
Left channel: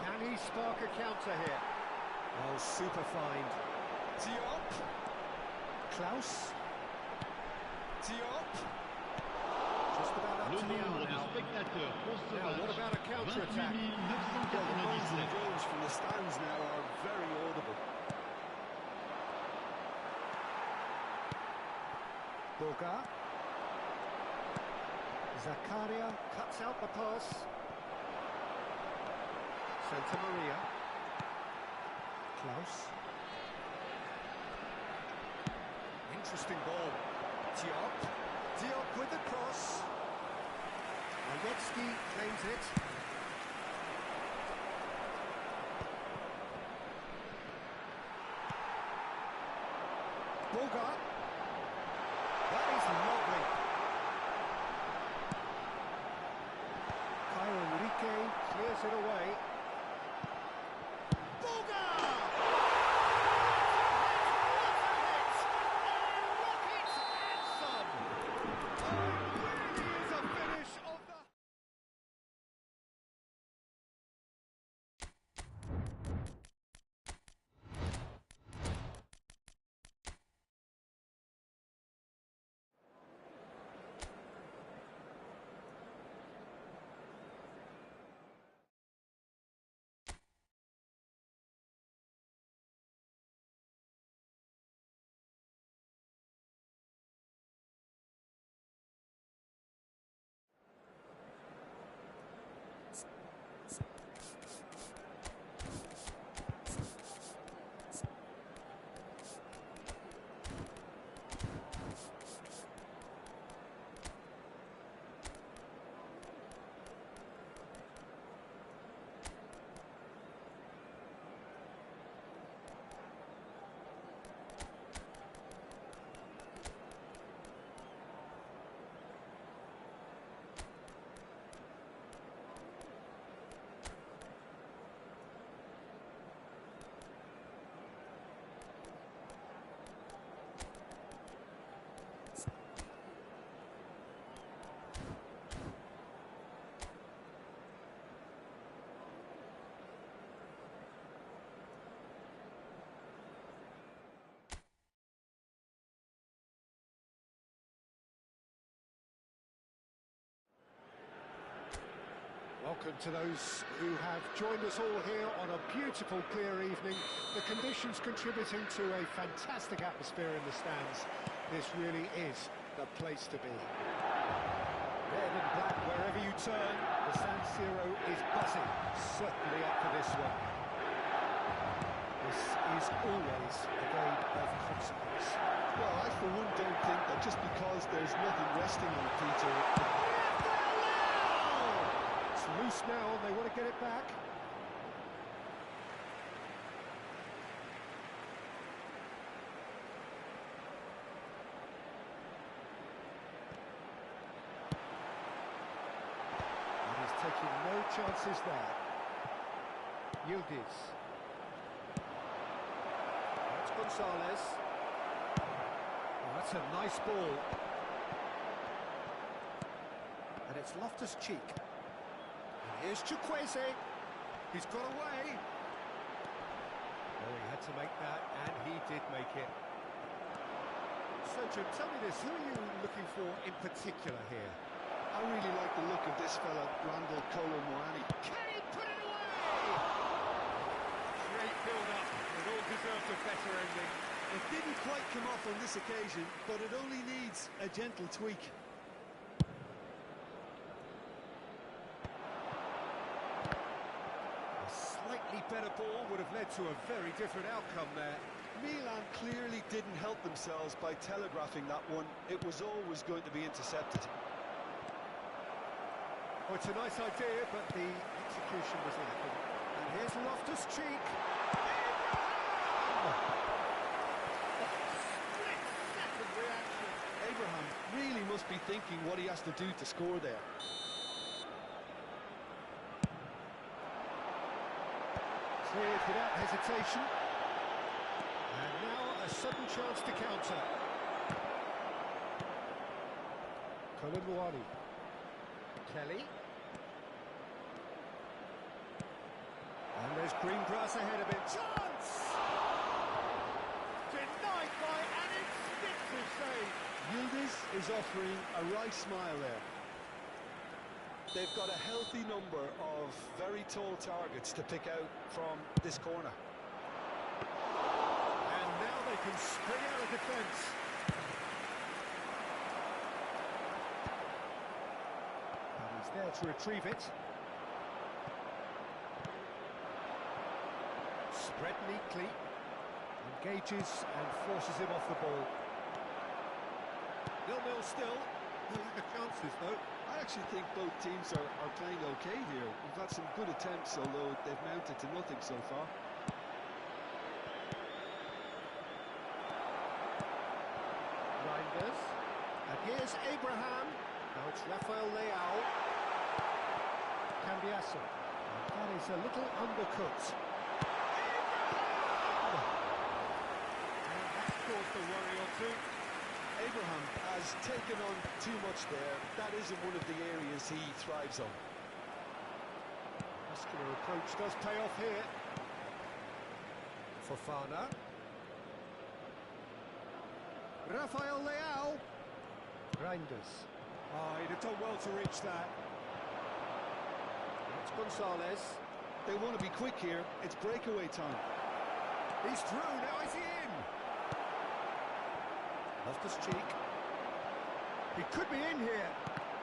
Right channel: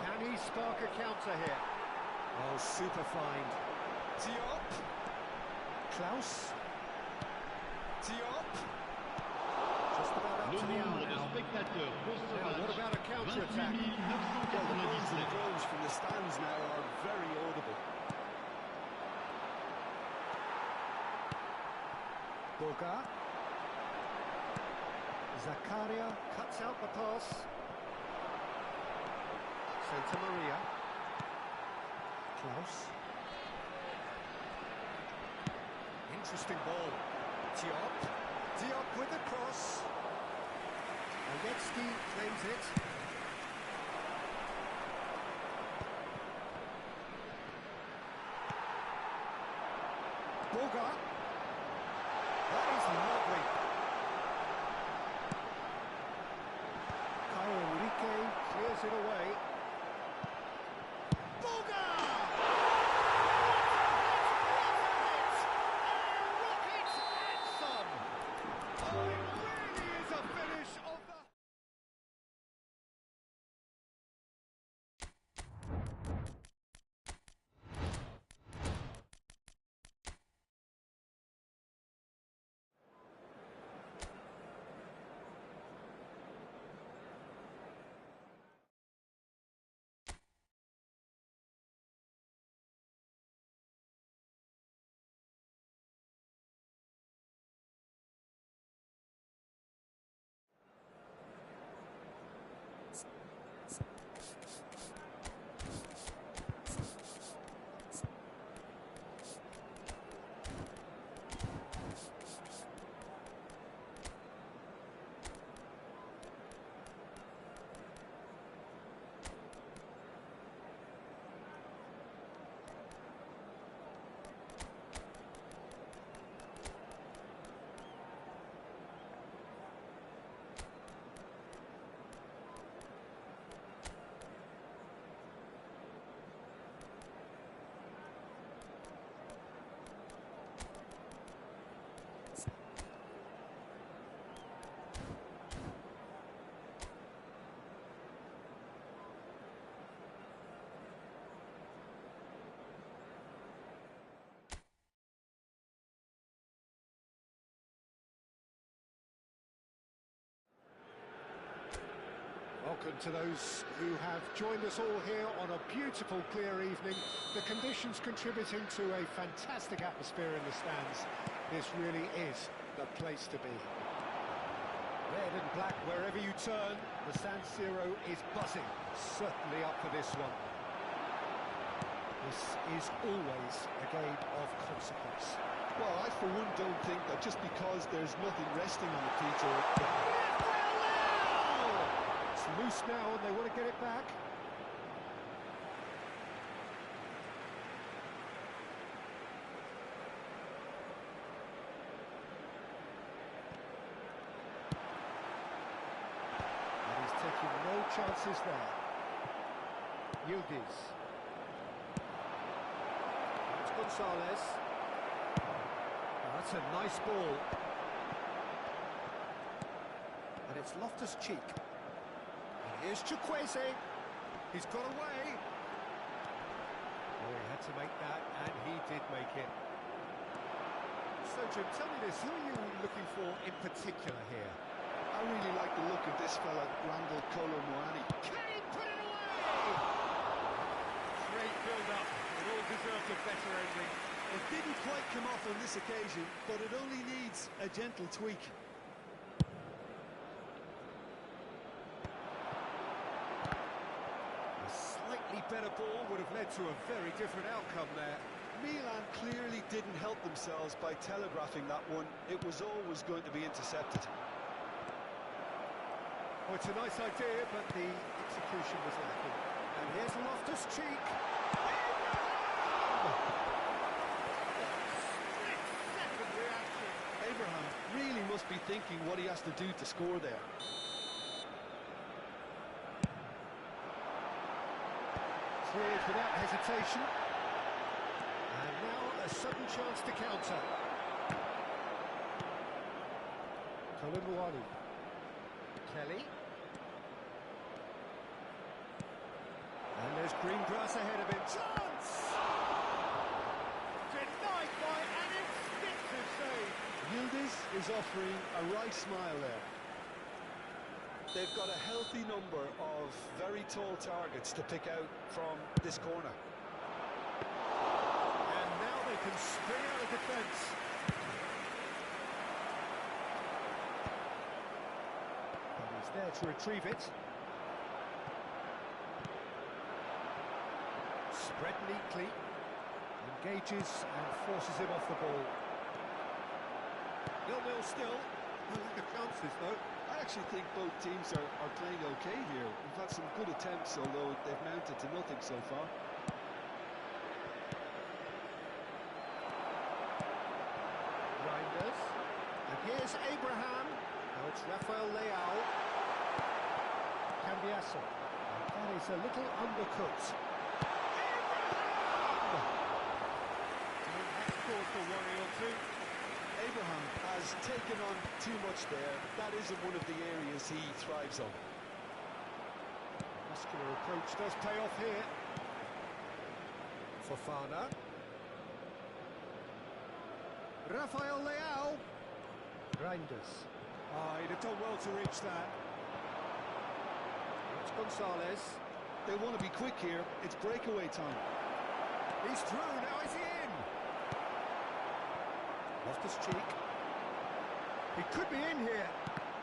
Can he spark a counter here? Oh, super find. Diop. Klaus. Diop. Just about up Le to the hour nombre de now. spectateurs pour ce Now, what match, about a counter-attack? 28 Well, the moans and 997. groans from the stands now are very audible. Bogart. Zakaria cuts out the pass. Santa Maria. Klaus. Interesting ball. Diop. Diop with the cross. Aletsky claims it. Bogart. That is lovely. Enrique clears it away. Welcome to those who have joined us all here on a beautiful, clear evening. The conditions contributing to a fantastic atmosphere in the stands. This really is the place to be. Red and black wherever you turn, the San Siro is buzzing. Certainly up for this one. This is always a game of consequence. Well, I for one don't think that just because there's nothing resting on it, Peter... It's loose now and they want to get it back. And he's taking no chances there. Yildiz. That's Gonzalez. Oh, that's a nice ball. And it's Loftus-Cheek. And here's Chukwueze. He's got away. Oh, he had to make that, and he did make it. So, Jim, tell me this, who are you looking for in particular here? I really like the look of this fella, Randall Kolo-Muani. Can he put it away? Great build-up. It all deserved a better ending. It didn't quite come off on this occasion, but it only needs a gentle tweak. A slightly better ball would have led to a very different outcome there. Milan clearly didn't help themselves by telegraphing that one. It was always going to be intercepted. Oh, it's a nice idea, but the execution was lacking. And here's Loftus-Cheek. Split-second reaction. Abraham really must be thinking what he has to do to score there. Cleared without hesitation. And now a sudden chance to counter. Kolo-Muani. Kelly. And there's green grass ahead of him. Chance! Denied by an instinctive save. Yildiz is offering a wry smile there. They've got a healthy number of very tall targets to pick out from this corner. And now they can spring out of defence. And he's there to retrieve it. Spread neatly, engages and forces him off the ball. 0-0 still, no lack of chances though. I actually think both teams are playing okay here. We've had some good attempts, although they've mounted to nothing so far. Reinders, and here's Abraham. Now it's Rafael Leao. Cambiasso. And that is a little undercooked. Caused a worry or two. Abraham has taken on too much there. That isn't one of the areas he thrives on. Muscular approach does pay off here. Fofana. Rafael Leao. Reinders. Oh, he'd have done well to reach that. That's Gonzalez. They want to be quick here. It's breakaway time. He's through. Now is he in? Loftus-Cheek. He could be in here.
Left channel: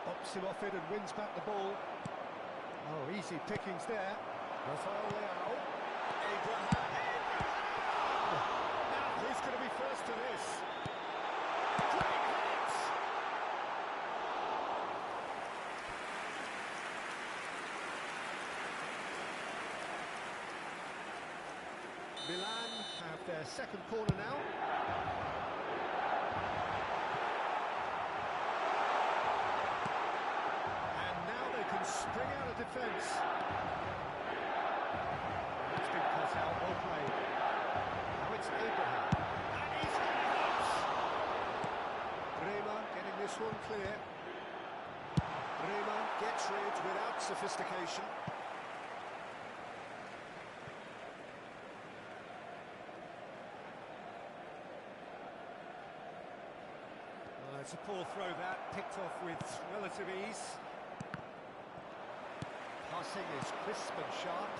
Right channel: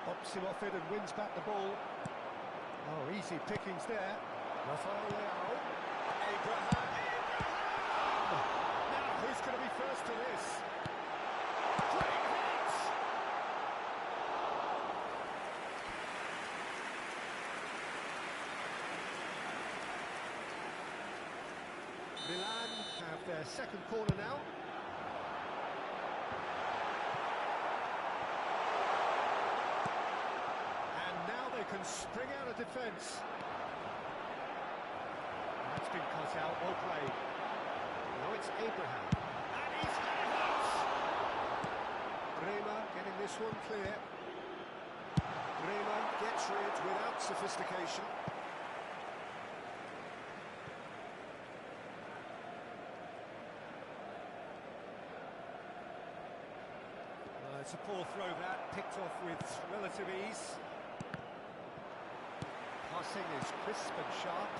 Bops him off it and wins back the ball. Oh, easy pickings there. Rafael Leao. Abraham. Now, who's going to be first to this? Great hit! Milan have their second corner now. Can spring out of defence. That's been cut out, well played. Now it's Abraham. And he's got a hit! Bremer getting this one clear. Bremer gets rid without sophistication. It's a poor throw that, picked off with relative ease. Pass passing is crisp and sharp.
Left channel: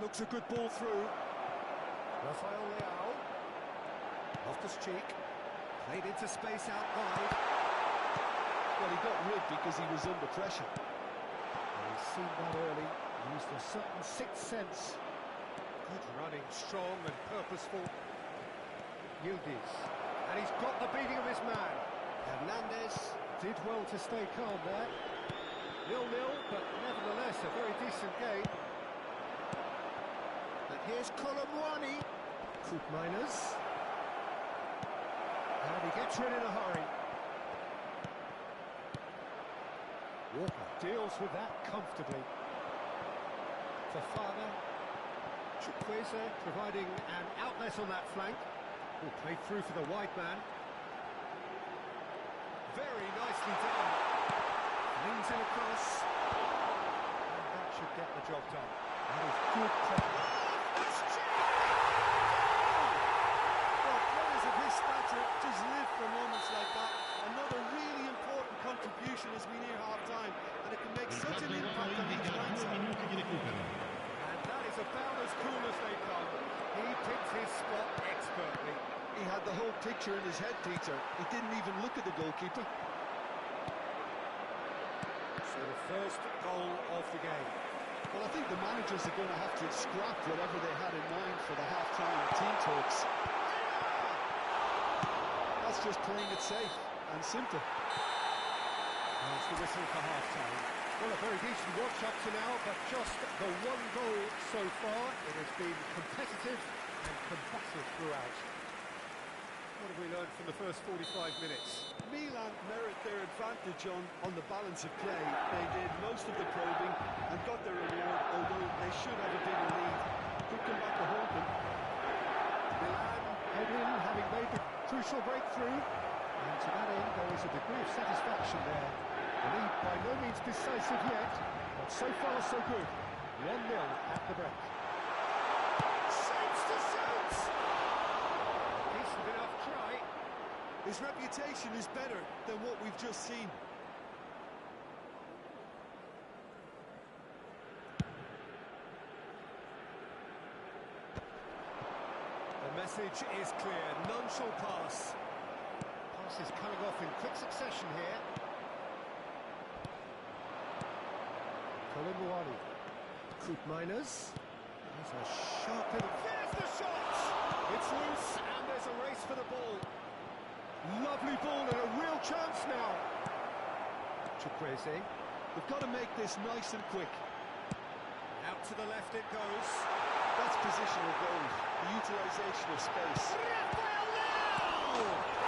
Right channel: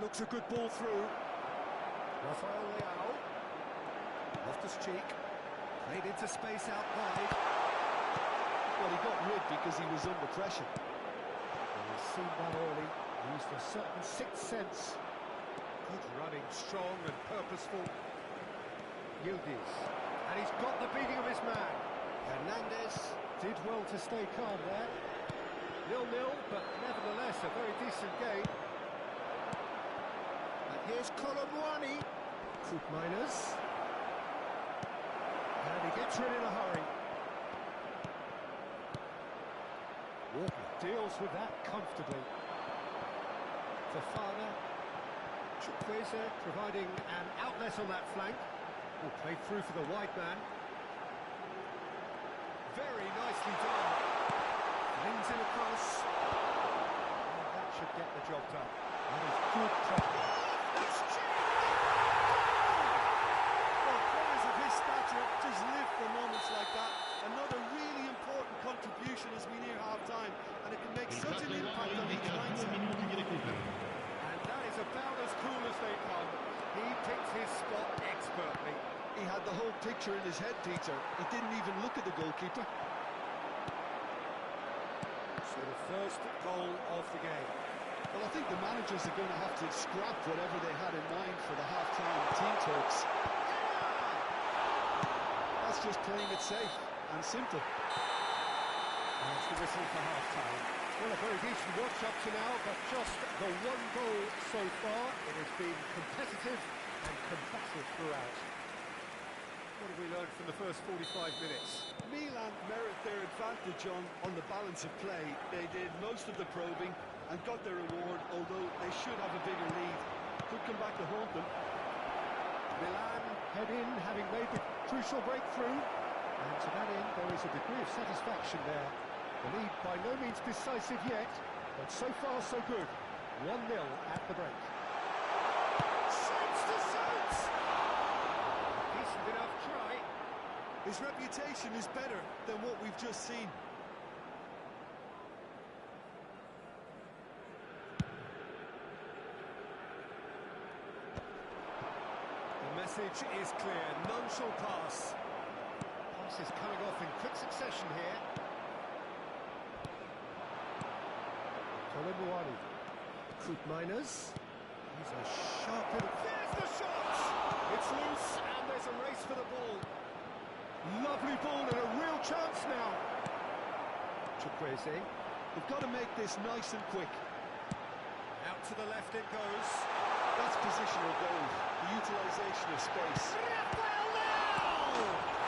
Looks a good ball through. Rafael Leao. Loftus-Cheek. Played into space out wide. Well, he got rid because he was under pressure. And he's seen that early. Used a certain sixth sense. Good running, strong and purposeful. Yildiz. And he's got the beating of his man. Hernandez did well to stay calm there. 0-0, but nevertheless a very decent game. And here's Colomwani. Koopmeiners. And he gets rid in a hurry. Walker deals with that comfortably. Fofana. Chukwueze providing an outlet on that flank. Oh, played through for the wide man. Very nicely done. Leans in across. And that should get the job done. That is good pressure. Well, players of his stature just live for moments like that. Another really important contribution as we near half-time, and it can make such an impact on each mindset. And that is about as cool as they come. He picked his spot expertly. He had the whole picture in his head, Peter. He didn't even look at the goalkeeper. So the first goal of the game. Well, I think the managers are going to have to scrap whatever they had in mind for the half-time team talks. That's just playing it safe and simple. That's the whistle for half-time. Well, a very decent watch up to now, but just the one goal so far. It has been competitive and combative throughout. What have we learned from the first 45 minutes? Milan merit their advantage on the balance of play. They did most of the probing and got their reward, although they should have a bigger lead. Could come back to haunt them. Milan head in, having made the crucial breakthrough. And to that end, there is a degree of satisfaction there. The lead by no means decisive yet, but so far so good. 1-0 at the break. Shapes to shoot! Decent enough try. His reputation is better than what we've just seen. The message is clear. None shall pass. Pass is coming off in quick succession here. Colomwani. Koopmeiners. He's a sharp little... There's the shot! It's loose and there's a race for the ball. Lovely ball and a real chance now. Chukwueze. They've got to make this nice and quick. Out to the left it goes. That's positional goal, the utilisation of space. Rafael Leao!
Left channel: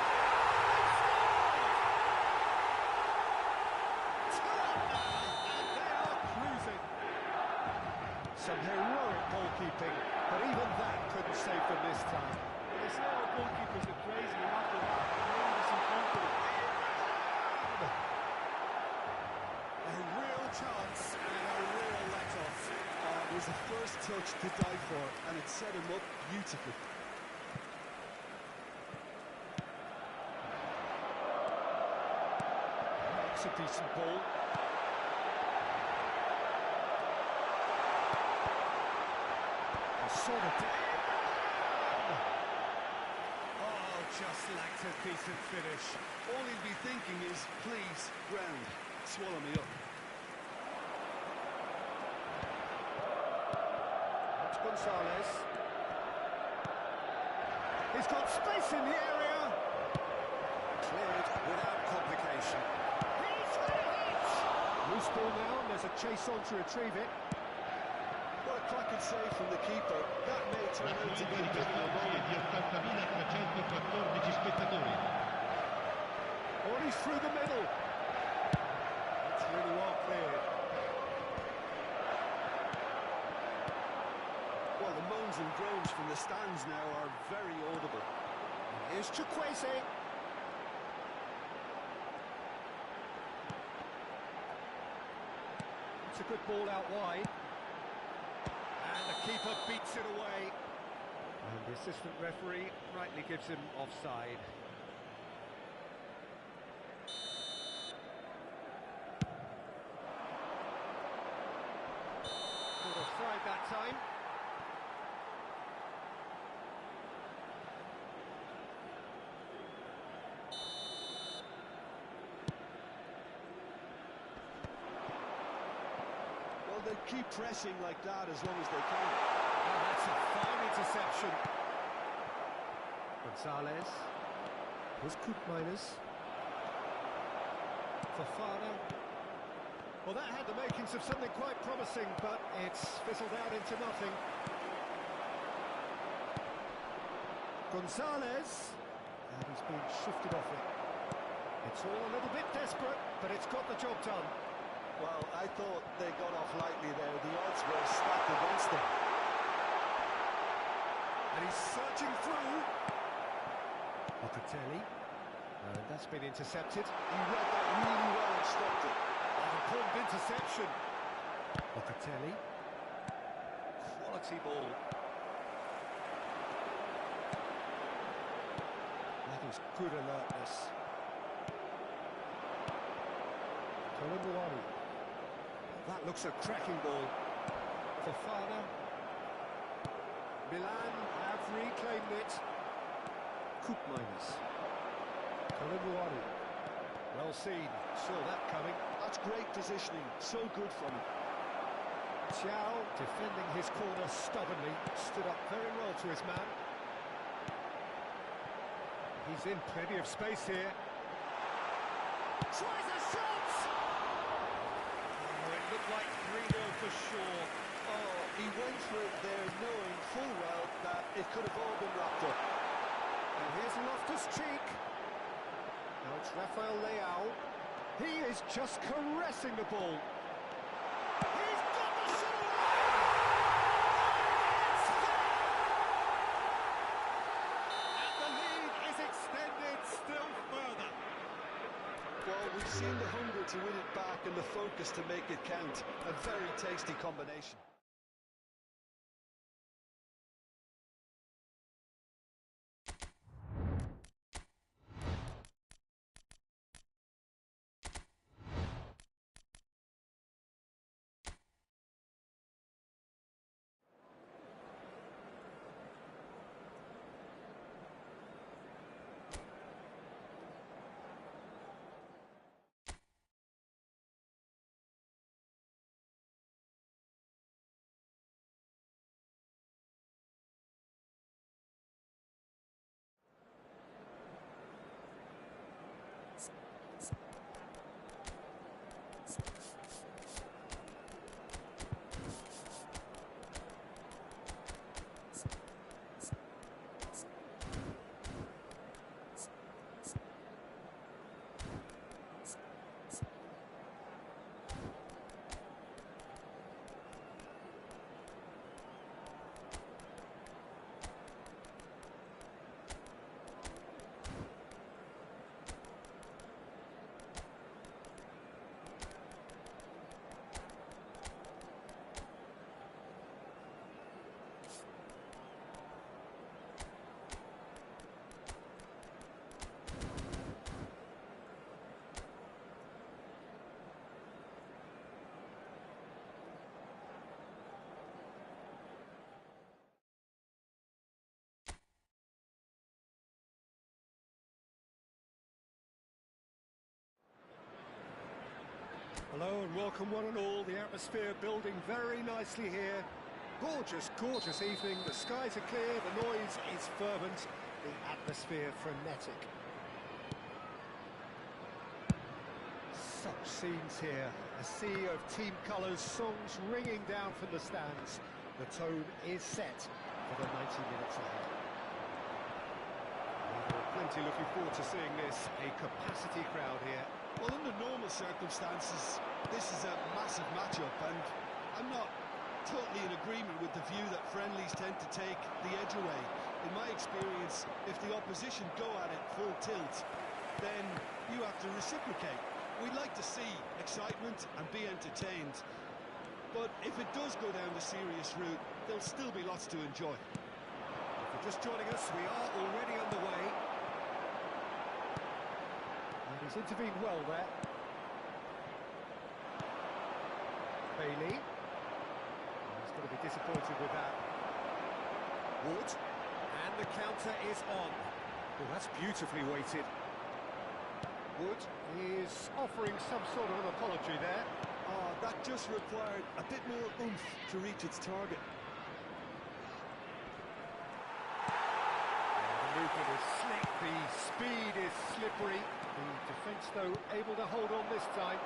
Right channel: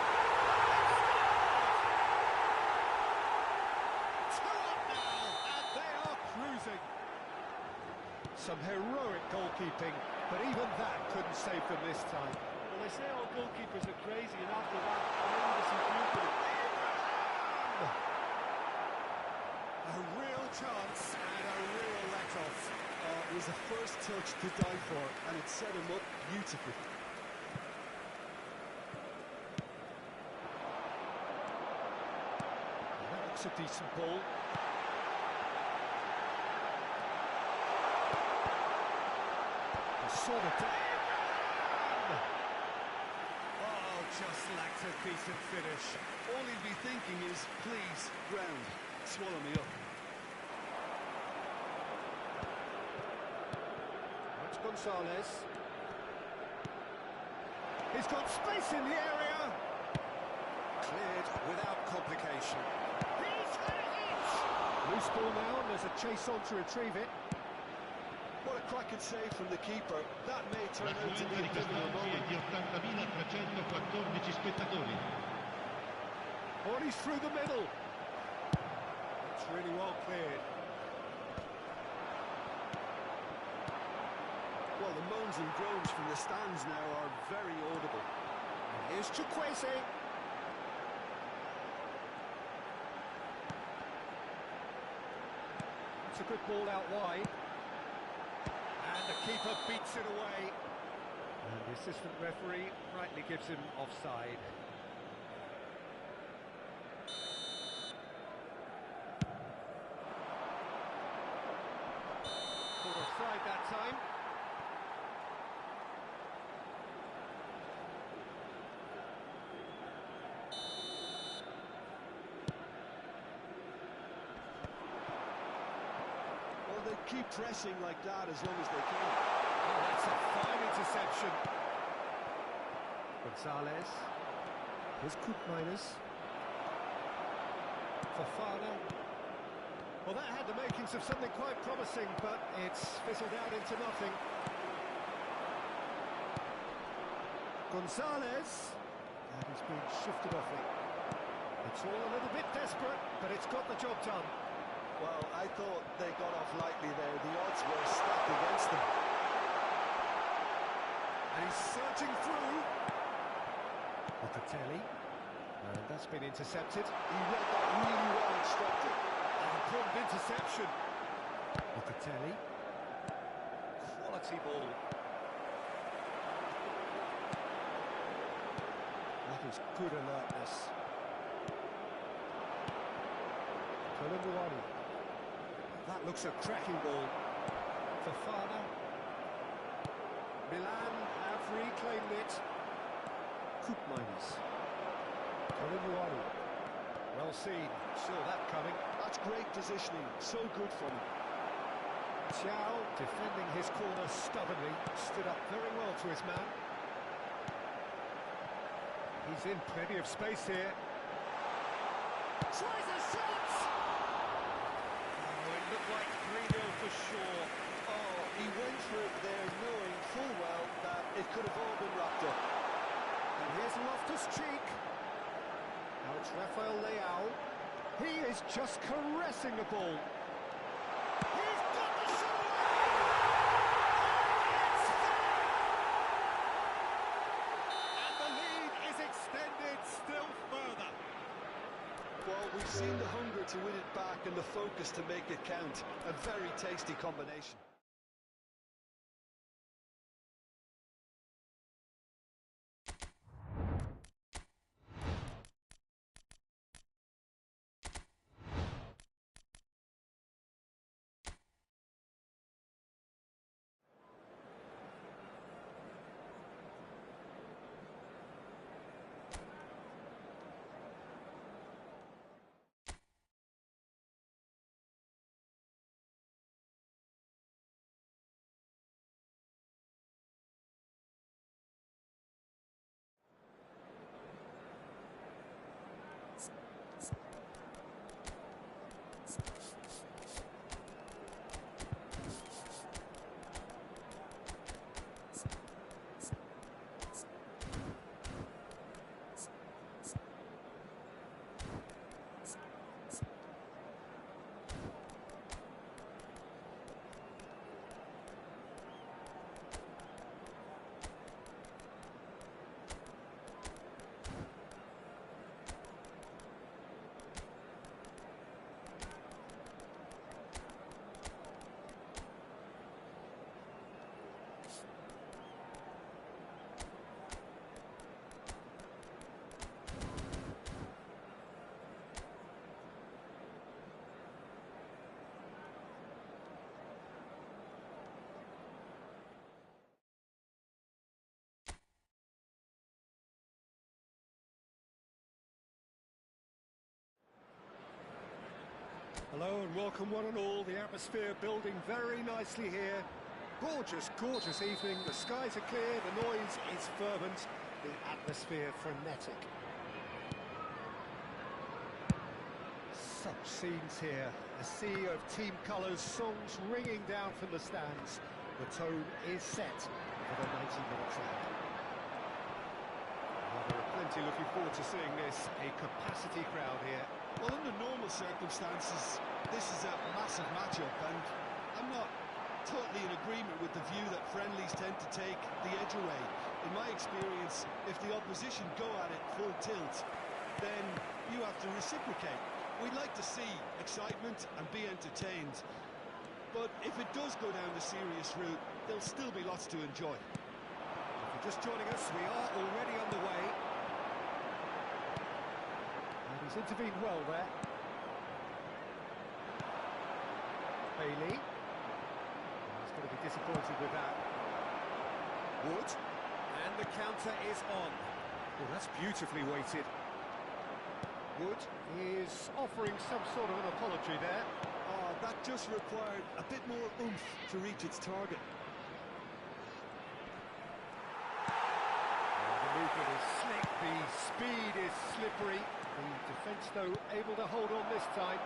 Some heroic goalkeeping, but even that couldn't save them this time. Well, they say all goalkeepers are crazy, and after that, maybe there's some truth to it. A real chance and a real let-off. It was a first touch to die for, and it set him up beautifully. That looks a decent ball. Saw the... Oh, just lacked a decent finish. All he'd be thinking is, please, ground, swallow me up. That's Gonzalez. He's got space in the area. Cleared without complication. He's had a hit! Loose ball now, and there's a chase on to retrieve it. What a cracking save from the keeper. That may turn La out to be a affluenza di pivotal quest'oggi è moment. di 80.314 spettatori. Oh, he's through the middle. That's really well cleared. Well, the moans and groans from the stands now are very audible. Here's Chukwueze. It's a good ball out wide. And the keeper beats it away. And the assistant referee rightly gives him offside. offside that time. Well, they keep pressing like that as long as they can. Oh, that's a fine interception. Gonzalez. Here's Koopmeiners. Fofana. Well, that had the makings of something quite promising, but it's fizzled out into nothing. Gonzalez. And he's been shifted off it. It's all a little bit desperate, but it's got the job done. Well, I thought they got off lightly there. The odds were stacked against them. And he's searching through. Locatelli. And that's been intercepted. He read that really well and stopped it. Important interception. Locatelli. Quality ball. That is good alertness. Colomboani. That looks a cracking ball. Fofana. Milan have reclaimed it. Koopmeiners. Colomboani. Well seen. Saw that coming. That's great positioning. So good from him. Thiaw, defending his corner stubbornly, stood up very well to his man. He's in plenty of space here. Tries a shot! Oh, it looked like 3-0 for sure. Oh, he went for it there knowing full well that it could have all been wrapped up. And here's Loftus-Cheek. Now it's Rafael Leao. He is just caressing the ball. He's got the shot away! And it's there! And the lead is extended still further. Well, we've seen the hunger to win it back and the focus to make it count. A very tasty combination. Hello and welcome one and all. The atmosphere building very nicely here. Gorgeous, gorgeous evening. The skies are clear, the noise is fervent, the atmosphere frenetic. Such scenes here. A sea of team colours, songs ringing down from the stands. The tone is set for the 90 minutes ahead. Well, there are plenty looking forward to seeing this. A capacity crowd here. Well, under normal circumstances, this is a massive matchup, and I'm not totally in agreement with the view that friendlies tend to take the edge away. In my experience, if the opposition go at it full tilt, then you have to reciprocate. We'd like to see excitement and be entertained, but if it does go down the serious route, there'll still be lots to enjoy. If you're just joining us, we are already on the way. And he's intervened well there. Bailey. He's He's going to be disappointed with that. Wood, and the counter is on. Well, that's beautifully weighted. Wood is offering some sort of an apology there. Oh, that just required a bit more oomph to reach its target. The movement is slick, the speed is slippery. The defence, though, able to hold on this time.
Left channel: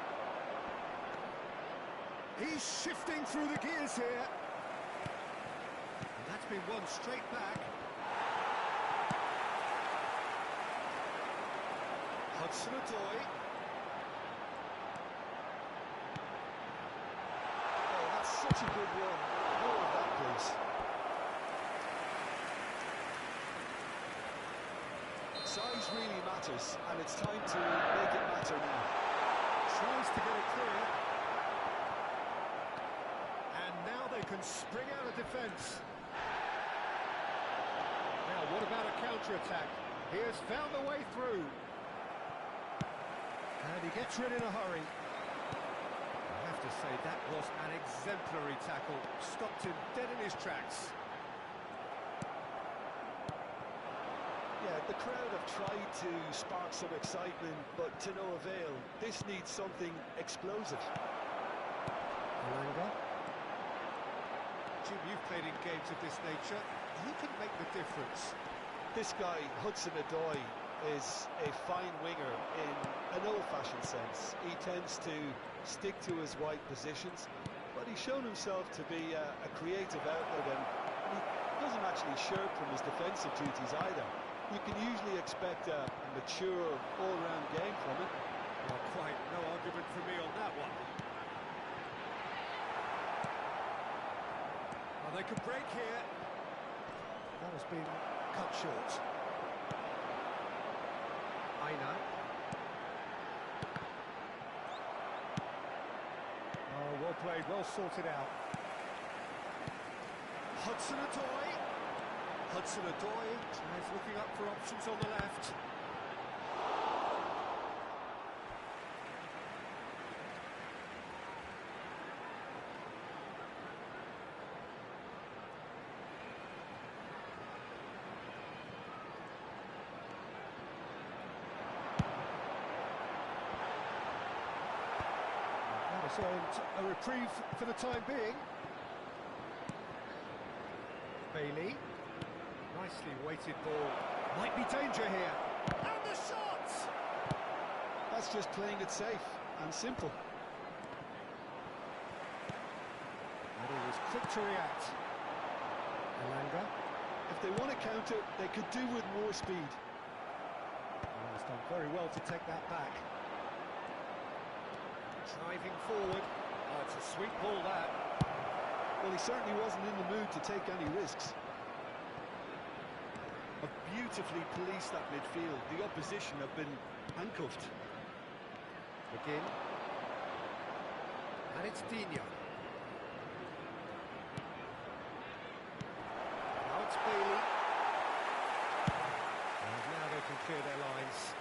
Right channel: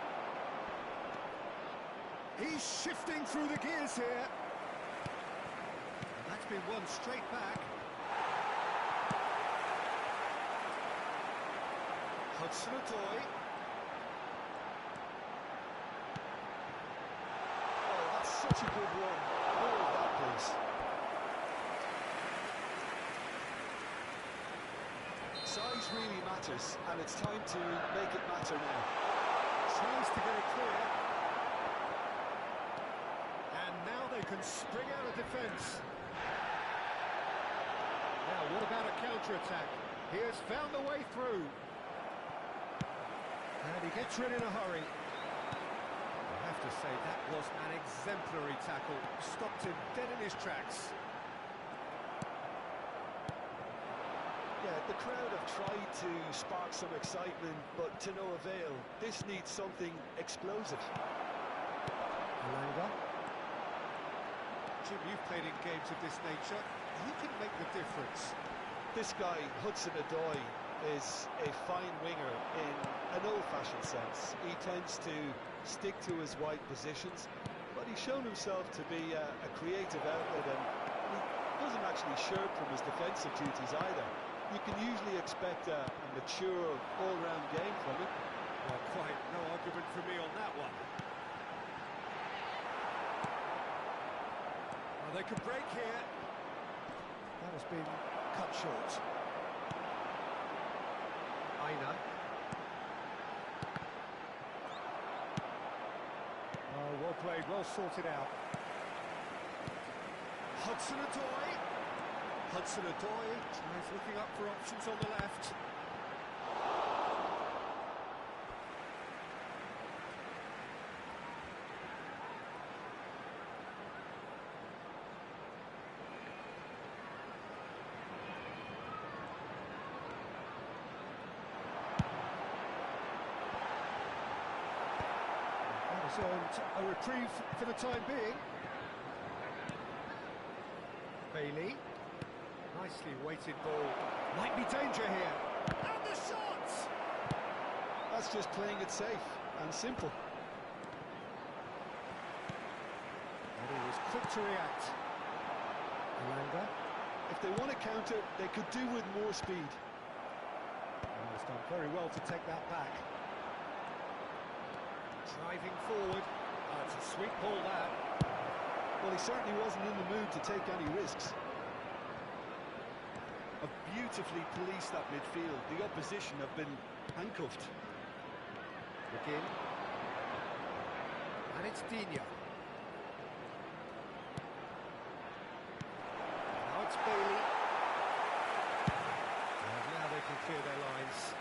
He's shifting through the gears here. And that's been won straight back. Hudson-Odoi. Oh, that's such a good one. More of that, please. Size really matters, and it's time to make it matter now. Tries to get it clear. And now they can spring out of defence. Now, what about a counter-attack? He has found the way through. And he gets rid in a hurry. I have to say, that was an exemplary tackle. Stopped him dead in his tracks. Yeah, the crowd have tried to spark some excitement, but to no avail. This needs something explosive. Alanga. Jim, you've played in games of this nature. Who can make the difference? This guy, Hudson-Odoi, is a fine winger in an old-fashioned sense. He tends to stick to his wide positions, but he's shown himself to be a creative outlet, and he doesn't actually shirk from his defensive duties either. You can usually expect a mature, all-round game from him. Well, quite no argument from me on that one. Well, they could break here. That has been cut short. Aina. Oh, well played, well sorted out. Hudson-Odoi. Hudson-Odoi is looking up for options on the left. That has earned a reprieve for the time being. Bailey. Nicely weighted ball. Might be danger here. And the shot! That's just playing it safe and simple. And he was quick to react. Alanga. If they want to counter, they could do with more speed. And he's done very well to take that back. Driving forward. Oh, it's a sweet ball, that. Well, he certainly wasn't in the mood to take any risks. Have beautifully policed that midfield. The opposition have been handcuffed. Begin. And it's Dina. Now it's Bailey. And now they can clear their lines.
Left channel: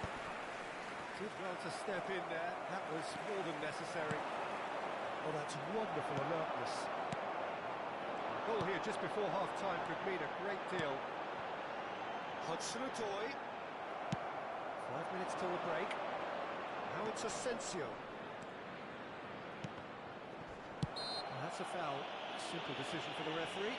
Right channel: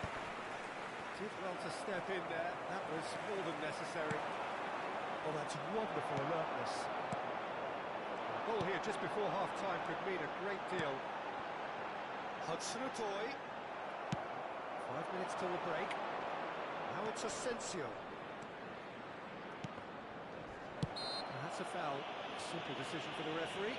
Did well to step in there. That was more than necessary. Oh, that's wonderful alertness. A goal here just before half-time could mean a great deal. Hudson-Odoi. 5 minutes till the break. Now it's Asensio. And that's a foul. Simple decision for the referee.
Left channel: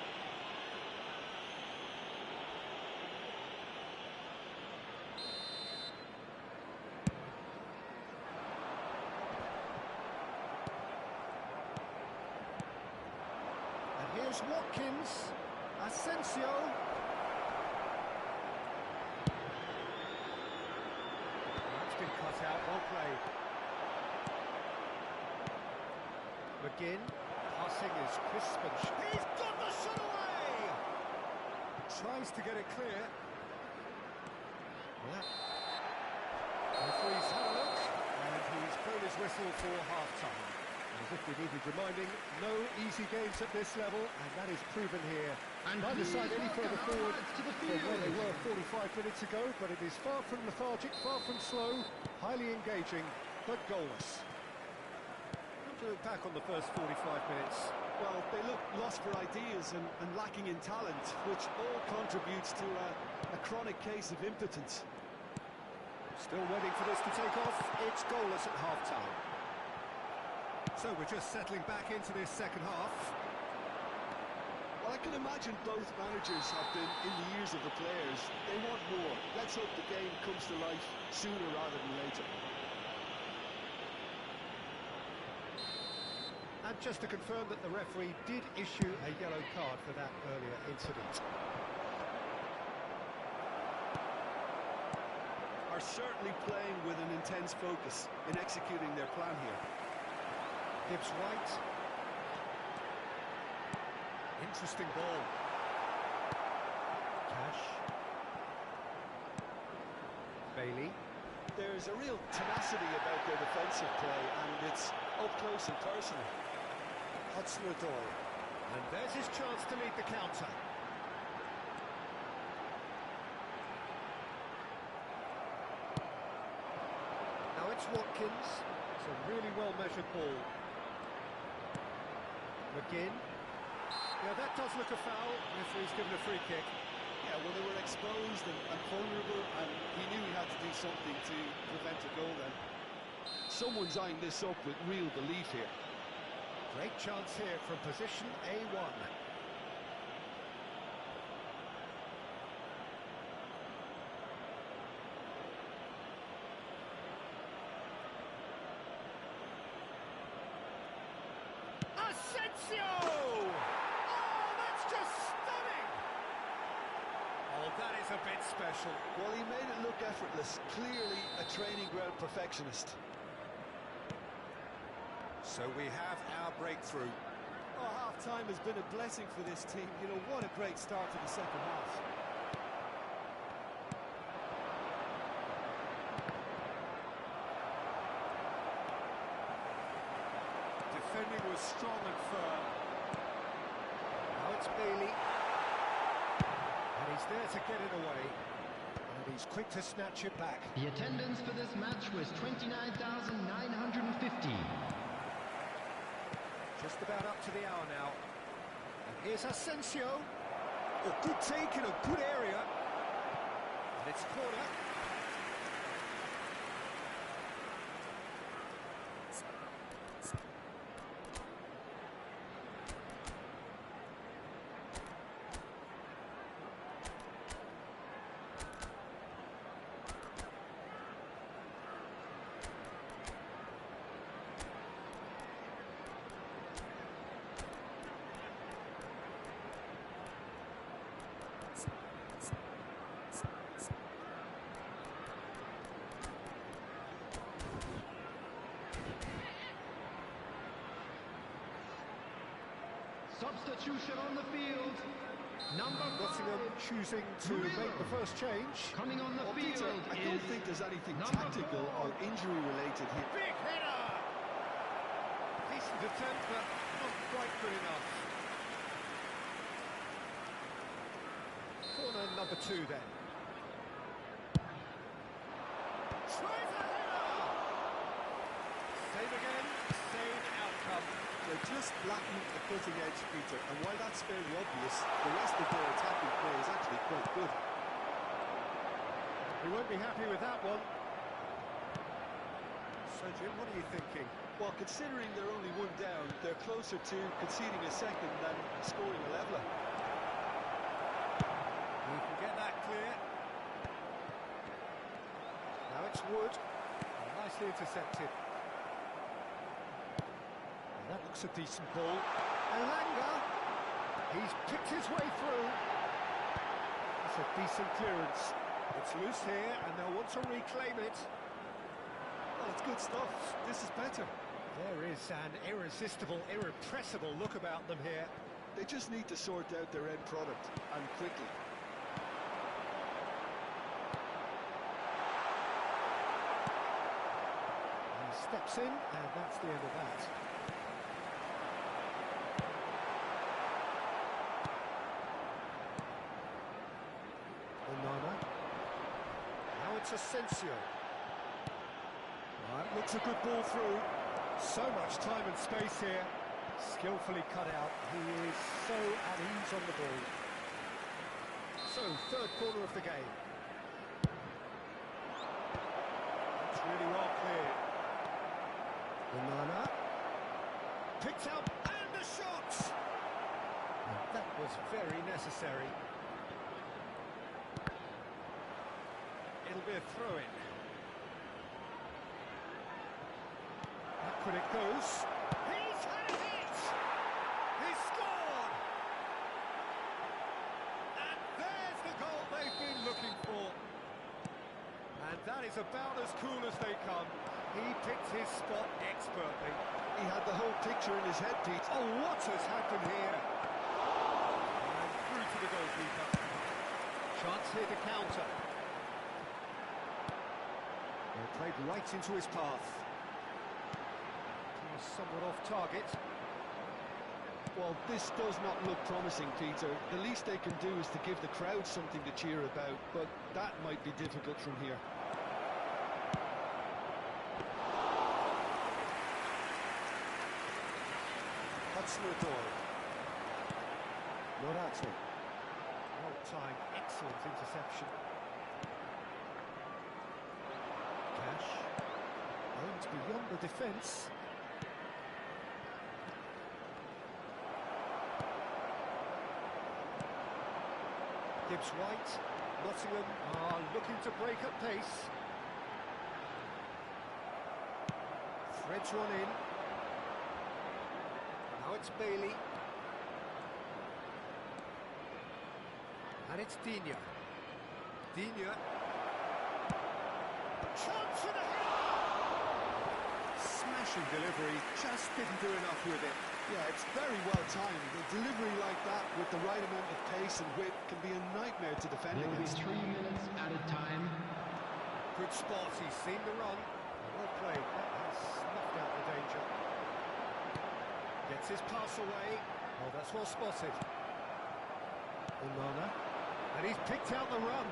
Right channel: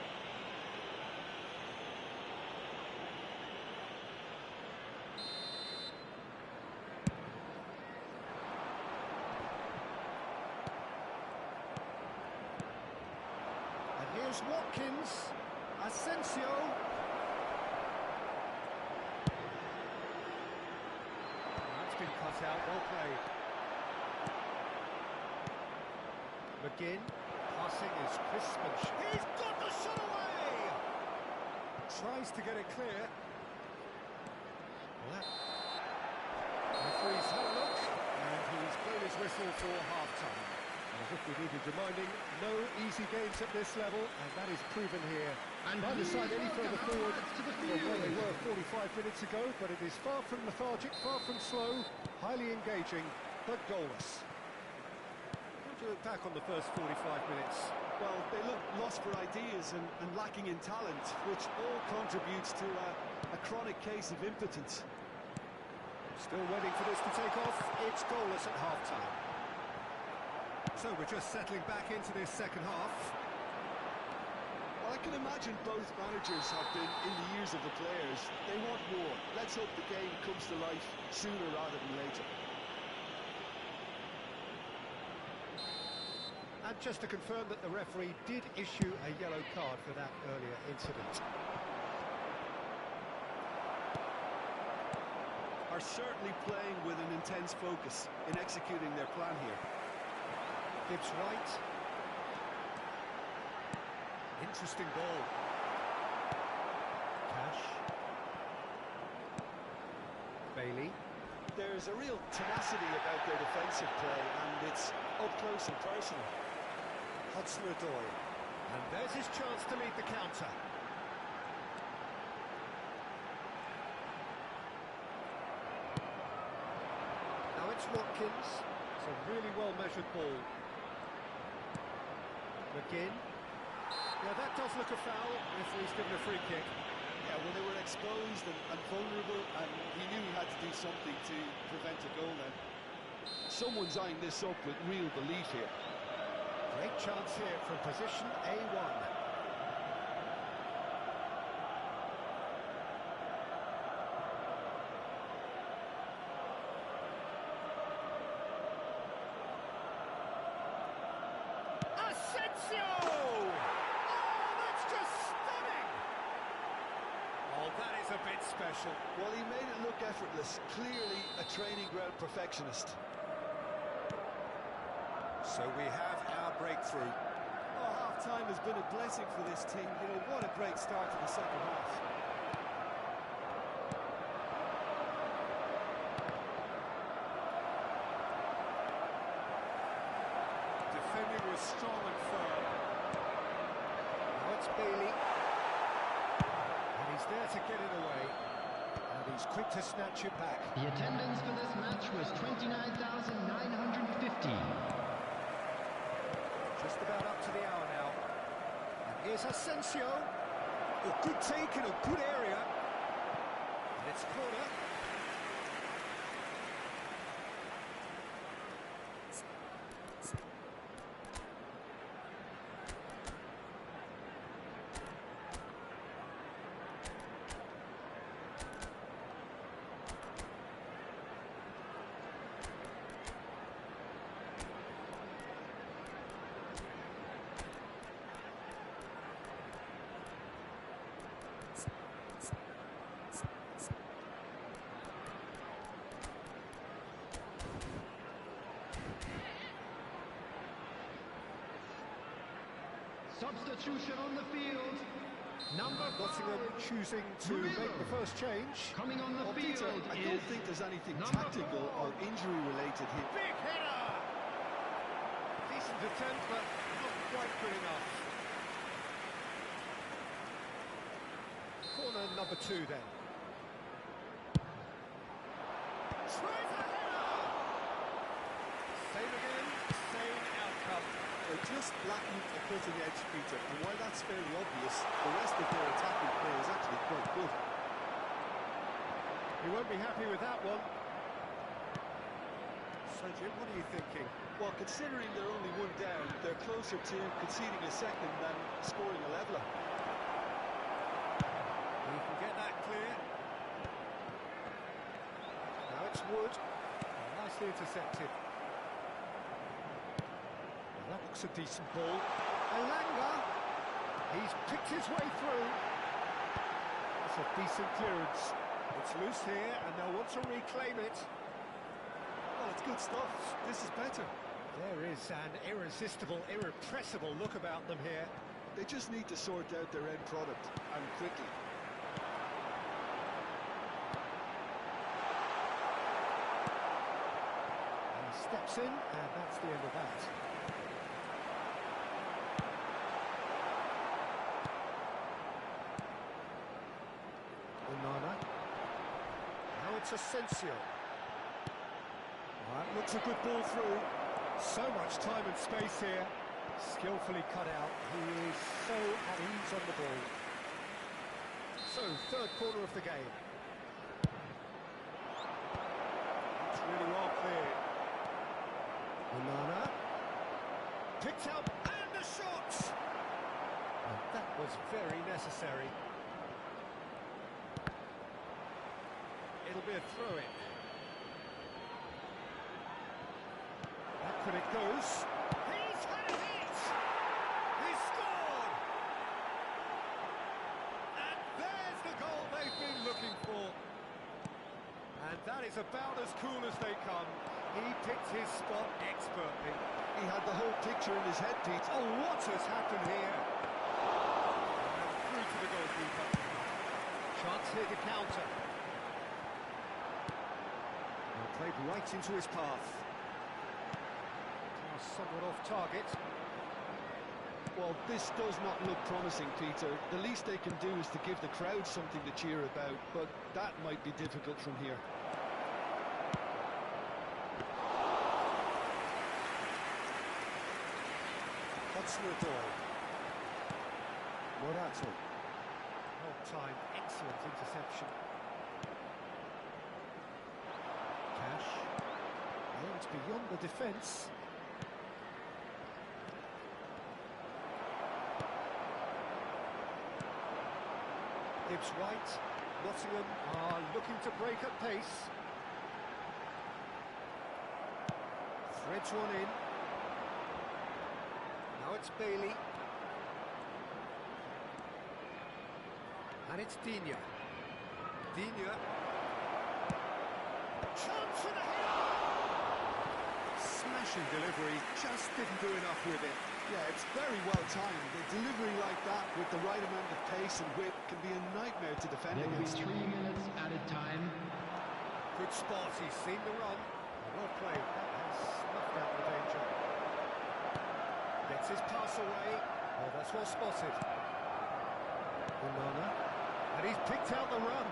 And here's Watkins. Asensio. That's been cut out, well played. McGinn, passing is crisp and he's got the shot away! Tries to get it clear. Well, that referee's had a look, and he's blown his whistle for half-time. As if we needed reminding, no easy games at this level, and that is proven here. And Neither side any further forward to the from where they field. were 45 minutes ago, but it is far from lethargic, far from slow, highly engaging, but goalless. do you look back on the first 45 minutes? Well, they look lost for ideas and lacking in talent, which all contributes to a chronic case of impotence. Still waiting for this to take off. It's goalless at half-time. So we're just settling back into this second half. Well, I can imagine both managers have been in the ears of the players. They want more. Let's hope the game comes to life sooner rather than later. And just to confirm that the referee did issue a yellow card for that earlier incident. Are certainly playing with an intense focus in executing their plan here. Gibbs White. Interesting ball. Cash. Bailey. There's a real tenacity about their defensive play, and it's up close and personal. Hudson-Odoi. And there's his chance to lead the counter. Now it's Watkins. It's a really well-measured ball. McGinn. Yeah, that does look a foul. Referee's given a free kick. Yeah, well, they were exposed and vulnerable, and he knew he had to do something to prevent a goal then. Someone's eyeing this up with real belief here. Great chance here from position A1. Asensio! Oh, that's just stunning! Oh, that is a bit special. Well, he made it look effortless. Clearly a training ground perfectionist. So we have our breakthrough. Oh, half-time has been a blessing for this team. You know, what a great start to the second half. Defending was strong and firm. Now it's Bailey. And he's there to get it away. And he's quick to snatch it back. The attendance for this match was 29,950. Just about up to the hour now. And here's Asensio. Oh, good take in a good area. And it's corner. Substitution on the field. Number 5. Nottingham choosing to make the first change. Coming on the field Peter, I don't is think there's anything number tactical 4. or injury-related here. Big header! Decent attempt, but not quite good enough. Corner number 2 then. Tries a header! Same again, same outcome. They're just lacking a cutting edge, Peter, and while that's fairly obvious, the rest of their attacking play is actually quite good. He won't be happy with that one. So, Jim, what are you thinking? Well, considering they're only one down, they're closer to conceding a second than scoring a leveller. He can get that clear. Now it's Wood. Oh, nicely intercepted. Well, that looks a decent ball. Elanga. He's picked his way through. That's a decent clearance. It's loose here, and they'll want to reclaim it. Well, it's good stuff. This is better. There is an irresistible, irrepressible look about them here. They just need to sort out their end product, and quickly. And he steps in, and that's the end of that. Onana. Now it's Asensio. Right, looks a good ball through. So much time and space here. Skillfully cut out. He is so at ease on the ball. So, third quarter of the game. That's really well cleared. Onana. Picked out, and a shot! And that was very necessary. It'll be a throw-in. Back when it goes. He's had it! He's scored! And there's the goal they've been looking for. And that is about as cool as they come. He picked his spot expertly. He had the whole picture in his head, Pete. Oh, what has happened here? And through to the goalkeeper. Chance here to counter. Well, played right into his path. Pass somewhat off target. Well, this does not look promising, Peter. The least they can do is to give the crowd something to cheer about, but that might be difficult from here. Morato. Well-timed, excellent interception. Cash. Aimed beyond the defence. Gibbs White. Nottingham are looking to break at pace. Threads one in. Now it's Bailey. And it's Digne. Digne. Chance for the header! Smashing delivery, just didn't do enough with it. Yeah, it's very well timed. A delivery like that with the right amount of pace and whip can be a nightmare to defend There will be against. 3 minutes added time. Good spot, he's seen the run. Well played, that has snuffed out the danger. Gets his pass away. Oh, that's well spotted. Onana. And he's picked out the run.